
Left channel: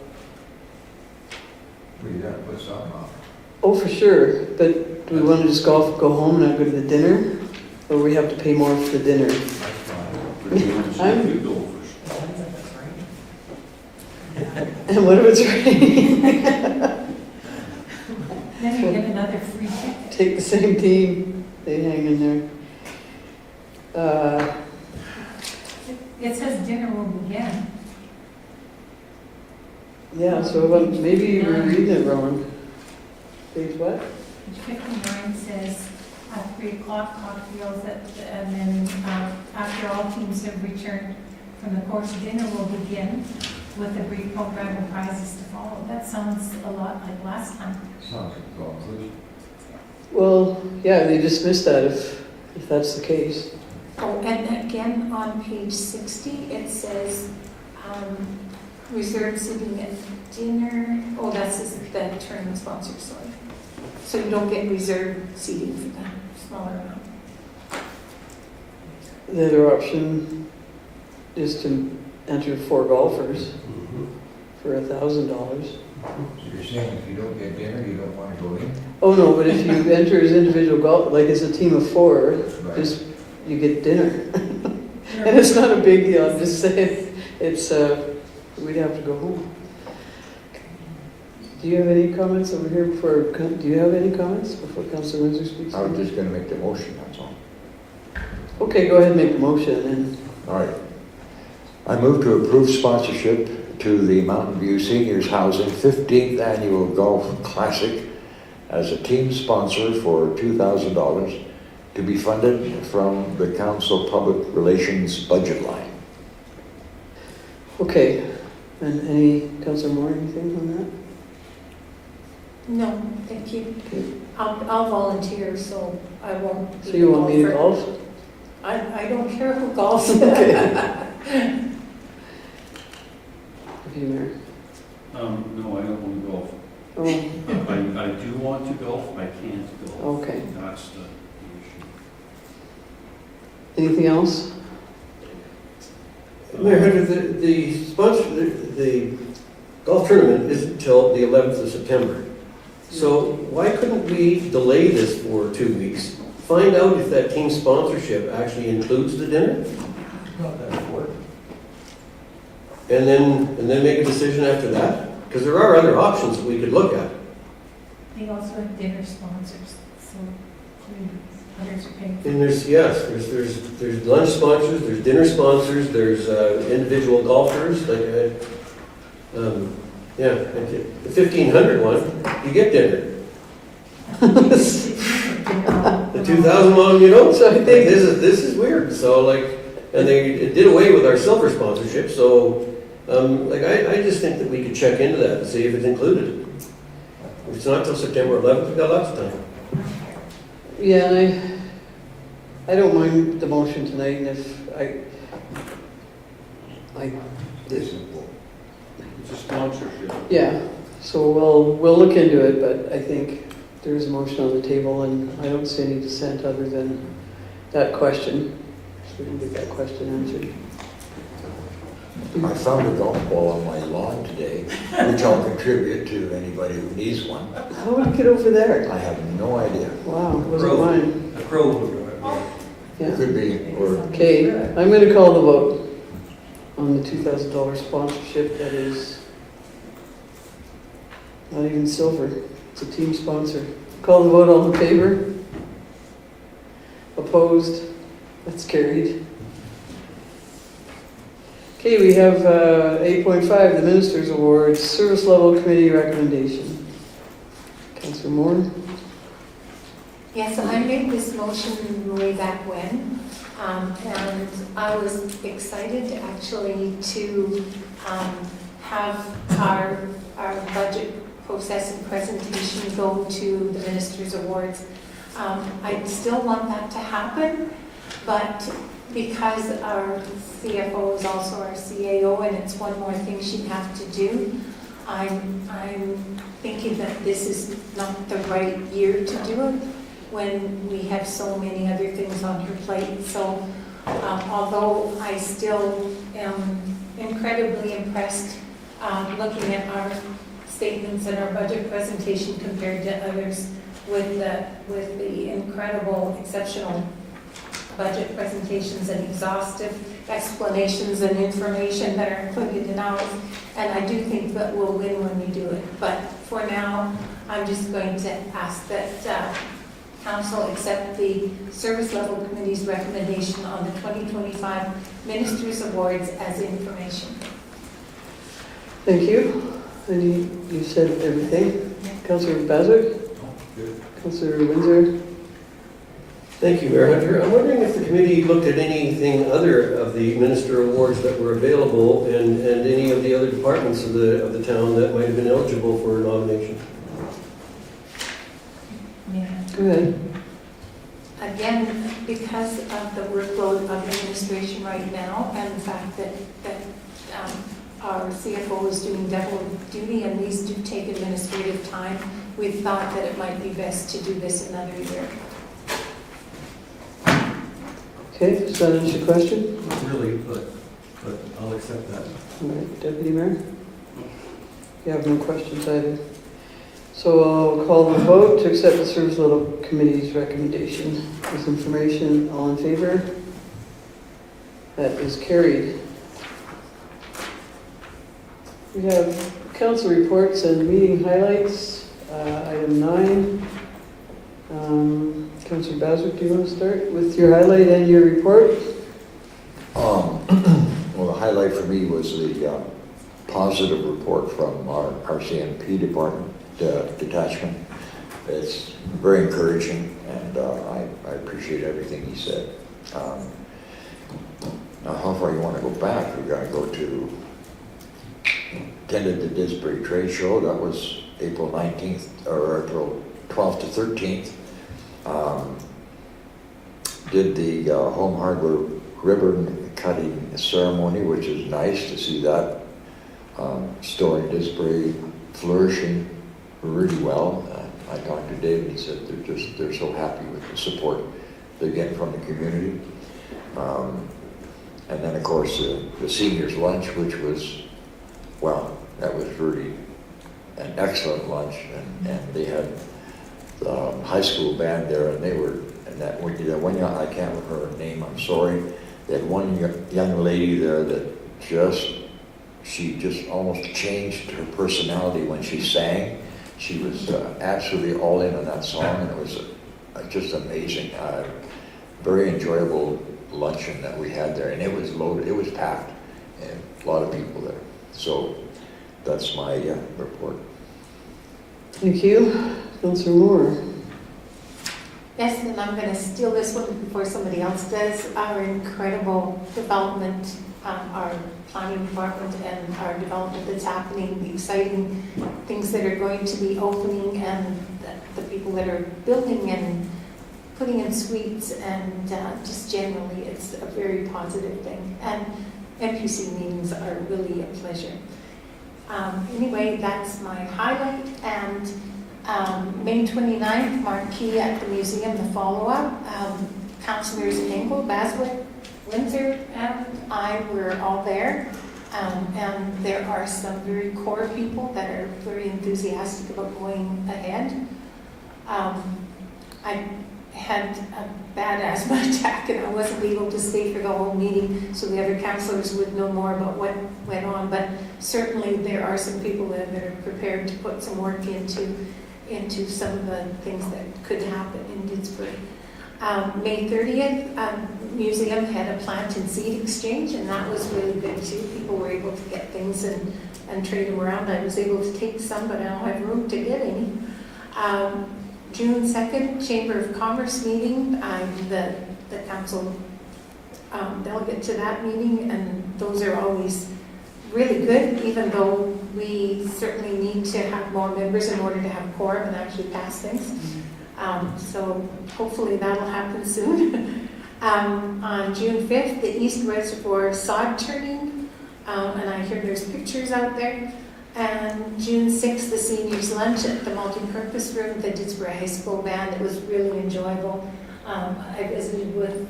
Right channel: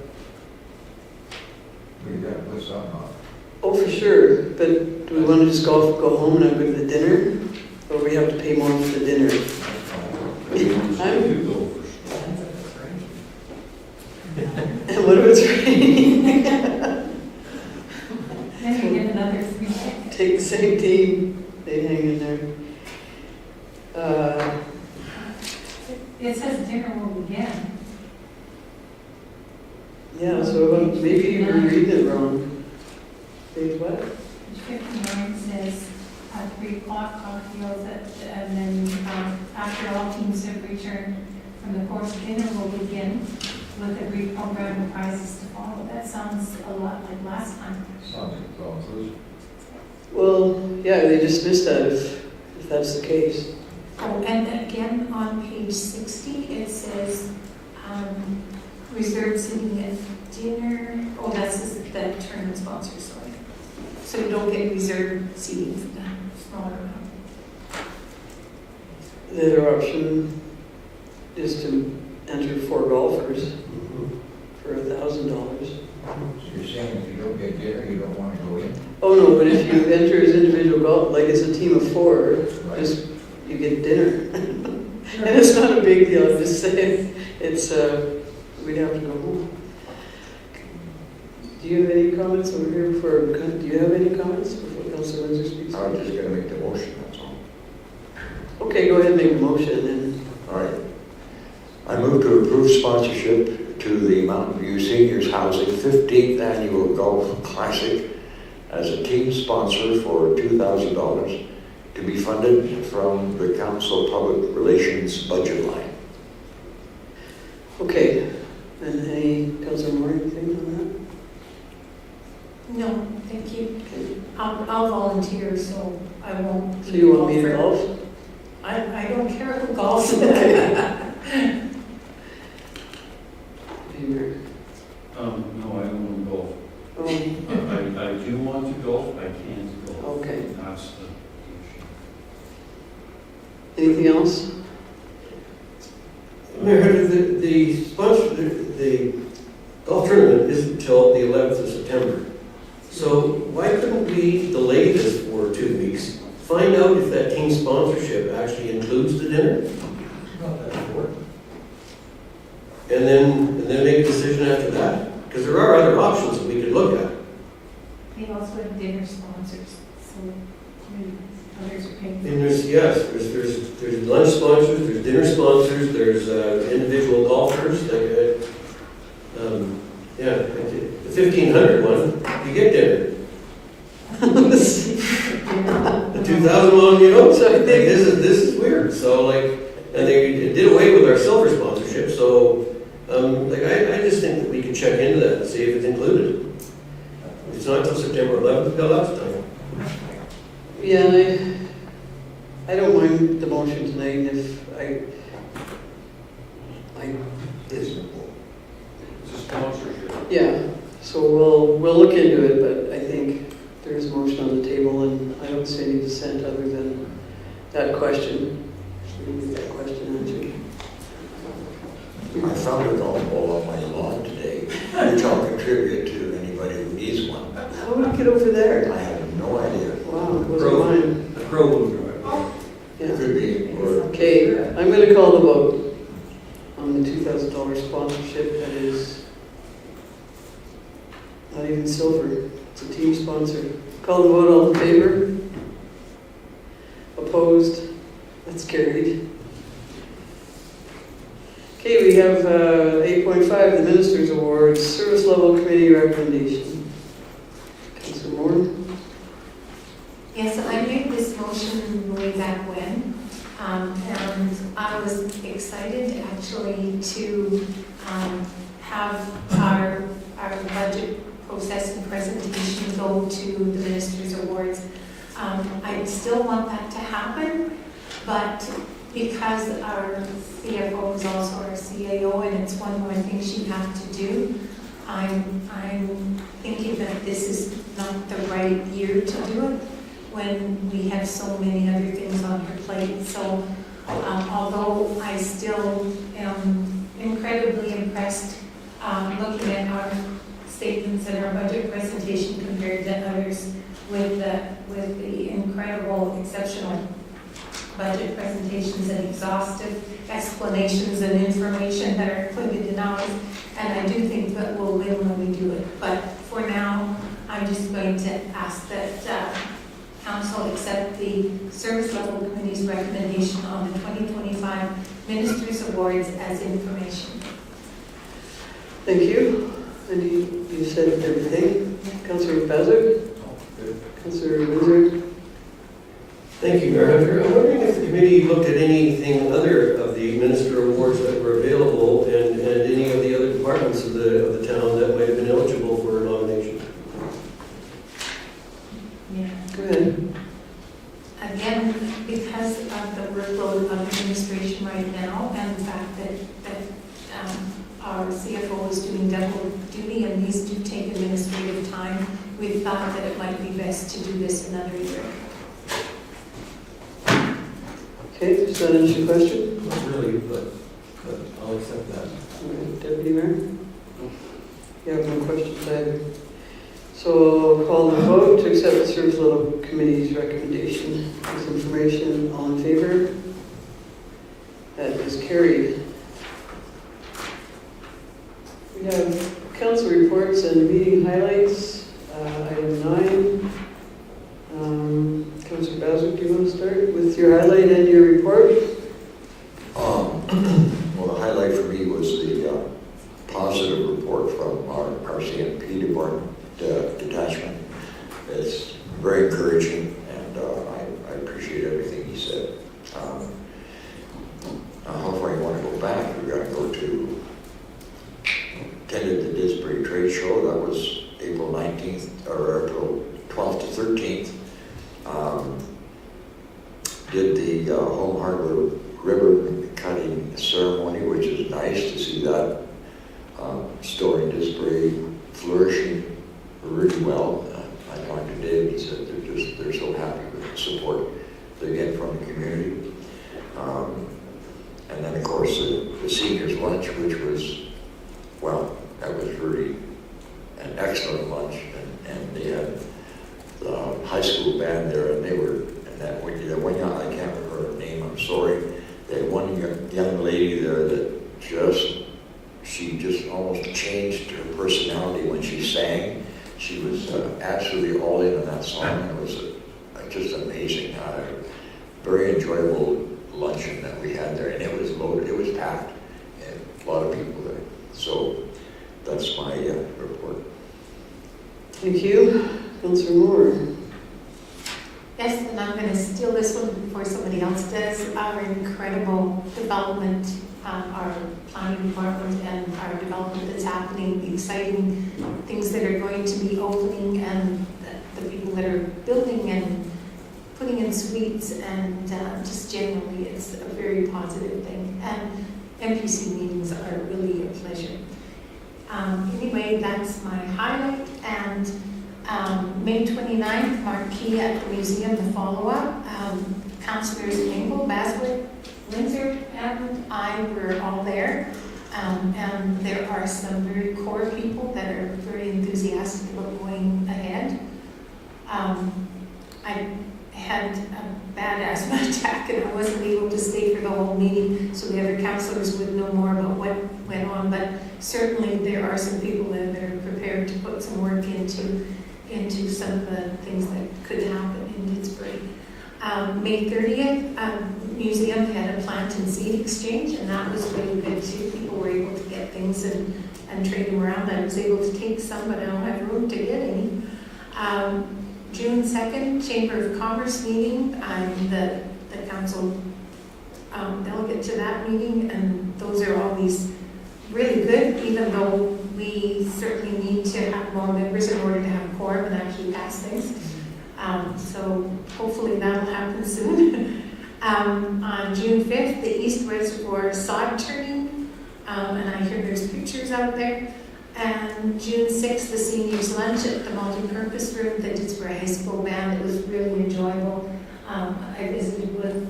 We gotta put something on. oh, for sure. But do we want to just golf, go home and not go to the dinner? Or we have to pay more for the dinner? I'm- And what if it's raining? Then you get another free ticket. Take the same team, they hang in there. It says dinner will begin. Yeah, so maybe you're reading it wrong. Page what? Page 59 says 3 o'clock cocktails, and then after all teams have returned from the course, dinner will begin with a brief program of prizes to follow. That sounds a lot like last time. Sounds like golfers. Well, yeah, they dismissed that if that's the case. Oh, and again, on page 60, it says reserved seating at dinner. Oh, that's the tournament sponsor, sorry. So you don't get reserved seating for the smaller amount. The other option is to enter 4 golfers for $1,000. So you're saying if you don't get dinner, you don't want to go in? Oh, no, but if you enter as individual golf, like it's a team of 4, Right. just, you get dinner. And it's not a big deal, I'm just saying, it's, we'd have to go home. Do you have any comments over here before, do you have any comments before Councilor Windsor speaks? I was just gonna make the motion, that's all. Okay, go ahead and make the motion, and All right. I move to approve sponsorship to the Mountain View Seniors Housing 15th Annual Golf Classic as a team sponsor for $2,000 to be funded from the Council Public Relations budget line. okay. And any, Councilor Moore, anything on No, thank you. that? Okay. I'll volunteer, so I won't. So you want me to golf? I don't care who golfs. Okay. Hey, Mayor. No, I don't want to golf. Oh, I do want to golf, I can't golf. okay. That's the issue. Anything else? Mayor, the sponsor, the golf tournament isn't until the 11th of September. So why couldn't we delay this for 2 weeks? Find out if that team sponsorship actually includes the dinner? Not that important. And then make a decision after that? Because there are other options that we could look at. They also have dinner sponsors, so others are paying. And there's lunch sponsors, there's dinner sponsors, there's individual golfers, like, yeah, the 1,500 one, you get dinner. The 2,000 one, you don't. So I think- This is weird, so like, and they did away with our silver sponsorship, so, like, I just think that we could check into that and see if it's included. If it's not till September 11th, we've got lots of time. Yeah, I don't mind the motion tonight, and if It's important. It's a sponsorship. yeah, so we'll look into it, but I think there's a motion on the table, and I don't see any dissent other than that question. We can get that question answered. I found a golf ball on my lawn today, which I'll contribute to anybody who needs one. How would it get over there? I have no idea. Wow, it wasn't mine. A crow moved right by. Yeah. Could be, or Okay, I'm going to call the vote on the $2,000 sponsorship. That is not even silver. It's a team sponsor. Call the vote, all in favor? Opposed? That's carried. Okay, we have 8.5, the Minister's Award, Service Level Committee recommendation. Councillor Moore? Yes, I made this motion way back when, and I was excited actually to have our budget process and presentation go to the Minister's Awards. I still want that to happen, but because our CFO is also our CAO and it's one more thing she'd have to do, I'm thinking that this is not the right year to do it when we have so many other things on her plate. So although I still am incredibly impressed looking at our statements and our budget presentation compared to others with the incredible, exceptional budget presentations and exhaustive explanations and information that are included in ours. And I do think that we'll win when we do it. But for now, I'm just going to ask that Council accept the Service Level Committee's recommendation on the 2025 Ministers' Awards as information. Thank you. And you said everything. Councillor Bazard? Councillor Windsor? Thank you, Mayor Hunter. I'm wondering if the committee looked at anything other of the minister awards that were available and any of the other departments of the town that might have been eligible for nomination. Yeah. Go ahead. Again, because of the workload of administration right now and the fact that our CFO is doing double duty and these do take administrative time, we thought that it might be best to do this another year. Okay, does that answer your question? Not really, but I'll accept that. All right, Deputy Mayor? You have no questions either. So I'll call the vote to accept the Service Level Committee's recommendation. This information, all in favor? That is carried. We have council reports and meeting highlights. Item 9. Councillor Bazard, do you want to start with your highlight and your report? Well, the highlight for me was the positive report from our RCMP department detachment. It's very encouraging, and I appreciate everything he said. Now, how far you want to go back? We're going to go to attended the Disbury Trade Show. That was April 19th or April 12th to 13th. Did the home hardware ribbon cutting ceremony, which is nice to see that store in Disbury flourishing really well. I talked to David, he said they're so happy with the support they get from the community. And then of course the seniors lunch, which was, well, that was really an excellent lunch, and they had the high school band there, and they were, and that one young, I can't remember her name, I'm sorry. They had one young lady there that she just almost changed her personality when she sang. She was absolutely all in on that song, and it was just amazing. Very enjoyable luncheon that we had there, and it was loaded, it was packed, and a lot of people there. So that's my report. Thank you. Councillor Moore. Yes, and I'm going to steal this one before somebody else does. Our incredible development, our planning department and our development that's happening, the exciting things that are going to be opening, and the people that are building and putting in suites, and just generally it's a very positive thing. And MPC meetings are really a pleasure. Anyway, that's my highlight. And May 29th, marquee at the museum, the follow-up. Councillors Engel, Baswick, Windsor, and I were all there. And there are some very core people that are very enthusiastic about going ahead. I had a bad asthma attack and I wasn't able to stay for the whole meeting, so the other councillors would know more about what went on, but certainly there are some people there that are prepared to put some work into some of the things that could happen in Didsbury. May 30th, museum had a plant and seed exchange, and that was really good too. People were able to get things and trade them around. I was able to take some, but I don't have room to get any. June 2nd, Chamber of Commerce meeting. I'm the council delegate to that meeting, and those are always really good, even though we certainly need to have more members in order to have a quorum and actually pass things. So hopefully that'll happen soon. On June 5th, the East Reservoir sod turning, and I hear there's pictures out there. And June 6th, the seniors lunch at the multi-purpose room at the Didsbury High School band. It was really enjoyable. I visited with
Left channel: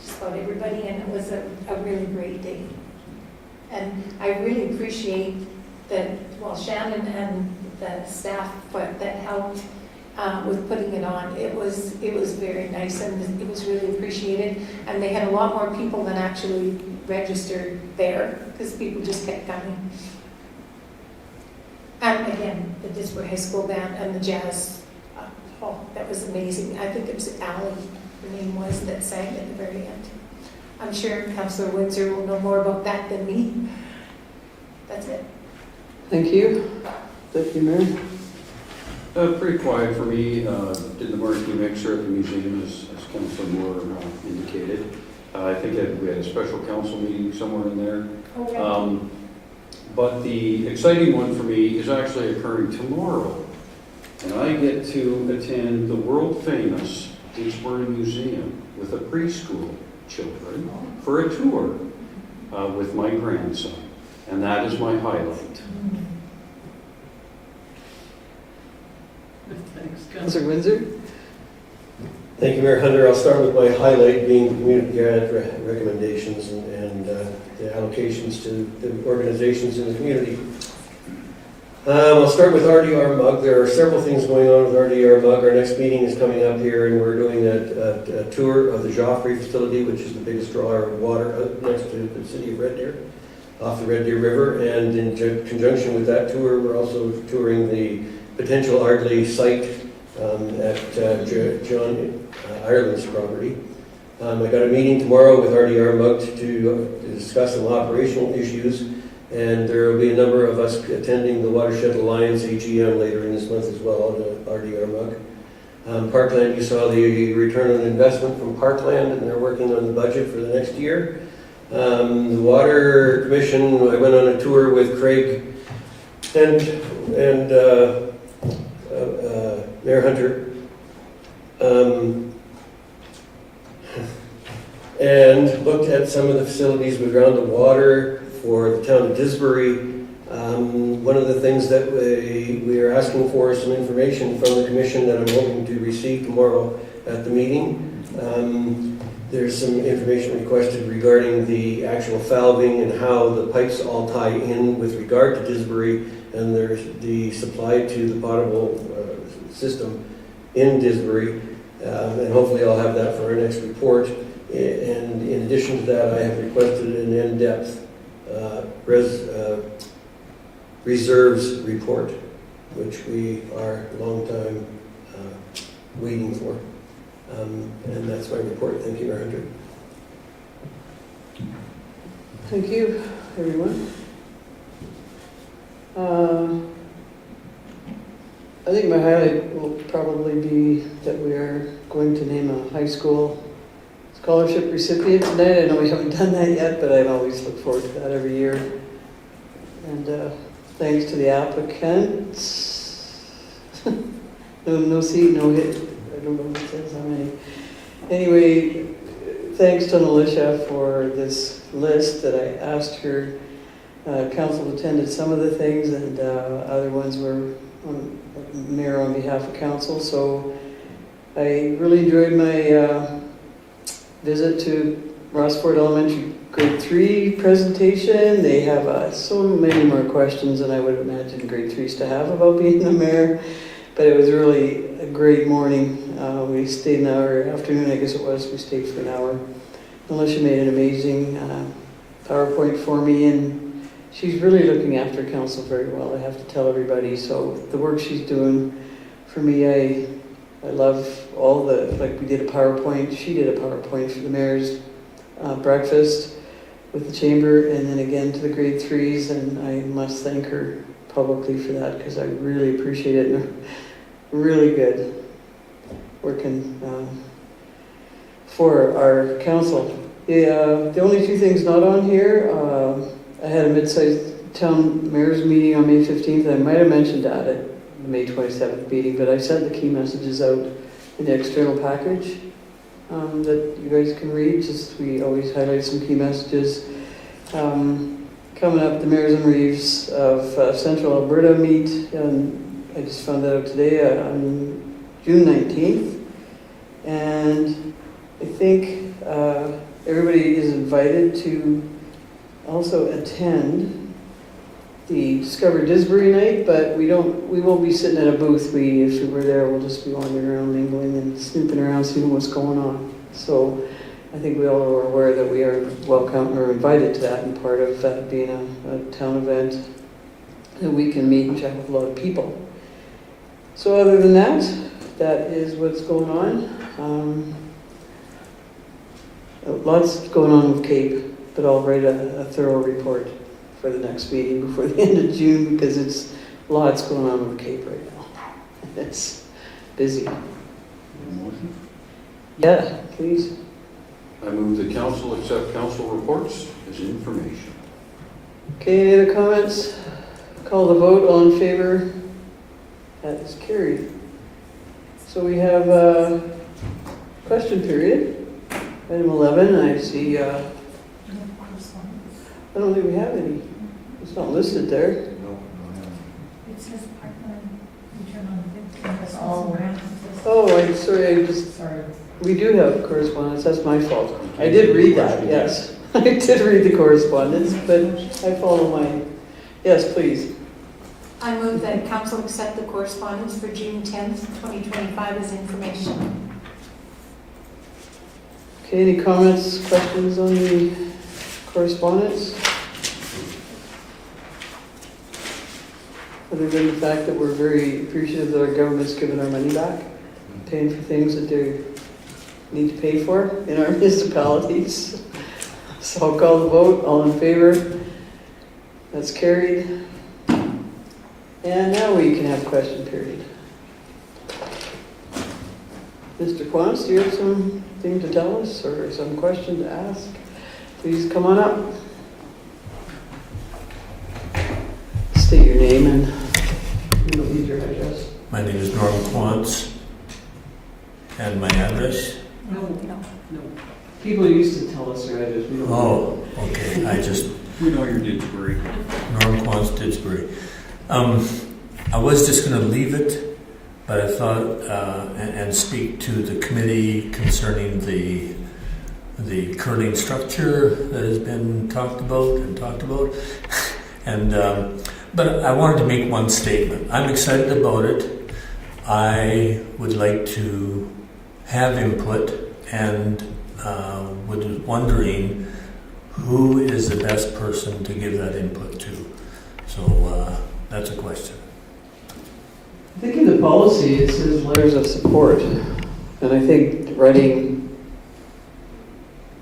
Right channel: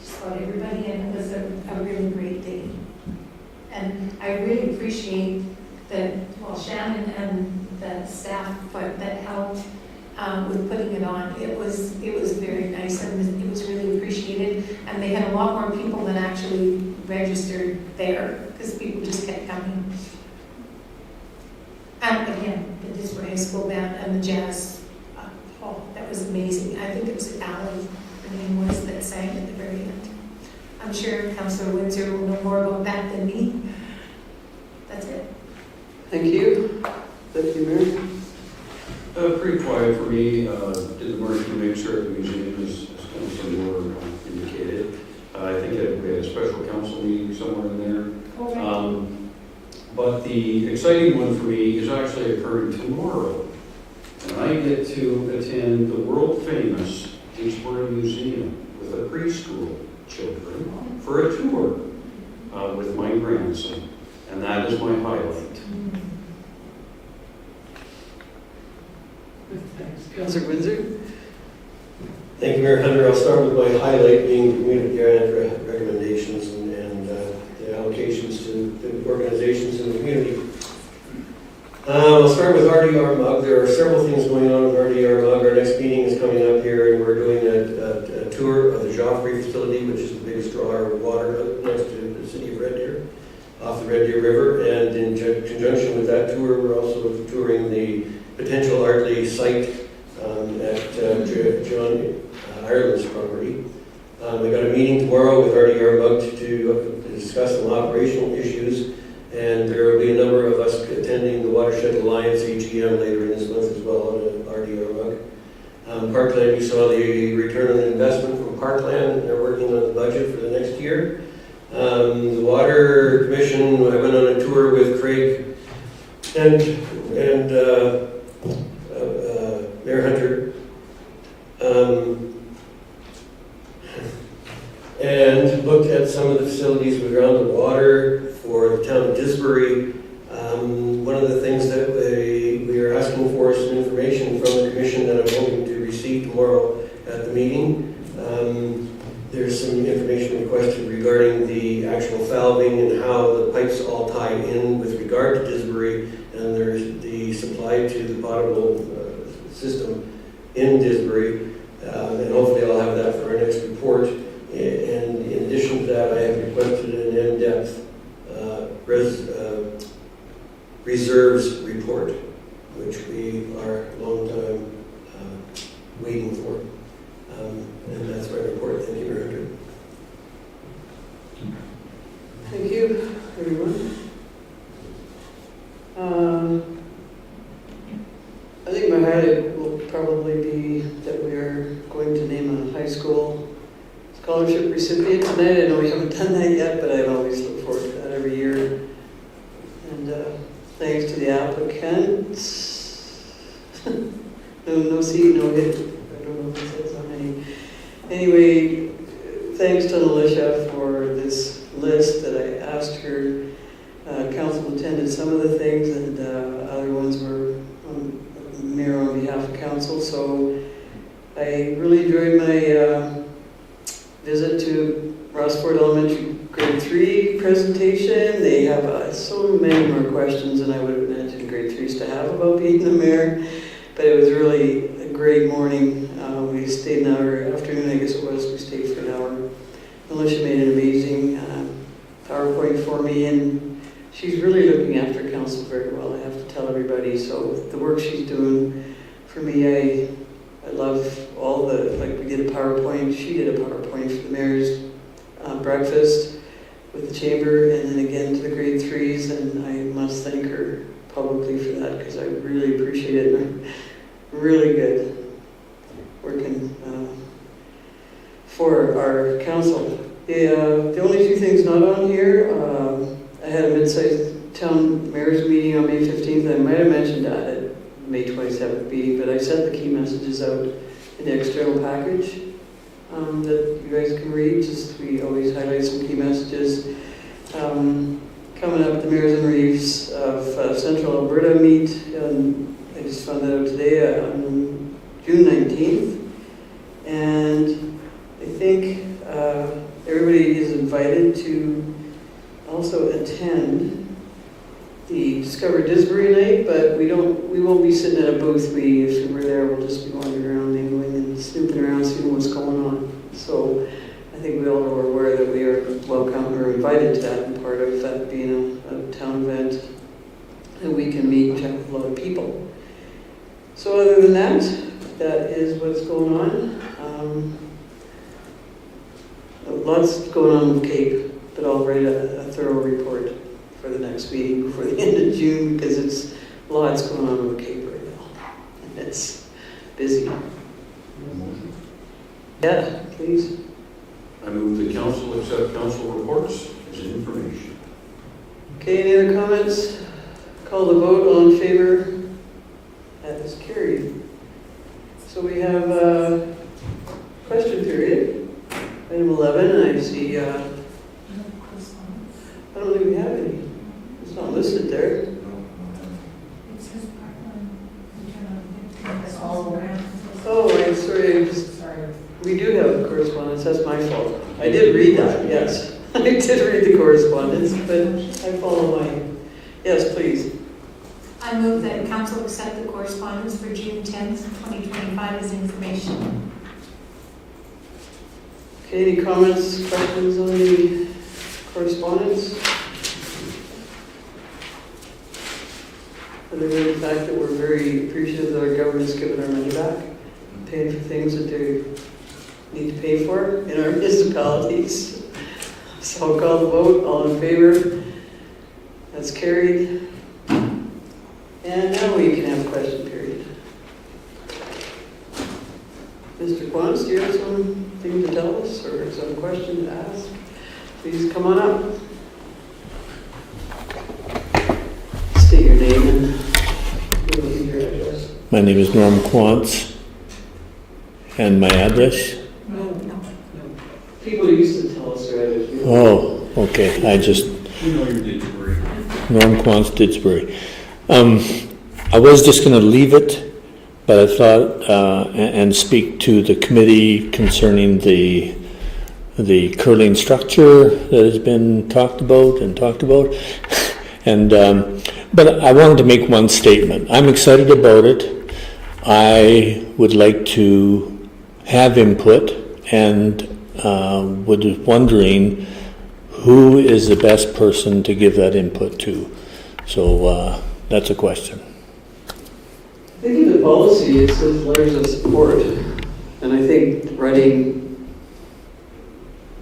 just about everybody, and it was a really great day. And I really appreciate that, well, Shannon and the staff that helped with putting it on. It was very nice, and it was really appreciated. And they had a lot more people than actually registered there, because people just kept coming. And again, the Didsbury High School band and the jazz, that was amazing. I think it was Allie, her name was, that sang at the very end. I'm sure Councillor Windsor will know more about that than me. That's it. Thank you. Deputy Mayor. Pretty quiet for me. Did the marketing mixer at the museum, as Councilor Moore indicated. I think that we had a special council meeting somewhere in there. Okay. But the exciting one for me is actually occurring tomorrow. And I get to attend the world-famous Didsbury Museum with the preschool children for a tour with my grandson. And that is my highlight. Thanks. Councillor Windsor. Thank you, Mayor Hunter. I'll start with my highlight being community grant recommendations and the allocations to the organizations in the community. I'll start with RDR Mug. There are several things going on with RDR Mug. Our next meeting is coming up here, and we're doing a tour of the Joffre facility, which is the biggest drawer of water out next to the city of Red Deer, off the Red Deer River. And in conjunction with that tour, we're also touring the potential Ardley site at John Ireland's property. I got a meeting tomorrow with RDR Mug to discuss some operational issues, and there will be a number of us attending the Watershed Alliance AGM later in this month as well on RDR Mug. Parkland, you saw the return on investment from Parkland, and they're working on the budget for the next year. The Water Commission, I went on a tour with Craig and Mayor Hunter, and looked at some of the facilities around the water for the town of Didsbury. One of the things that we are asking for is some information from the commission that I'm hoping to receive tomorrow at the meeting. There's some information requested regarding the actual valving and how the pipes all tie in with regard to Didsbury, and there's the supply to the potable system in Didsbury, and hopefully I'll have that for our next report. And in addition to that, I have requested an in-depth reserves report, which we are a long time waiting for. And that's my report. Thank you, Mayor Hunter. Thank you, everyone. I think my highlight will probably be that we are going to name a high school scholarship recipient tonight. I know we haven't done that yet, but I always look forward to that every year. And thanks to the applicants. No seat, no hit. I don't know if it says how many. Anyway, thanks to Alicia for this list that I asked her. Council attended some of the things, and other ones were on mayor on behalf of council. So I really enjoyed my visit to Rossford Elementary grade 3 presentation. They have so many more questions than I would imagine grade 3s to have about being the mayor, but it was really a great morning. We stayed an hour, afternoon I guess it was, we stayed for an hour. Alicia made an amazing PowerPoint for me, and she's really looking after council very well, I have to tell everybody. So the work she's doing for me, I love all the, like we did a PowerPoint, she did a PowerPoint for the mayor's breakfast with the chamber, and then again to the grade 3s, and I must thank her publicly for that because I really appreciate it. And really good, working for our council. The only two things not on here, I had a mid-sized town mayor's meeting on May 15th. I might have mentioned that at the May 27th meeting, but I sent the key messages out in the external package that you guys can read. Just we always highlight some key messages. Coming up, the Mayors and Reeves of Central Alberta meet, and I just found that out today on June 19th. And I think everybody is invited to also attend the Discover Disbury night, but we won't be sitting at a booth. If we're there, we'll just be wandering around, mingling and snooping around, seeing what's going on. So I think we all are aware that we are welcome or invited to that, and part of that being a town event that we can meet and chat with a lot of people. So other than that, that is what's going on. Lots going on with CAPE, but I'll write a thorough report for the next meeting before the end of June, because it's lots going on with CAPE right now. It's busy. Yeah, please. I move the council accept council reports as information. Okay, any other comments? Call the vote, all in favor? That is carried. So we have a question period. Item 11, I see, I don't think we have any. It's not listed there. It says Oh, I'm sorry, we do have correspondence, that's my fault. I did read that, yes. I did read the correspondence, but I follow mine. Yes, please. I move that council accept the correspondence for June 10th, 2025 as information. Okay, any comments, questions on the correspondence? Other than the fact that we're very appreciative that our government's given our money back, paying for things that they need to pay for in our municipalities. So I'll call the vote, all in favor? That's carried. And now we can have question period. Mr. Quantz, do you have something to tell us or some question to ask? Please come on up. State your name and you don't need your address. My name is Norm Quantz, and my address? No. People used to tell us their address. Oh, okay, We know your Didsbury. Norm Quantz, Didsbury. I was just going to leave it, but I thought, and speak to the committee concerning the curling structure that has been talked about. And but I wanted to make one statement. I'm excited about it. I would like to have input, and was wondering who is the best person to give that input to. So that's a question. I think in the policy it says letters of support, and I think writing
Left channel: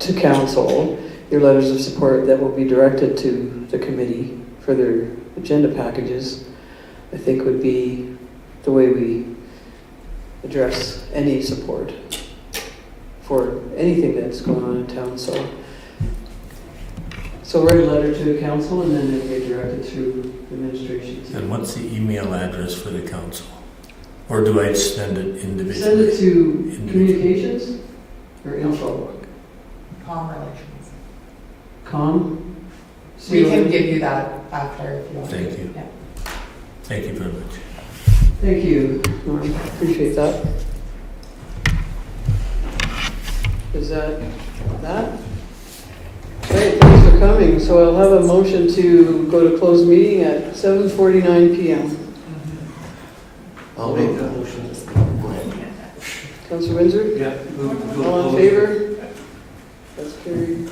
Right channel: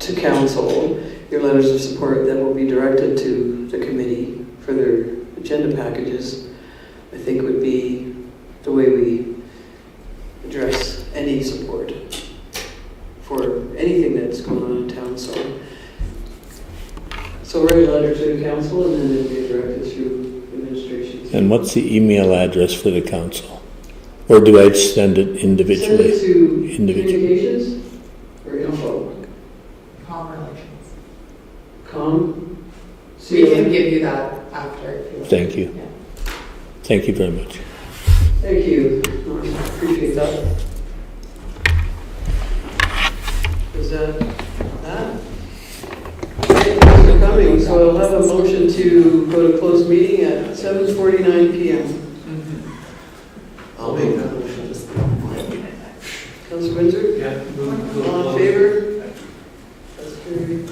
to council your letters of support that will be directed to the committee for their agenda packages, I think would be the way we address any support for anything that's going on in town. So write a letter to the council and then it'll be directed through administration. And what's the email address for the council? Or do I send it individually? Send it to communications or info? Com relations. Com? We can give you that after if you want. Thank you. Yeah. Thank you very much. Thank you, Norm. Appreciate that. Is that? Okay, thanks for coming. So I'll have a motion to go to closed meeting at 7:49 p.m. I'll make that motion. Councilor Windsor? Yeah. All in favor? That's carried.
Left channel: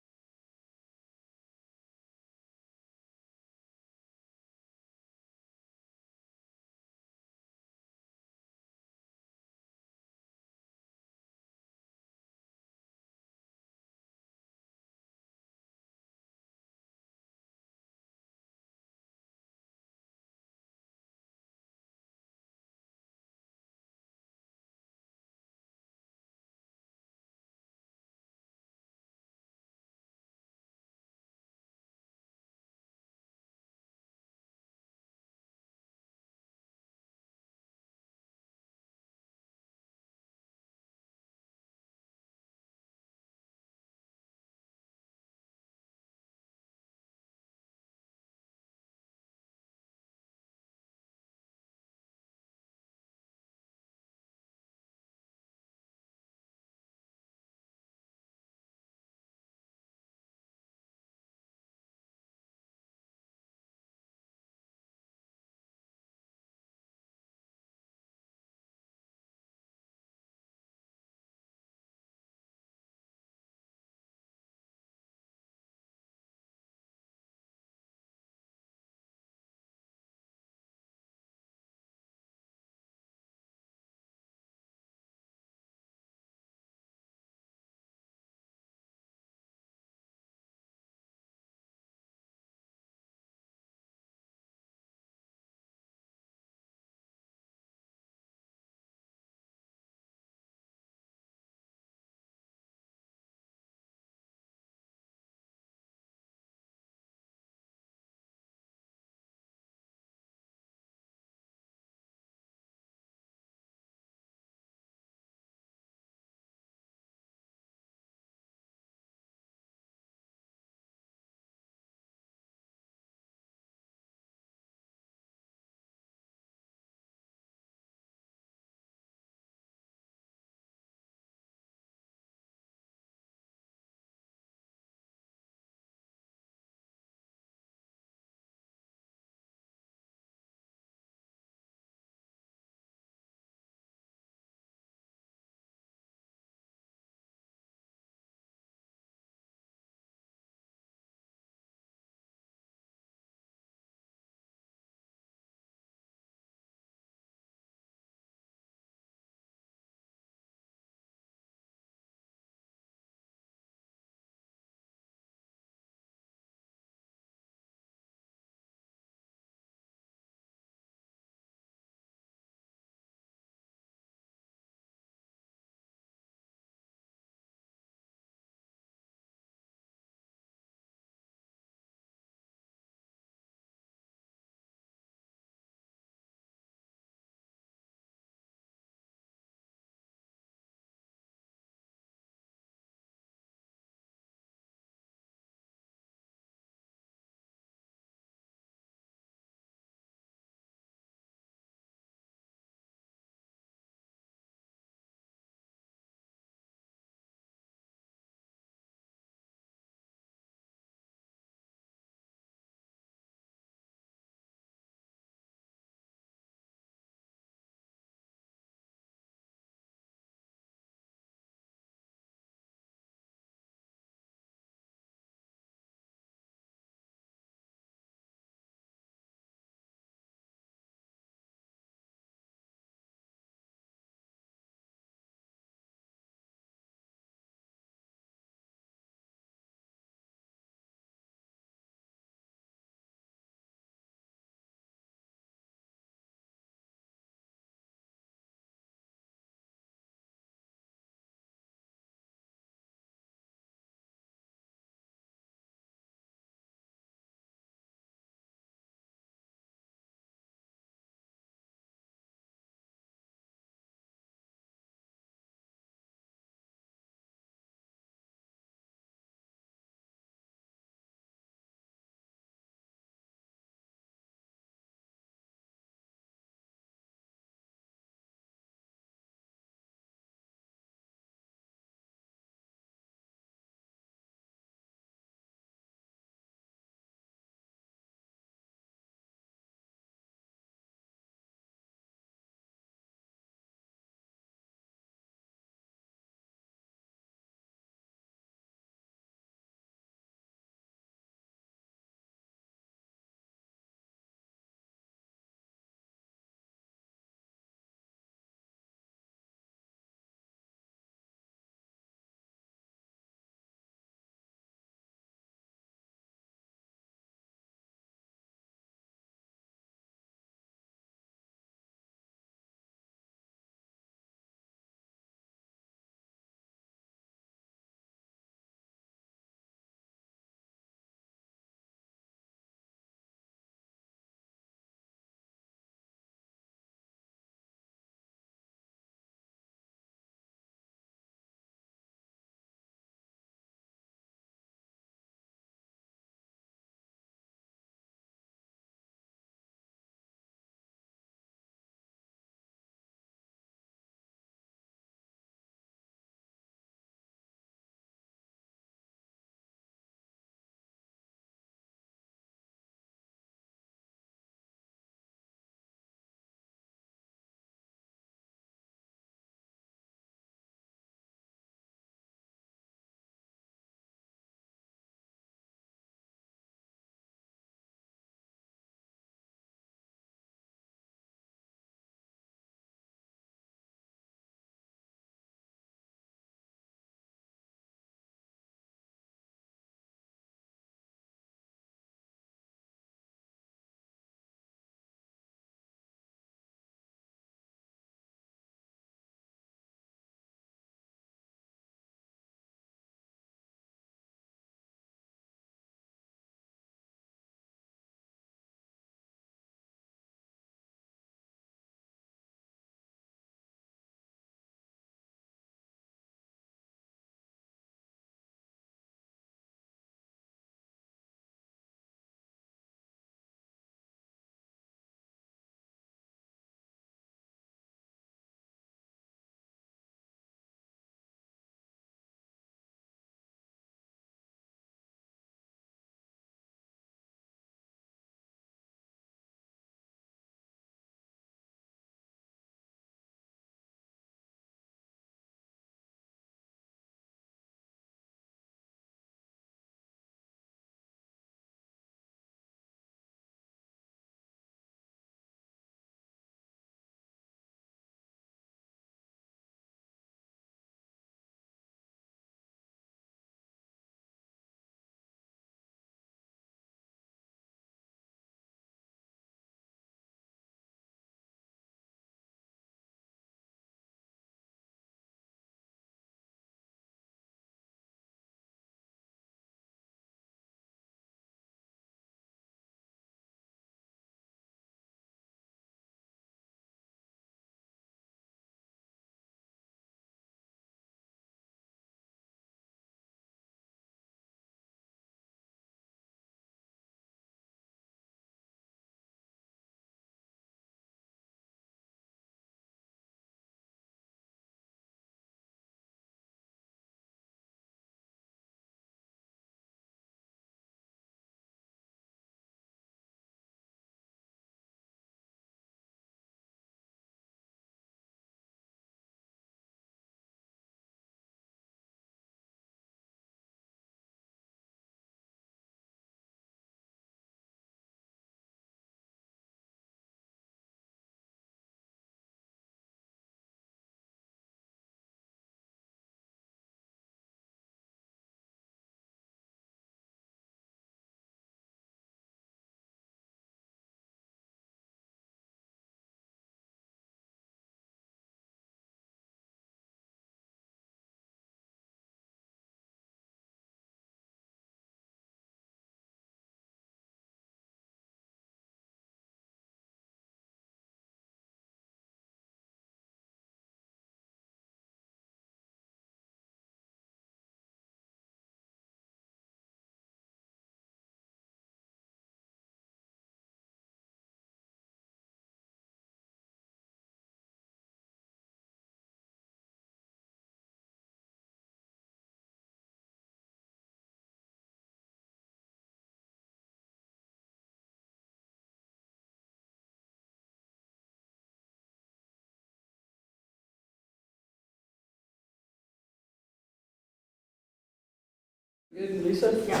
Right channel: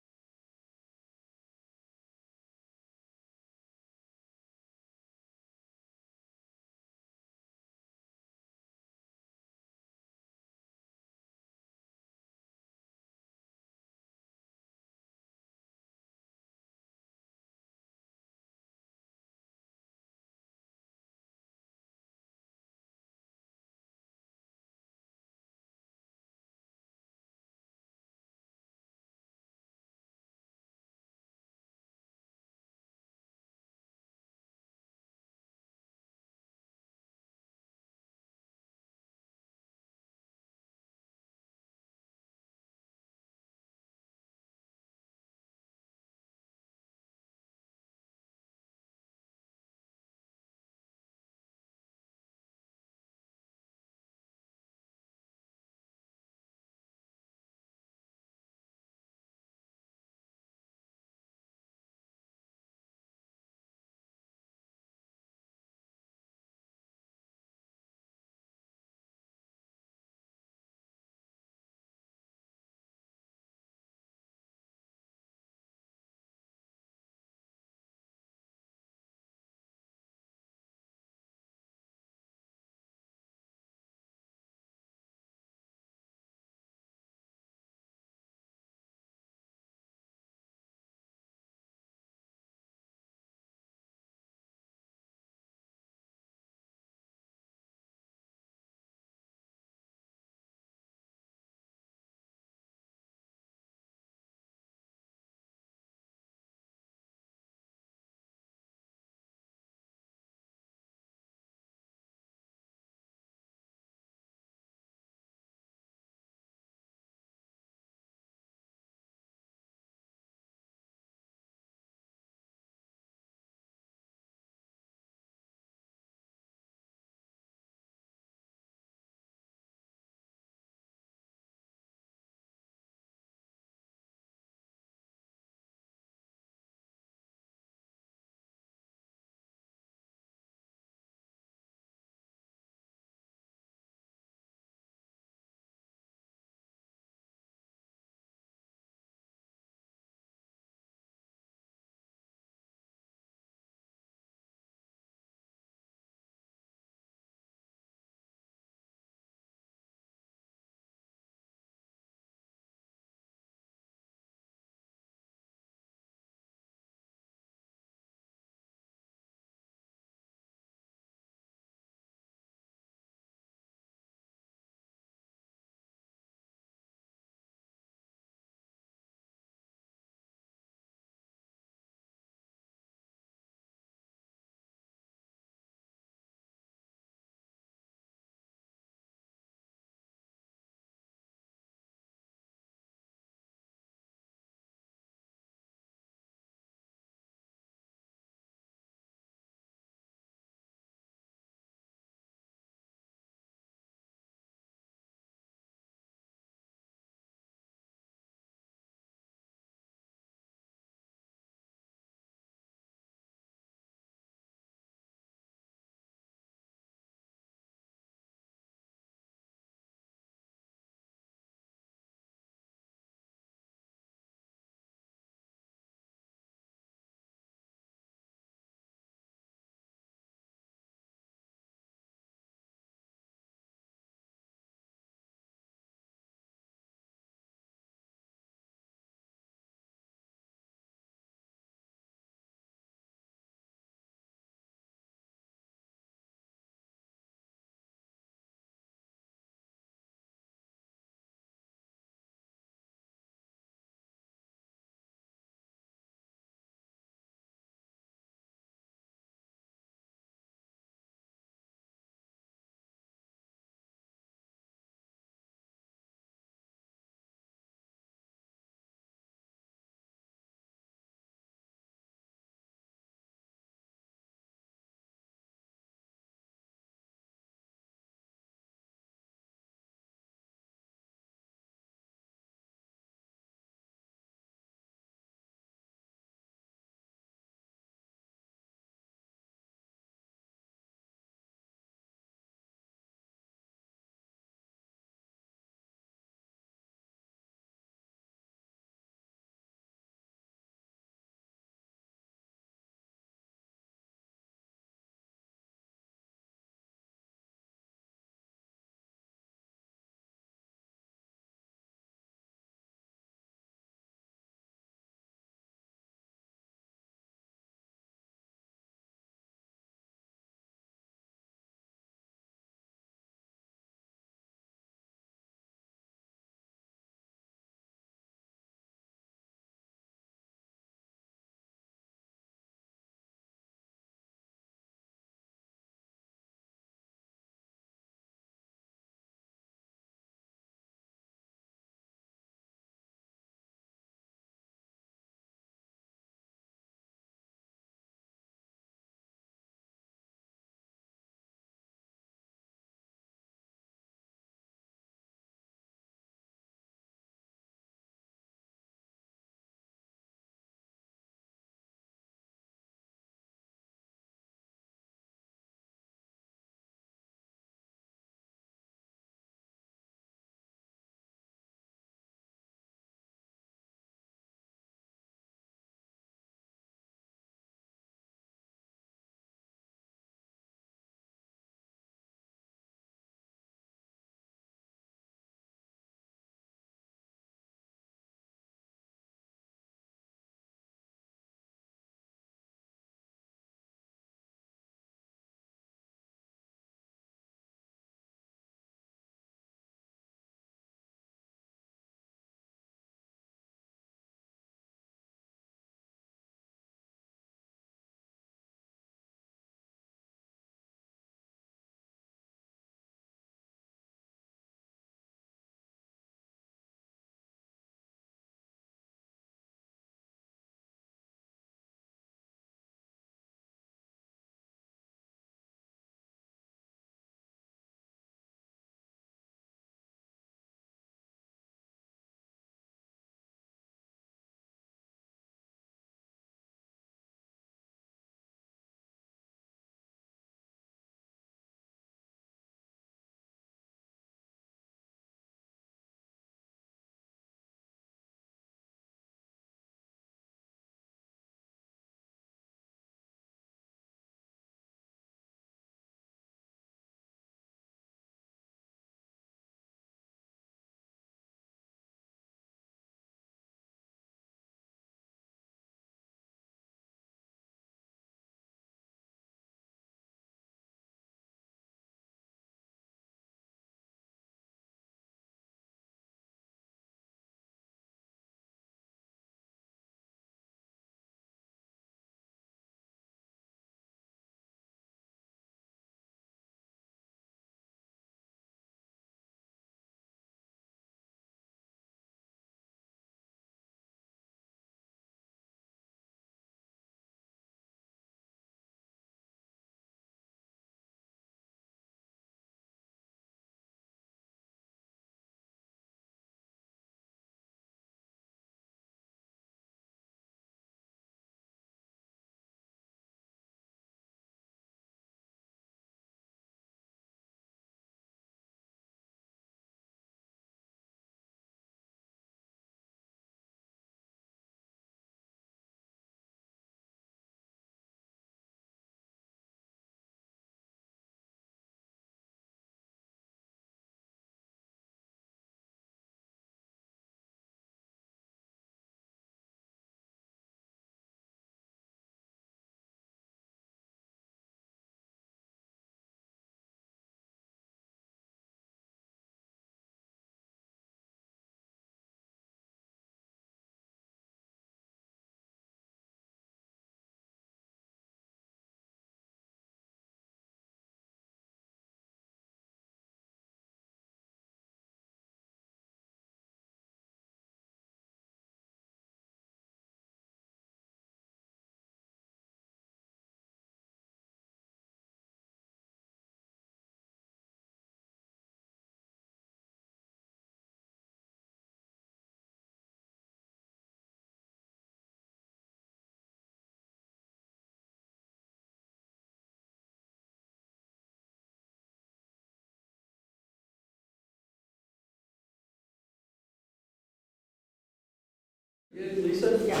Lisa? Yeah.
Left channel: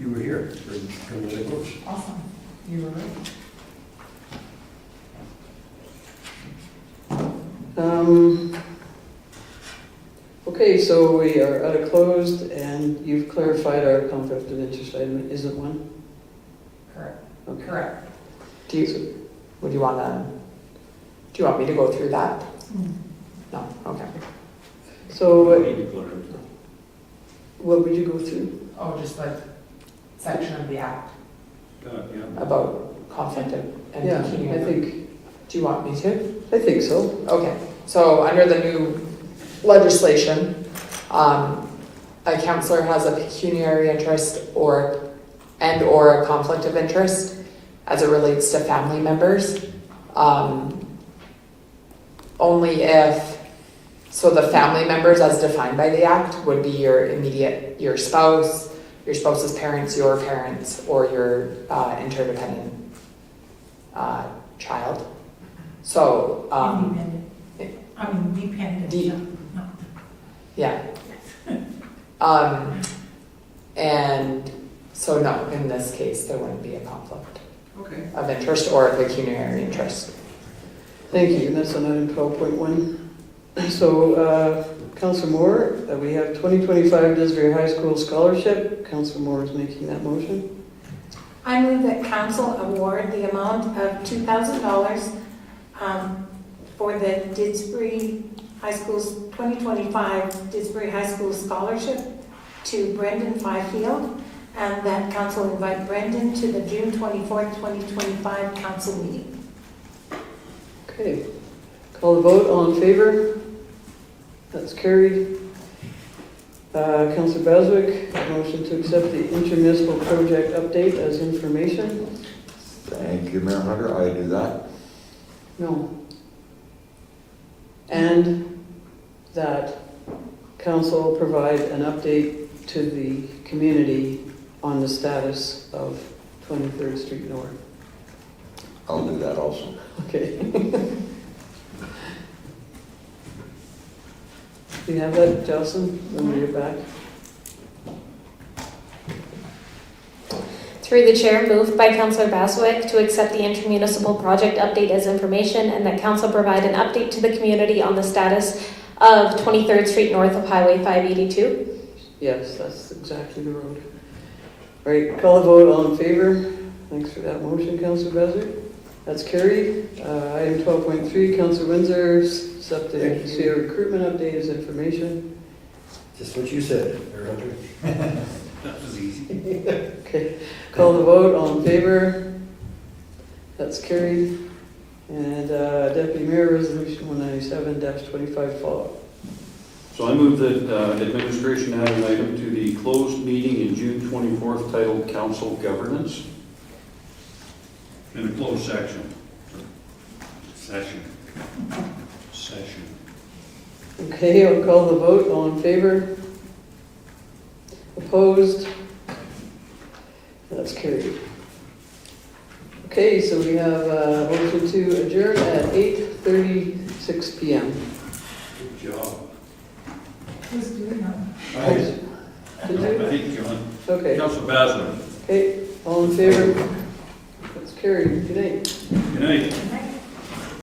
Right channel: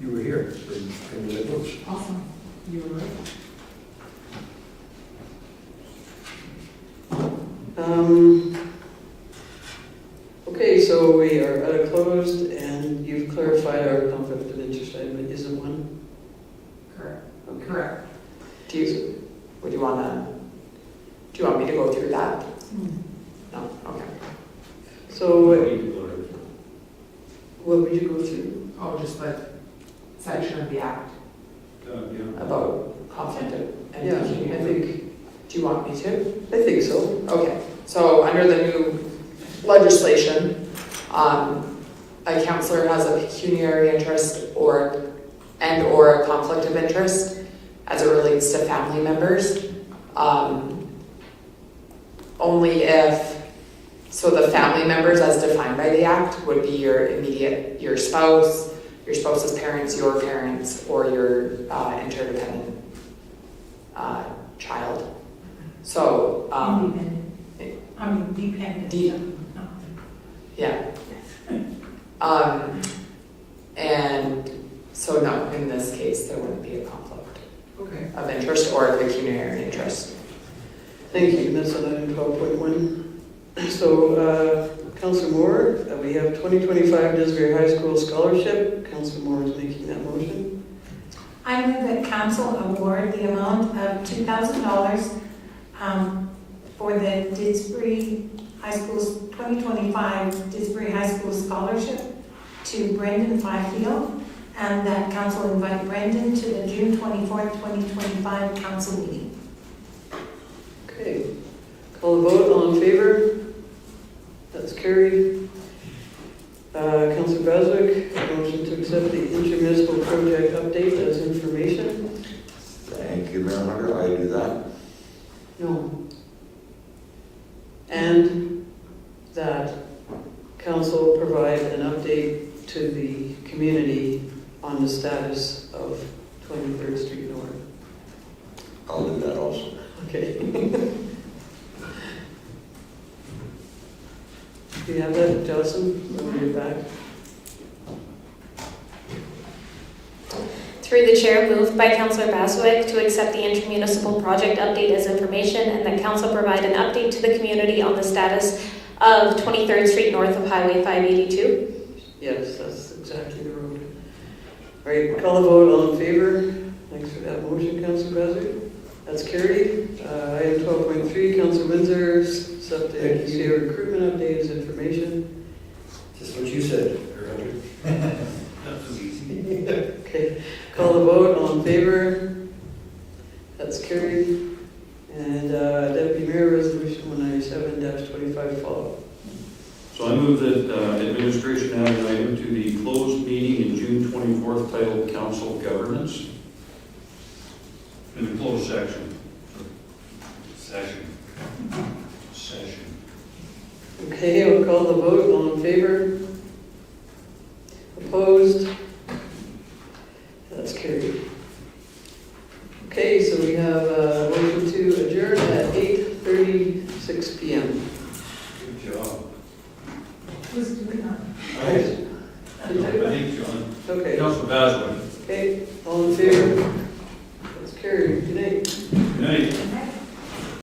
You were here for the Liberals. Awesome. You were right. Okay, so we are out of closed, and you've clarified our conflict of interest item isn't one? Correct. Okay. Correct. Do you want me to go through that? No, okay. So what would you go through? Oh, just like section of the act Yeah. about conflict of Yeah, interest. I think, Do you want me to? I think so. Okay, so under the new legislation, a counselor has a pecuniary interest or a conflict of interest as it relates to family members. Only if, so the family members as defined by the act would be your spouse, your spouse's parents, your parents, or your interdependent child. So, Dependent. yeah. And so no, in this case, there wouldn't be a conflict Okay. of interest or a pecuniary interest. Thank you, and that's on item 12.1. So, Councillor Moore, we have 2025 Disbury High School Scholarship. Councillor Moore is making that motion. I move that council award the amount of $2,000 for the Didsbury High School's 2025 Didsbury High School Scholarship to Brendan Fifield, and that council invite Brendan to the June 24th, 2025 council meeting. Okay. Call the vote. All in favor? That's carried. Councillor Baswick, motion to accept the intermunicipal project update as information. Thank you, Mayor Hunter. I do that. No. And that council provide an update to the community on the status of 23rd Street North. I'll do that also. Okay. Do you have that, Jocelyn, when we get back? Through the chair, moved by Councillor Baswick to accept the intermunicipal project update as information, and that council provide an update to the community on the status of 23rd Street north of Highway 582. Yes, that's exactly the road. All right, call the vote. All in favor? Thanks for that motion, Councillor Baswick. That's carried. Item 12.3, Councillor Windsor, accept the Thank you. CA recruitment update as information. Just what you said, Mayor Hunter. That was easy. Okay, call the vote. All in favor? That's carried. And Deputy Mayor, Resolution 197-25 follow. So I move that administration add an item to the closed meeting in June 24th titled Council Governance. In the closed section. Session. Okay, I'll call the vote. All in favor? Opposed? That's carried. Okay, so we have a motion to adjourn at 8:36 p.m. Good job. Who's doing that? Did you? Thank you, John. Okay, Councilor Baswick. okay, all in favor? That's carried. Good night. Good night.